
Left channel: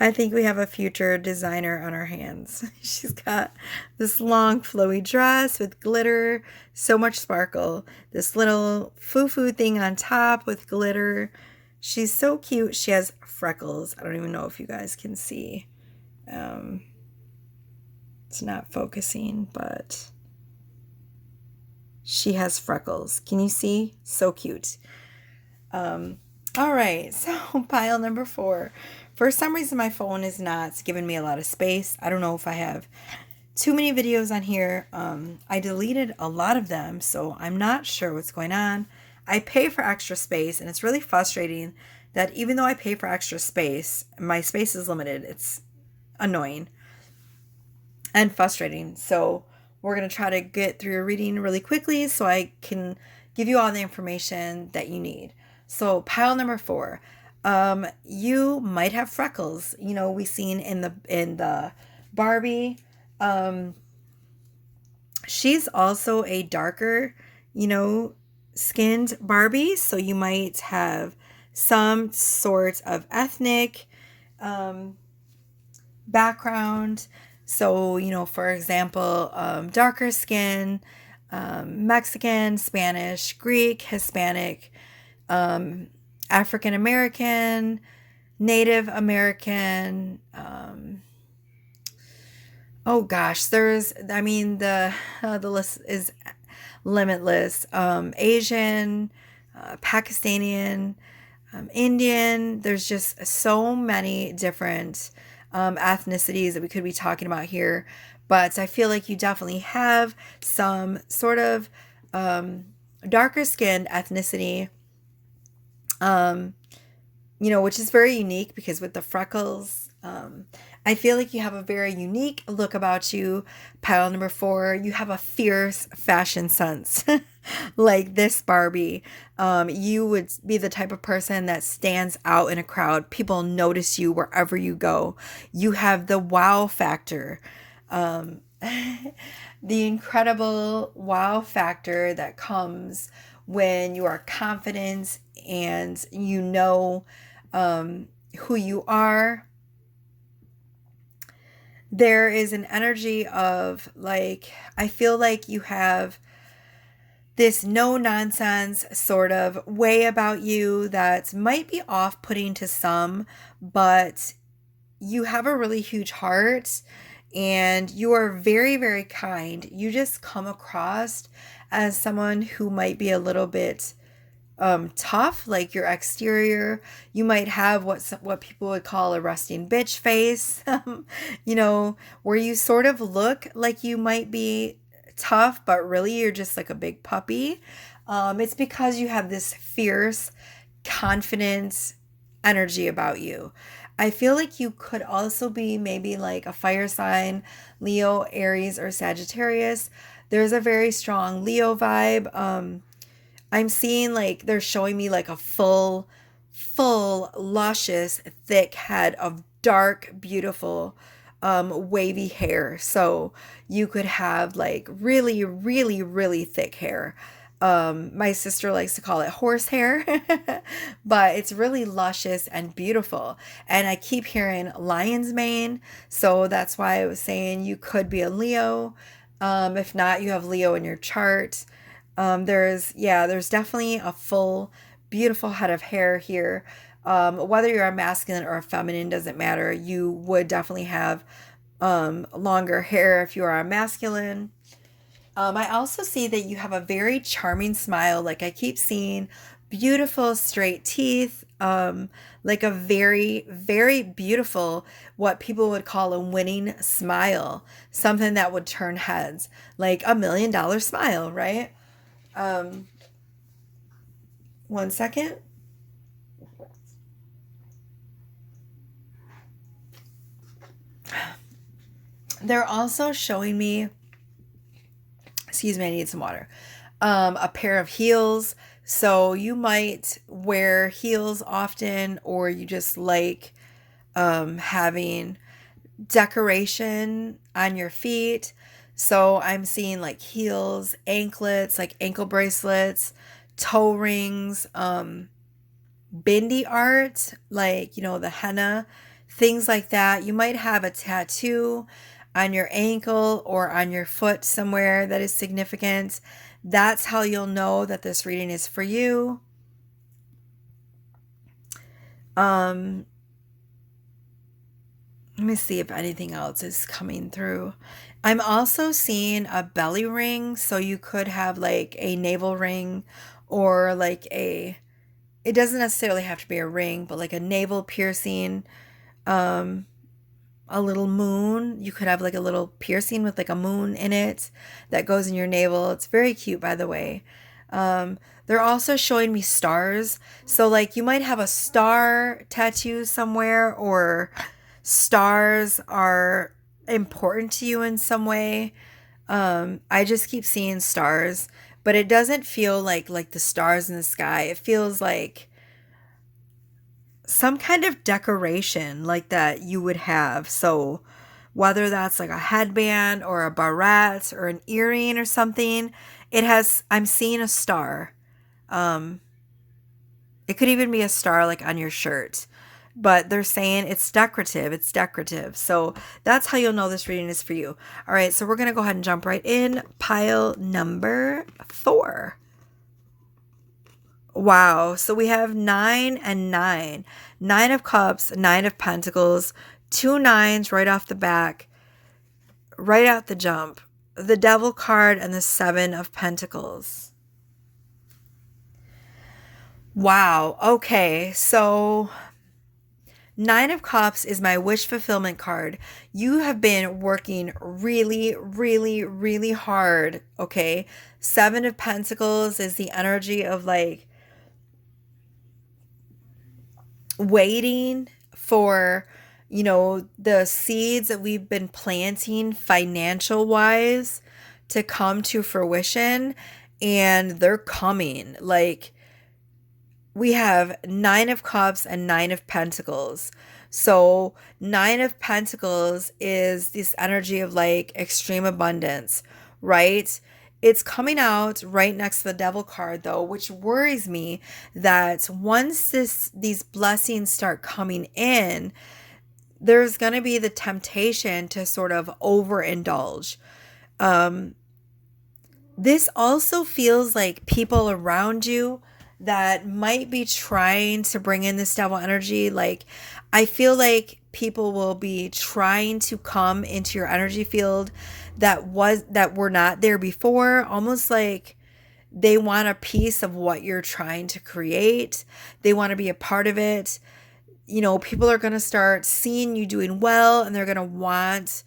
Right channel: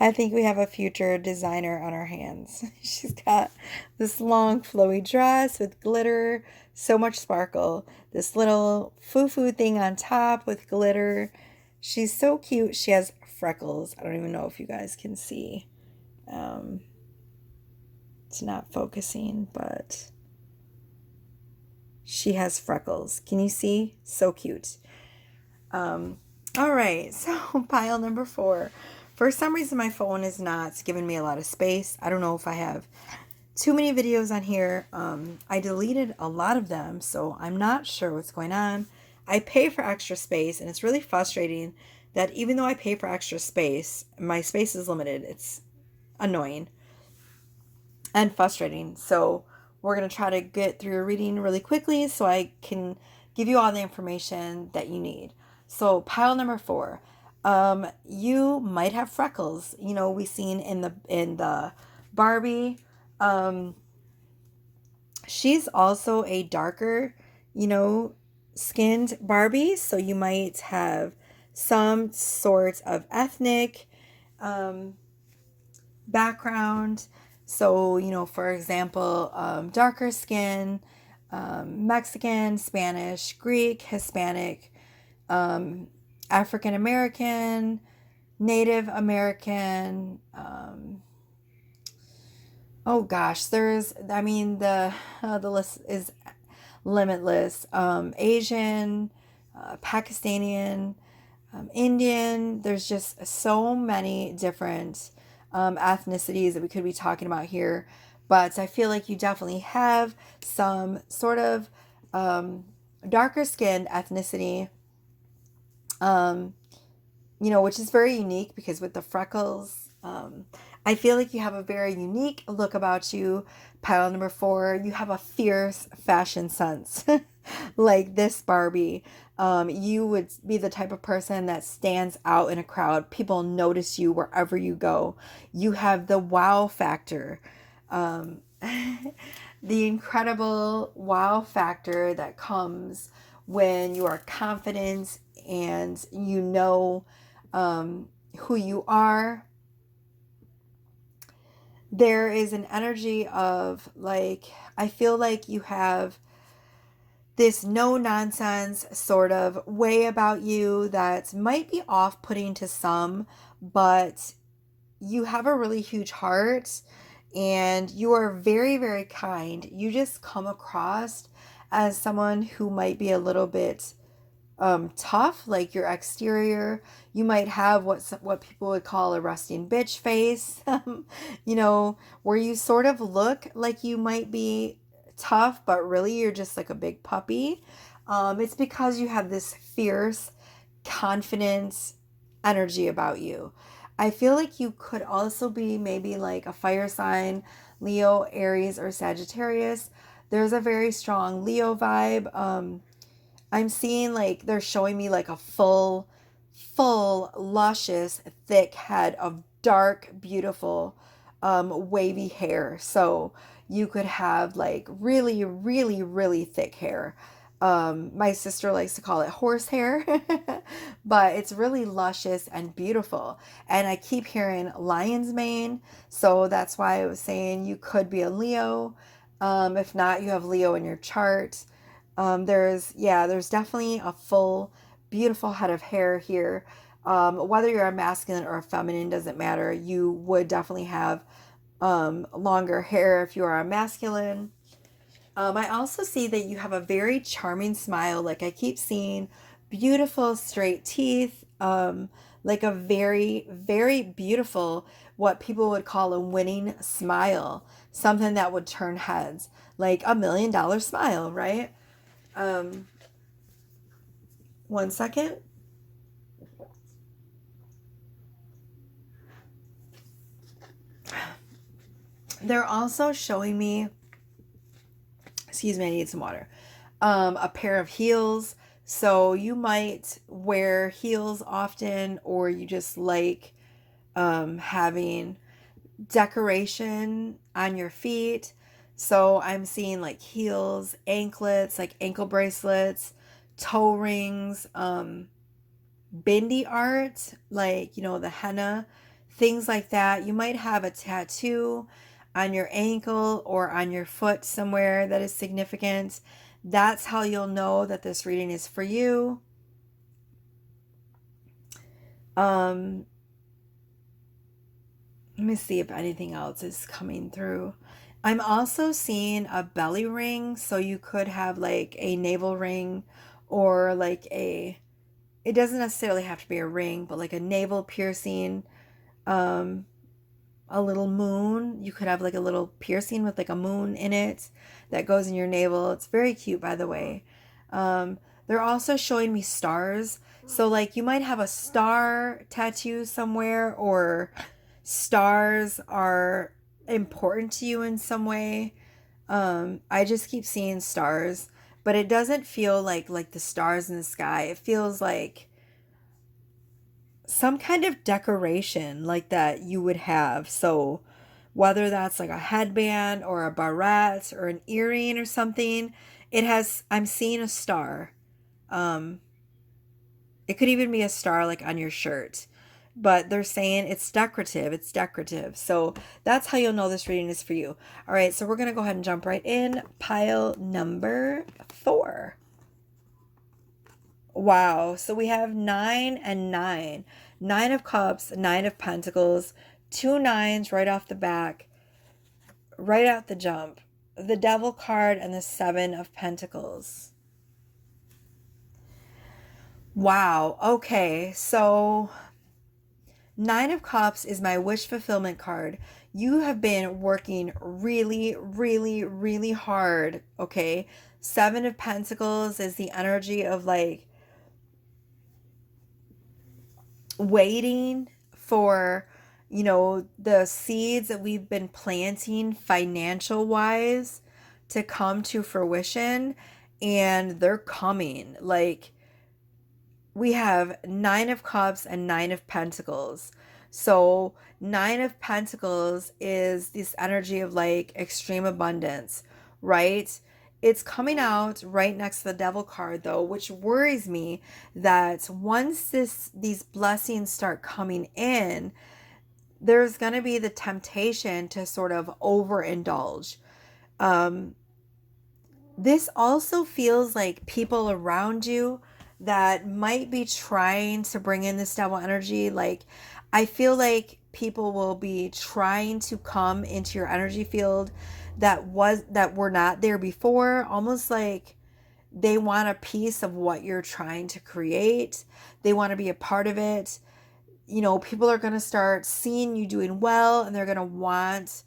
I think we have a future designer on our hands. She's got this long flowy dress with glitter, so much sparkle. This little foo-foo thing on top with glitter. She's so cute. She has freckles. I don't even know if you guys can see. It's not focusing, but she has freckles. Can you see? So cute. All right, so pile number 4. For some reason, my phone is not giving me a lot of space. I don't know if I have too many videos on here. I deleted a lot of them, so I'm not sure what's going on. I pay for extra space, and it's really frustrating that even though I pay for extra space, my space is limited. It's annoying and frustrating. So we're going to try to get through your reading really quickly so I can give you all the information that you need. So pile number 4. You might have freckles. We seen in the Barbie. She's also a darker, skinned Barbie, so you might have some sort of ethnic background. So, for example, darker skin, Mexican, Spanish, Greek, Hispanic, African American, Native American. Oh gosh, the list is limitless. Asian, Pakistani, Indian. There's just so many different ethnicities that we could be talking about here. But I feel like you definitely have some sort of darker skinned ethnicity, which is very unique because with the freckles, I feel like you have a very unique look about you. Pile number 4, you have a fierce fashion sense. Like this Barbie. You would be the type of person that stands out in a crowd. People notice you wherever you go. You have the wow factor. The incredible wow factor that comes when you are confident and who you are. There is an energy of I feel like you have this no nonsense sort of way about you that might be off putting to some, but you have a really huge heart and you are very, very kind. You just come across as someone who might be a little bit tough, like your exterior. You might have what people would call a resting bitch face, where you sort of look like you might be tough, but really you're just like a big puppy. It's because you have this fierce, confident energy about you. I feel like you could also be maybe like a fire sign, Leo, Aries, or Sagittarius. There's a very strong Leo vibe. I'm seeing they're showing me like a full, luscious, thick head of dark, beautiful, wavy hair. So you could have really, really, really thick hair. My sister likes to call it horse hair, but it's really luscious and beautiful. And I keep hearing lion's mane. So that's why I was saying you could be a Leo. If not, you have Leo in your chart. There's definitely a full, beautiful head of hair here. Whether you're a masculine or a feminine doesn't matter. You would definitely have longer hair if you are a masculine. I also see that you have a very charming smile. Like I keep seeing beautiful straight teeth, like a very, very beautiful, what people would call a winning smile, something that would turn heads, like $1 million smile, right? Um, one second. They're also showing me, excuse me, I need some water, a pair of heels. So you might wear heels often, or you just like having decoration on your feet. So I'm seeing like heels, anklets, like ankle bracelets, toe rings, bindi art, like, the henna, things like that. You might have a tattoo on your ankle or on your foot somewhere that is significant. That's how you'll know that this reading is for you. Um, Let me see if anything else is coming through. I'm also seeing a belly ring, so you could have like a navel ring or like it doesn't necessarily have to be a ring, but like a navel piercing, um, a little moon. You could have like a little piercing with like a moon in it that goes in your navel. It's very cute, by the way. They're also showing me stars. So, like, you might have a star tattoo somewhere, or stars are important to you in some way. I just keep seeing stars, but it doesn't feel like the stars in the sky. It feels like some kind of decoration like that you would have. So whether that's like a headband or a barrette or an earring or something, I'm seeing a star. Um, it could even be a star like on your shirt. But they're saying it's decorative. It's decorative. So that's how you'll know this reading is for you. All right, so we're going to go ahead and jump right in. Pile number 4. Wow. So we have 9 and 9. 9 of Cups, 9 of Pentacles, 2 nines right off the back, right out the jump. The Devil card and the 7 of Pentacles. Wow. Okay. So 9 of Cups is my wish fulfillment card. You have been working really, really, really hard. Okay. 7 of Pentacles is the energy of like waiting for, the seeds that we've been planting financial wise to come to fruition, and they're coming. Like, we have 9 of Cups and 9 of Pentacles. So 9 of Pentacles is this energy of like extreme abundance, right? It's coming out right next to the Devil card though, which worries me that once these blessings start coming in, there's going to be the temptation to sort of overindulge. Um, this also feels like people around you that might be trying to bring in this devil energy. Like, I feel like people will be trying to come into your energy field that were not there before, almost like they want a piece of what you're trying to create. They want to be a part of it. People are going to start seeing you doing well, and they're going to want,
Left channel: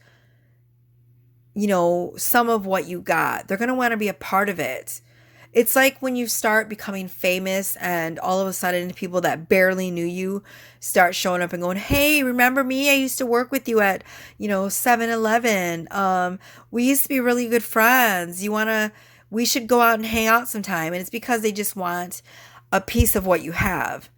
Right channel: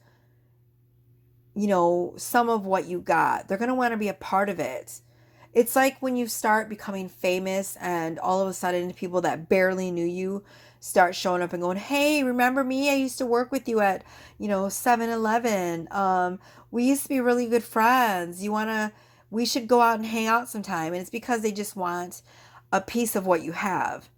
some of what you got. They're going to want to be a part of it. It's like when you start becoming famous and all of a sudden people that barely knew you start showing up and going, "Hey, remember me? I used to work with you at, 7-Eleven. We used to be really good friends. We should go out and hang out sometime." And it's because they just want a piece of what you have.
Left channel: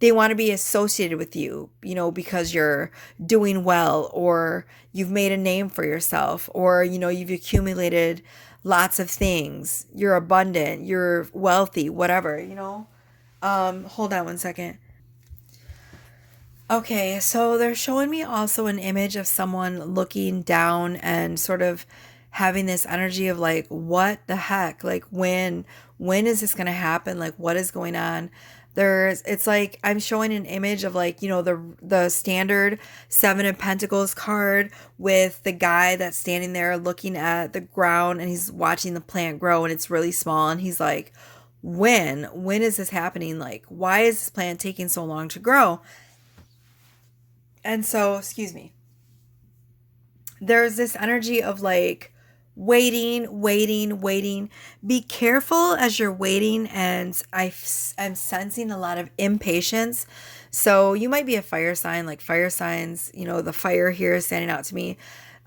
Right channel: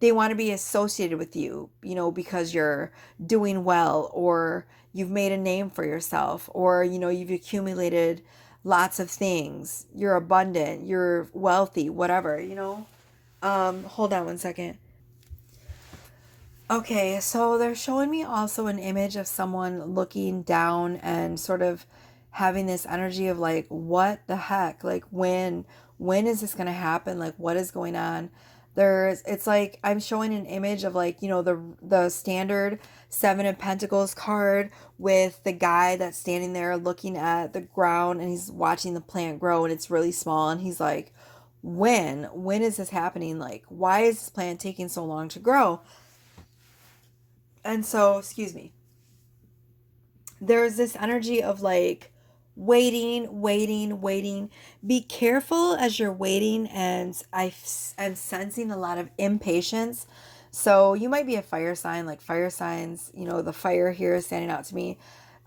They want to be associated with you, because you're doing well, or you've made a name for yourself, or, you've accumulated lots of things. You're abundant, you're wealthy, whatever. Hold on one second. Okay, so they're showing me also an image of someone looking down and sort of having this energy of like, what the heck? Like, when is this going to happen? Like, what is going on? It's like I'm showing an image of like, the standard 7 of Pentacles card with the guy that's standing there looking at the ground, and he's watching the plant grow, and it's really small, and he's like, when is this happening? Like, why is this plant taking so long to grow? And so, excuse me, there's this energy of like waiting. Be careful as you're waiting. And I'm sensing a lot of impatience. So you might be a fire sign, like fire signs, the fire here is standing out to me.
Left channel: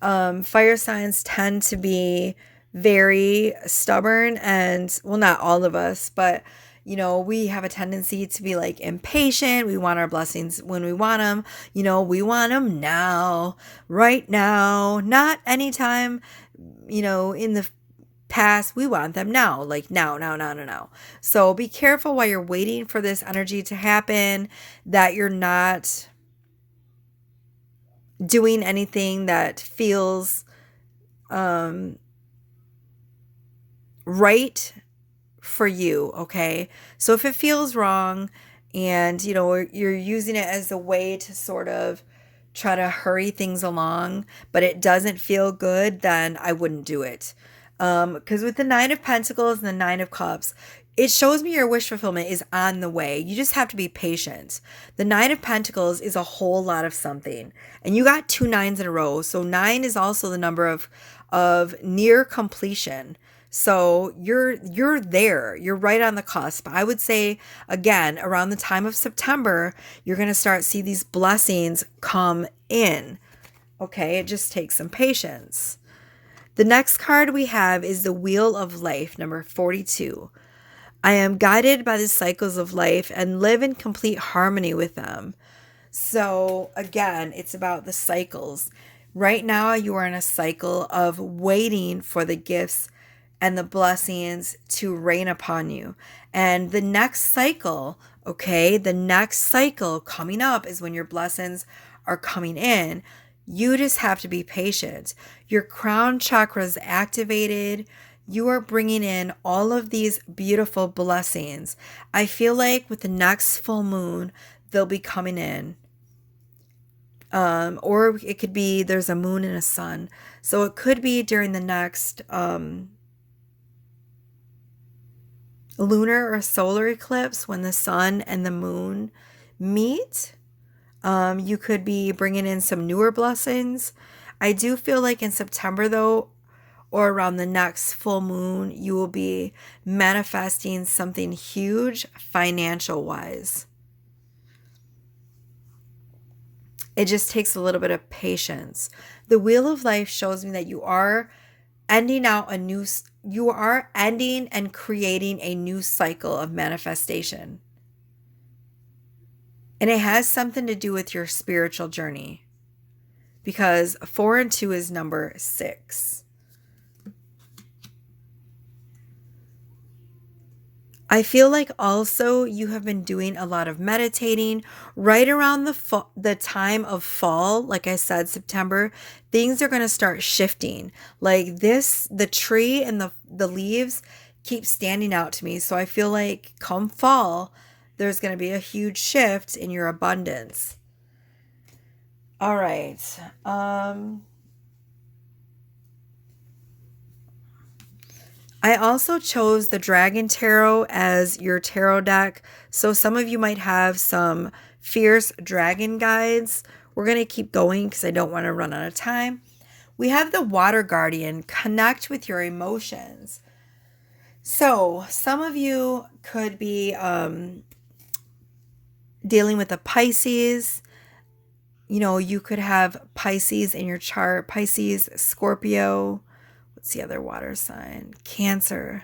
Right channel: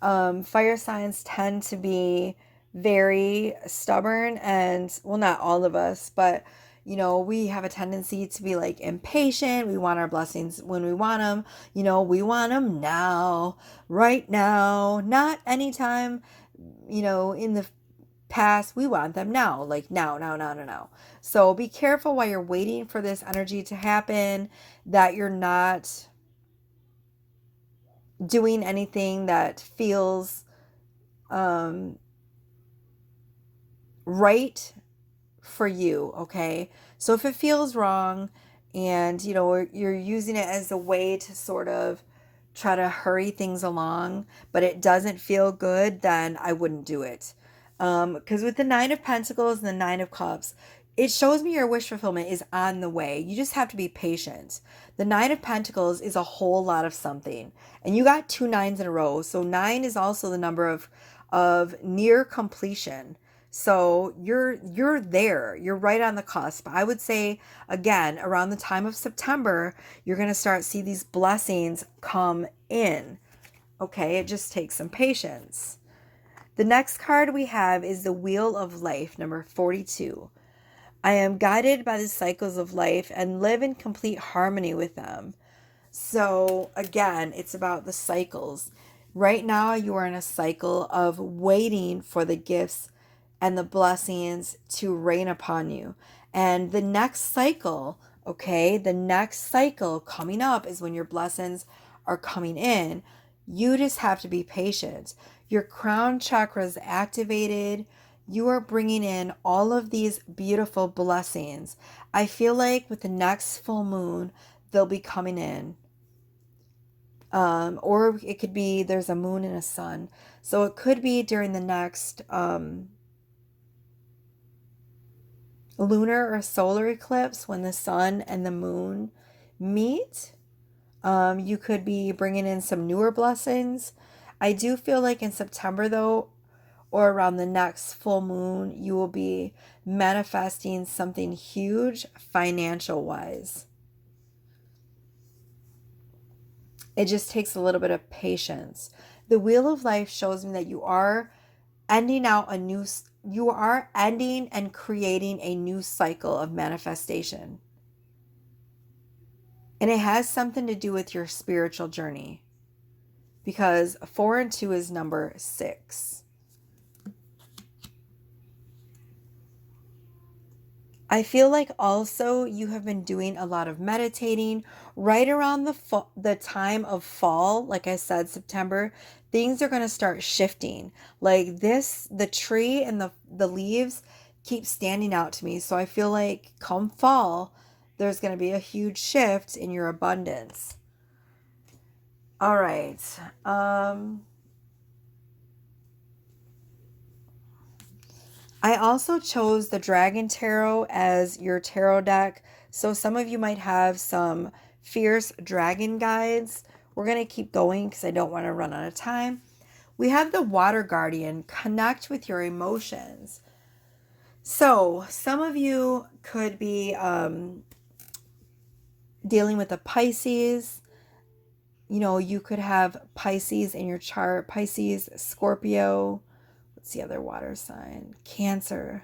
Fire signs tend to be very stubborn, and well, not all of us, but we have a tendency to be like impatient. We want our blessings when we want them. We want them now, right now, not anytime, in the past. We want them now, like now. So be careful while you're waiting for this energy to happen, that you're not doing anything that feels right for you, okay? So if it feels wrong and you're using it as a way to sort of try to hurry things along, but it doesn't feel good, then I wouldn't do it. Because with the Nine of Pentacles and the Nine of Cups, it shows me your wish fulfillment is on the way. You just have to be patient. The Nine of Pentacles is a whole lot of something, and you got 2 nines in a row. So 9 is also the number of near completion. So you're there. You're right on the cusp. I would say, again, around the time of September, you're going to start see these blessings come in. Okay, it just takes some patience. The next card we have is the Wheel of Life, number 42. I am guided by the cycles of life and live in complete harmony with them. So again, it's about the cycles. Right now, you are in a cycle of waiting for the gifts and the blessings to rain upon you. And the next cycle, okay, the next cycle coming up is when your blessings are coming in. You just have to be patient. Your crown chakra is activated. You are bringing in all of these beautiful blessings. I feel like with the next full moon, they'll be coming in. Or it could be there's a moon and a sun. So it could be during the next lunar or solar eclipse when the sun and the moon meet. You could be bringing in some newer blessings. I do feel like in September, though, or around the next full moon, you will be manifesting something huge financial wise. It just takes a little bit of patience. The Wheel of Life shows me that you are ending and creating a new cycle of manifestation. And it has something to do with your spiritual journey, because 4 and 2 is number 6. I feel like also you have been doing a lot of meditating right around the time of fall. Like I said, September, things are going to start shifting. Like this, the tree and the leaves keep standing out to me. So I feel like come fall, there's going to be a huge shift in your abundance. All right. I also chose the Dragon Tarot as your tarot deck. So some of you might have some fierce dragon guides. We're going to keep going because I don't want to run out of time. We have the Water Guardian, connect with your emotions. So some of you could be dealing with a Pisces. You could have Pisces in your chart. Pisces, Scorpio. What's the other water sign? Cancer.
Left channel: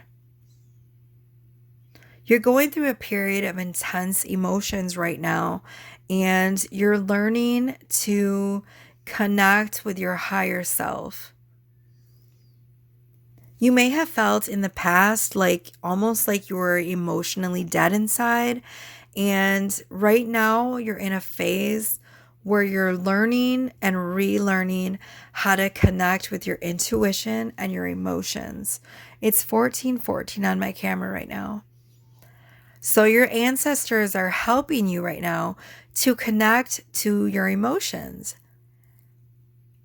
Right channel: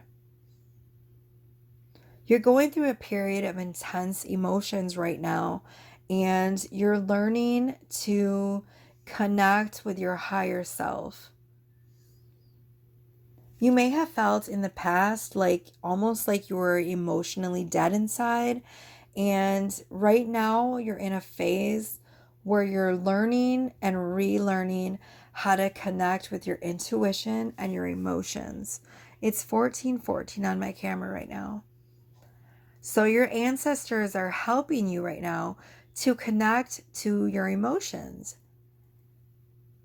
You're going through a period of intense emotions right now, and you're learning to connect with your higher self. You may have felt in the past almost like you were emotionally dead inside, and right now you're in a phase where you're learning and relearning how to connect with your intuition and your emotions. It's 1414 on my camera right now. So your ancestors are helping you right now to connect to your emotions.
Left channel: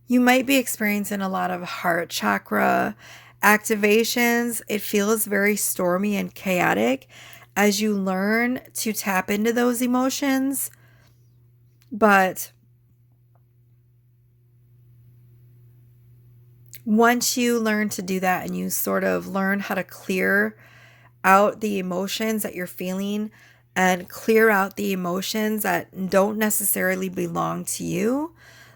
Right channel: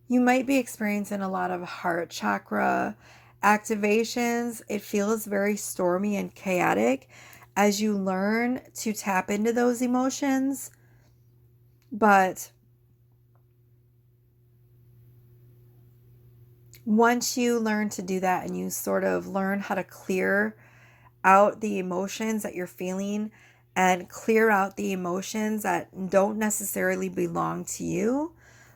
You might be experiencing a lot of heart chakra Activations, it feels very stormy and chaotic as you learn to tap into those emotions. But once you learn to do that and you sort of learn how to clear out the emotions that you're feeling and clear out the emotions that don't necessarily belong to you,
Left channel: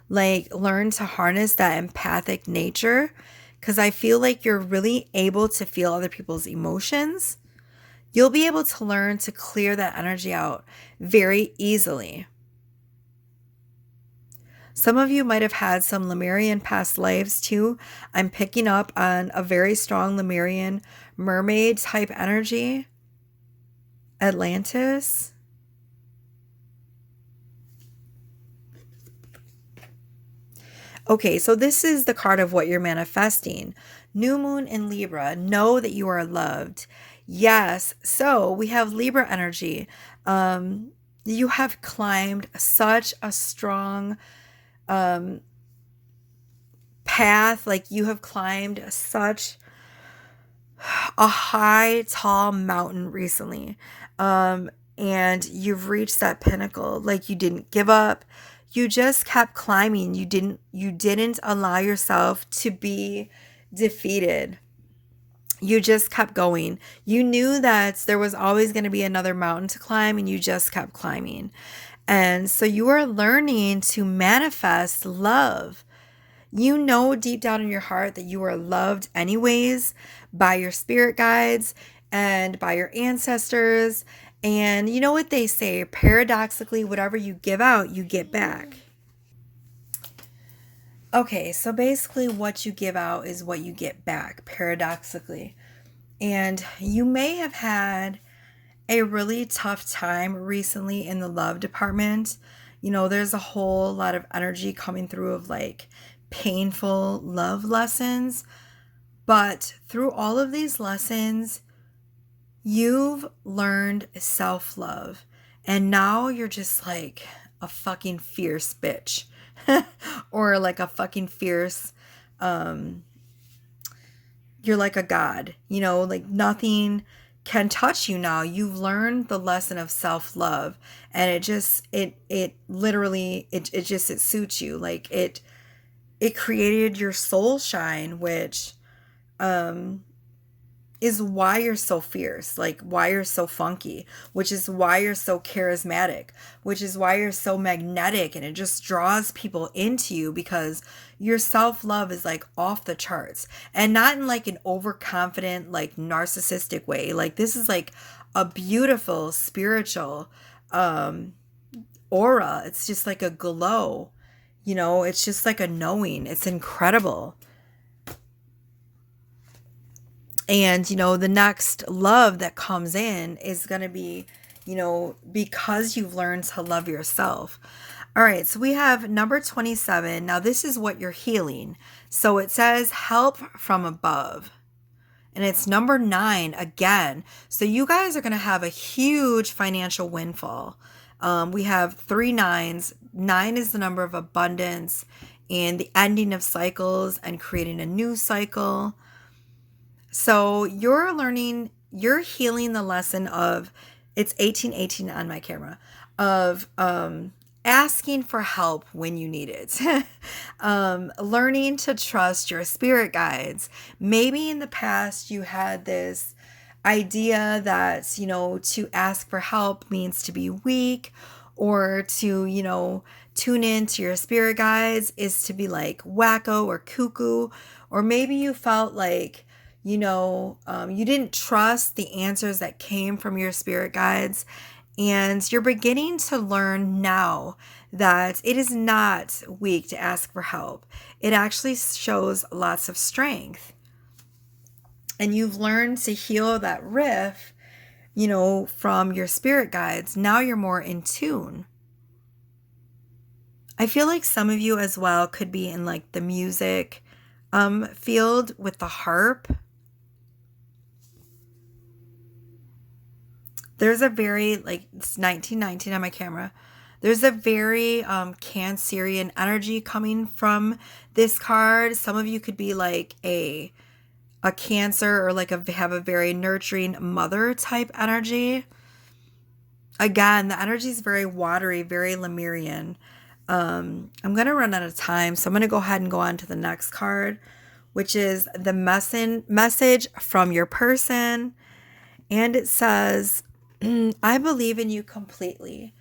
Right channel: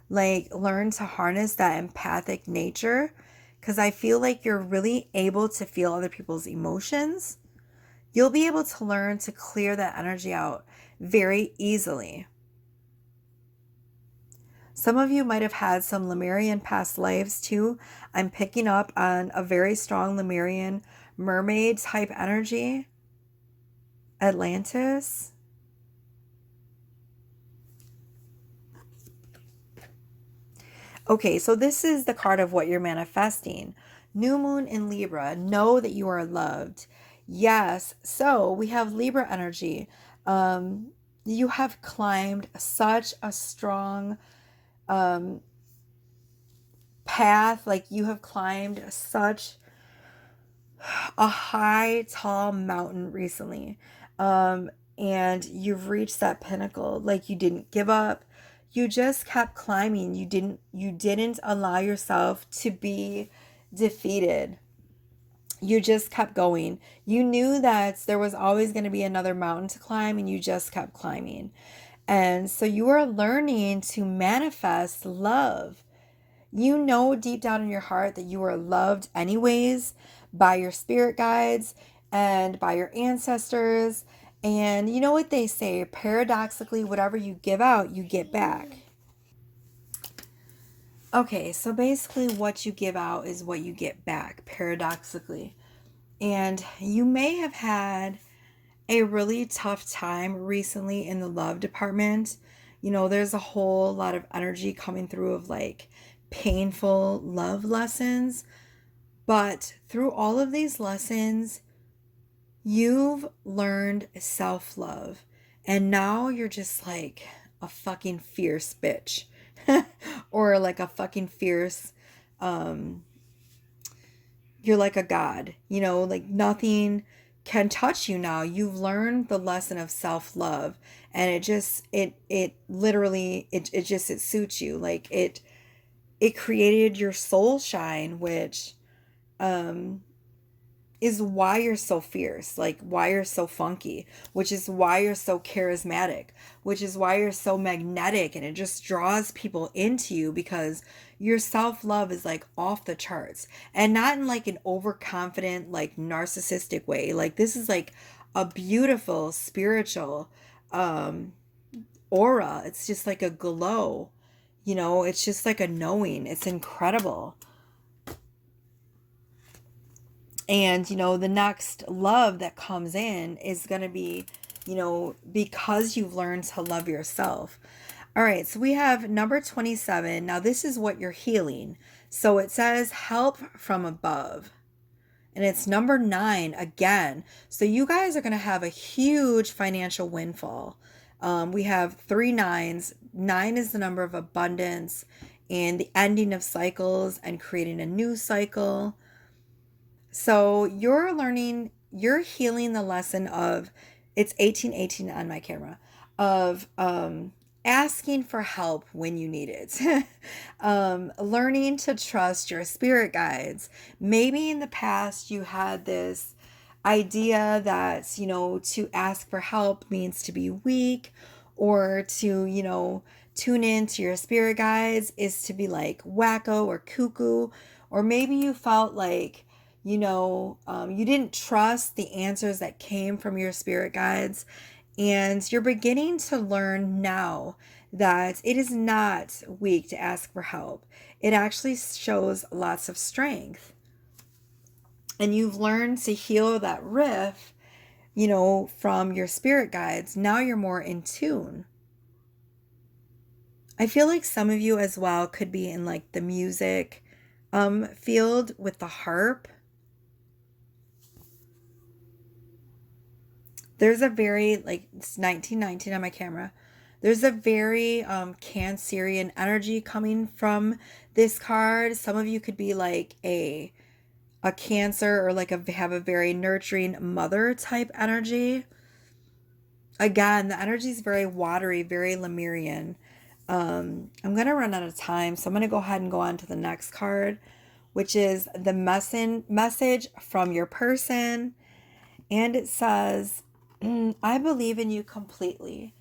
like learn to harness that empathic nature, because I feel like you're really able to feel other people's emotions. You'll be able to learn to clear that energy out very easily. Some of you might have had some Lemurian past lives too. I'm picking up on a very strong Lemurian mermaid type energy. Atlantis. Okay, so this is the card of what you're manifesting. New moon in Libra. Know that you are loved. Yes. So we have Libra energy. You have climbed such a strong path. Like you have climbed such a high, tall mountain recently. And you've reached that pinnacle. Like you didn't give up. You just kept climbing. You didn't allow yourself to be defeated. You just kept going. You knew that there was always going to be another mountain to climb, and you just kept climbing. And so you are learning to manifest love. You know deep down in your heart that you are loved anyways by your spirit guides and by your ancestors. And you know what they say, paradoxically, whatever you give out, you get back. Okay, so basically what you give out is what you get back, paradoxically. And you may have had a really tough time recently in the love department. You know, there's a whole lot of energy coming through of like painful love lessons. But through all of these lessons, you've learned self love. And now you're just like a fucking fierce bitch. Or like a fucking fierce, you're like a god, you know, like nothing can touch you now. You've learned the lesson of self-love, and it literally it suits you. Like it created your soul shine, which is why you're so fierce, like why you're so funky, which is why you're so charismatic, which is why you're so magnetic, and it just draws people into you because your self-love is like off the charts, and not in like an overconfident, like narcissistic way. Like this is like a beautiful spiritual aura. It's just like a glow, you know, it's just like a knowing. It's incredible. And, you know, the next love that comes in is going to be, you know, because you've learned to love yourself. All right, so we have number 27. Now, this is what you're healing. So it says help from above. And it's number 9 again. So you guys are going to have a huge financial windfall. We have 3 nines. 9 is the number of abundance and the ending of cycles and creating a new cycle. So you're healing the lesson of, it's 1818 on my camera, of asking for help when you need it. Learning to trust your spirit guides. Maybe in the past you had this idea that, you know, to ask for help means to be weak, or to, you know, tune in to your spirit guides is to be like wacko or cuckoo. Or maybe you felt like, you know, you didn't trust the answers that came from your spirit guides. And you're beginning to learn now that it is not weak to ask for help. It actually shows lots of strength. And you've learned to heal that rift, you know, from your spirit guides. Now you're more in tune. I feel like some of you as well could be in like the music field with the harp. There's a very, like, it's 1919 on my camera. There's a very Cancerian energy coming from this card. Some of you could be like a a Cancer or like have a very nurturing mother type energy. Again, the energy is very watery, very Lemurian. I'm going to run out of time, so I'm going to go ahead and go on to the next card, which is the message from your person. And it says, I believe in you completely.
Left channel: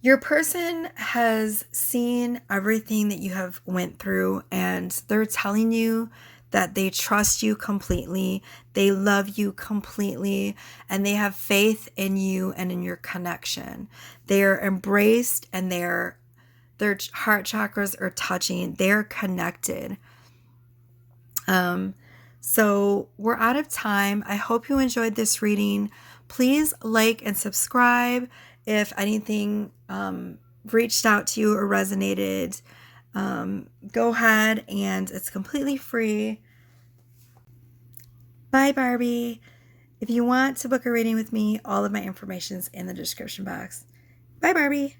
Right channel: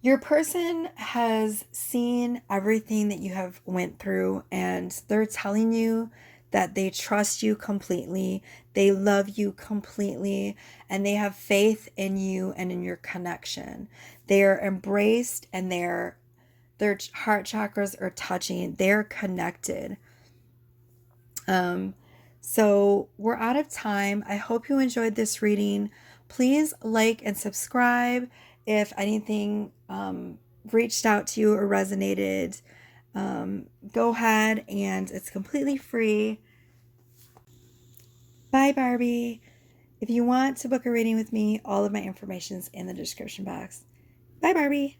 Your person has seen everything that you have went through, and they're telling you that they trust you completely, they love you completely, and they have faith in you and in your connection. They are embraced, and their heart chakras are touching. They're connected. So we're out of time. I hope you enjoyed this reading. Please like and subscribe if anything reached out to you or resonated. Go ahead, and it's completely free. Bye, Barbie. If you want to book a reading with me, all of my information is in the description box. Bye, Barbie.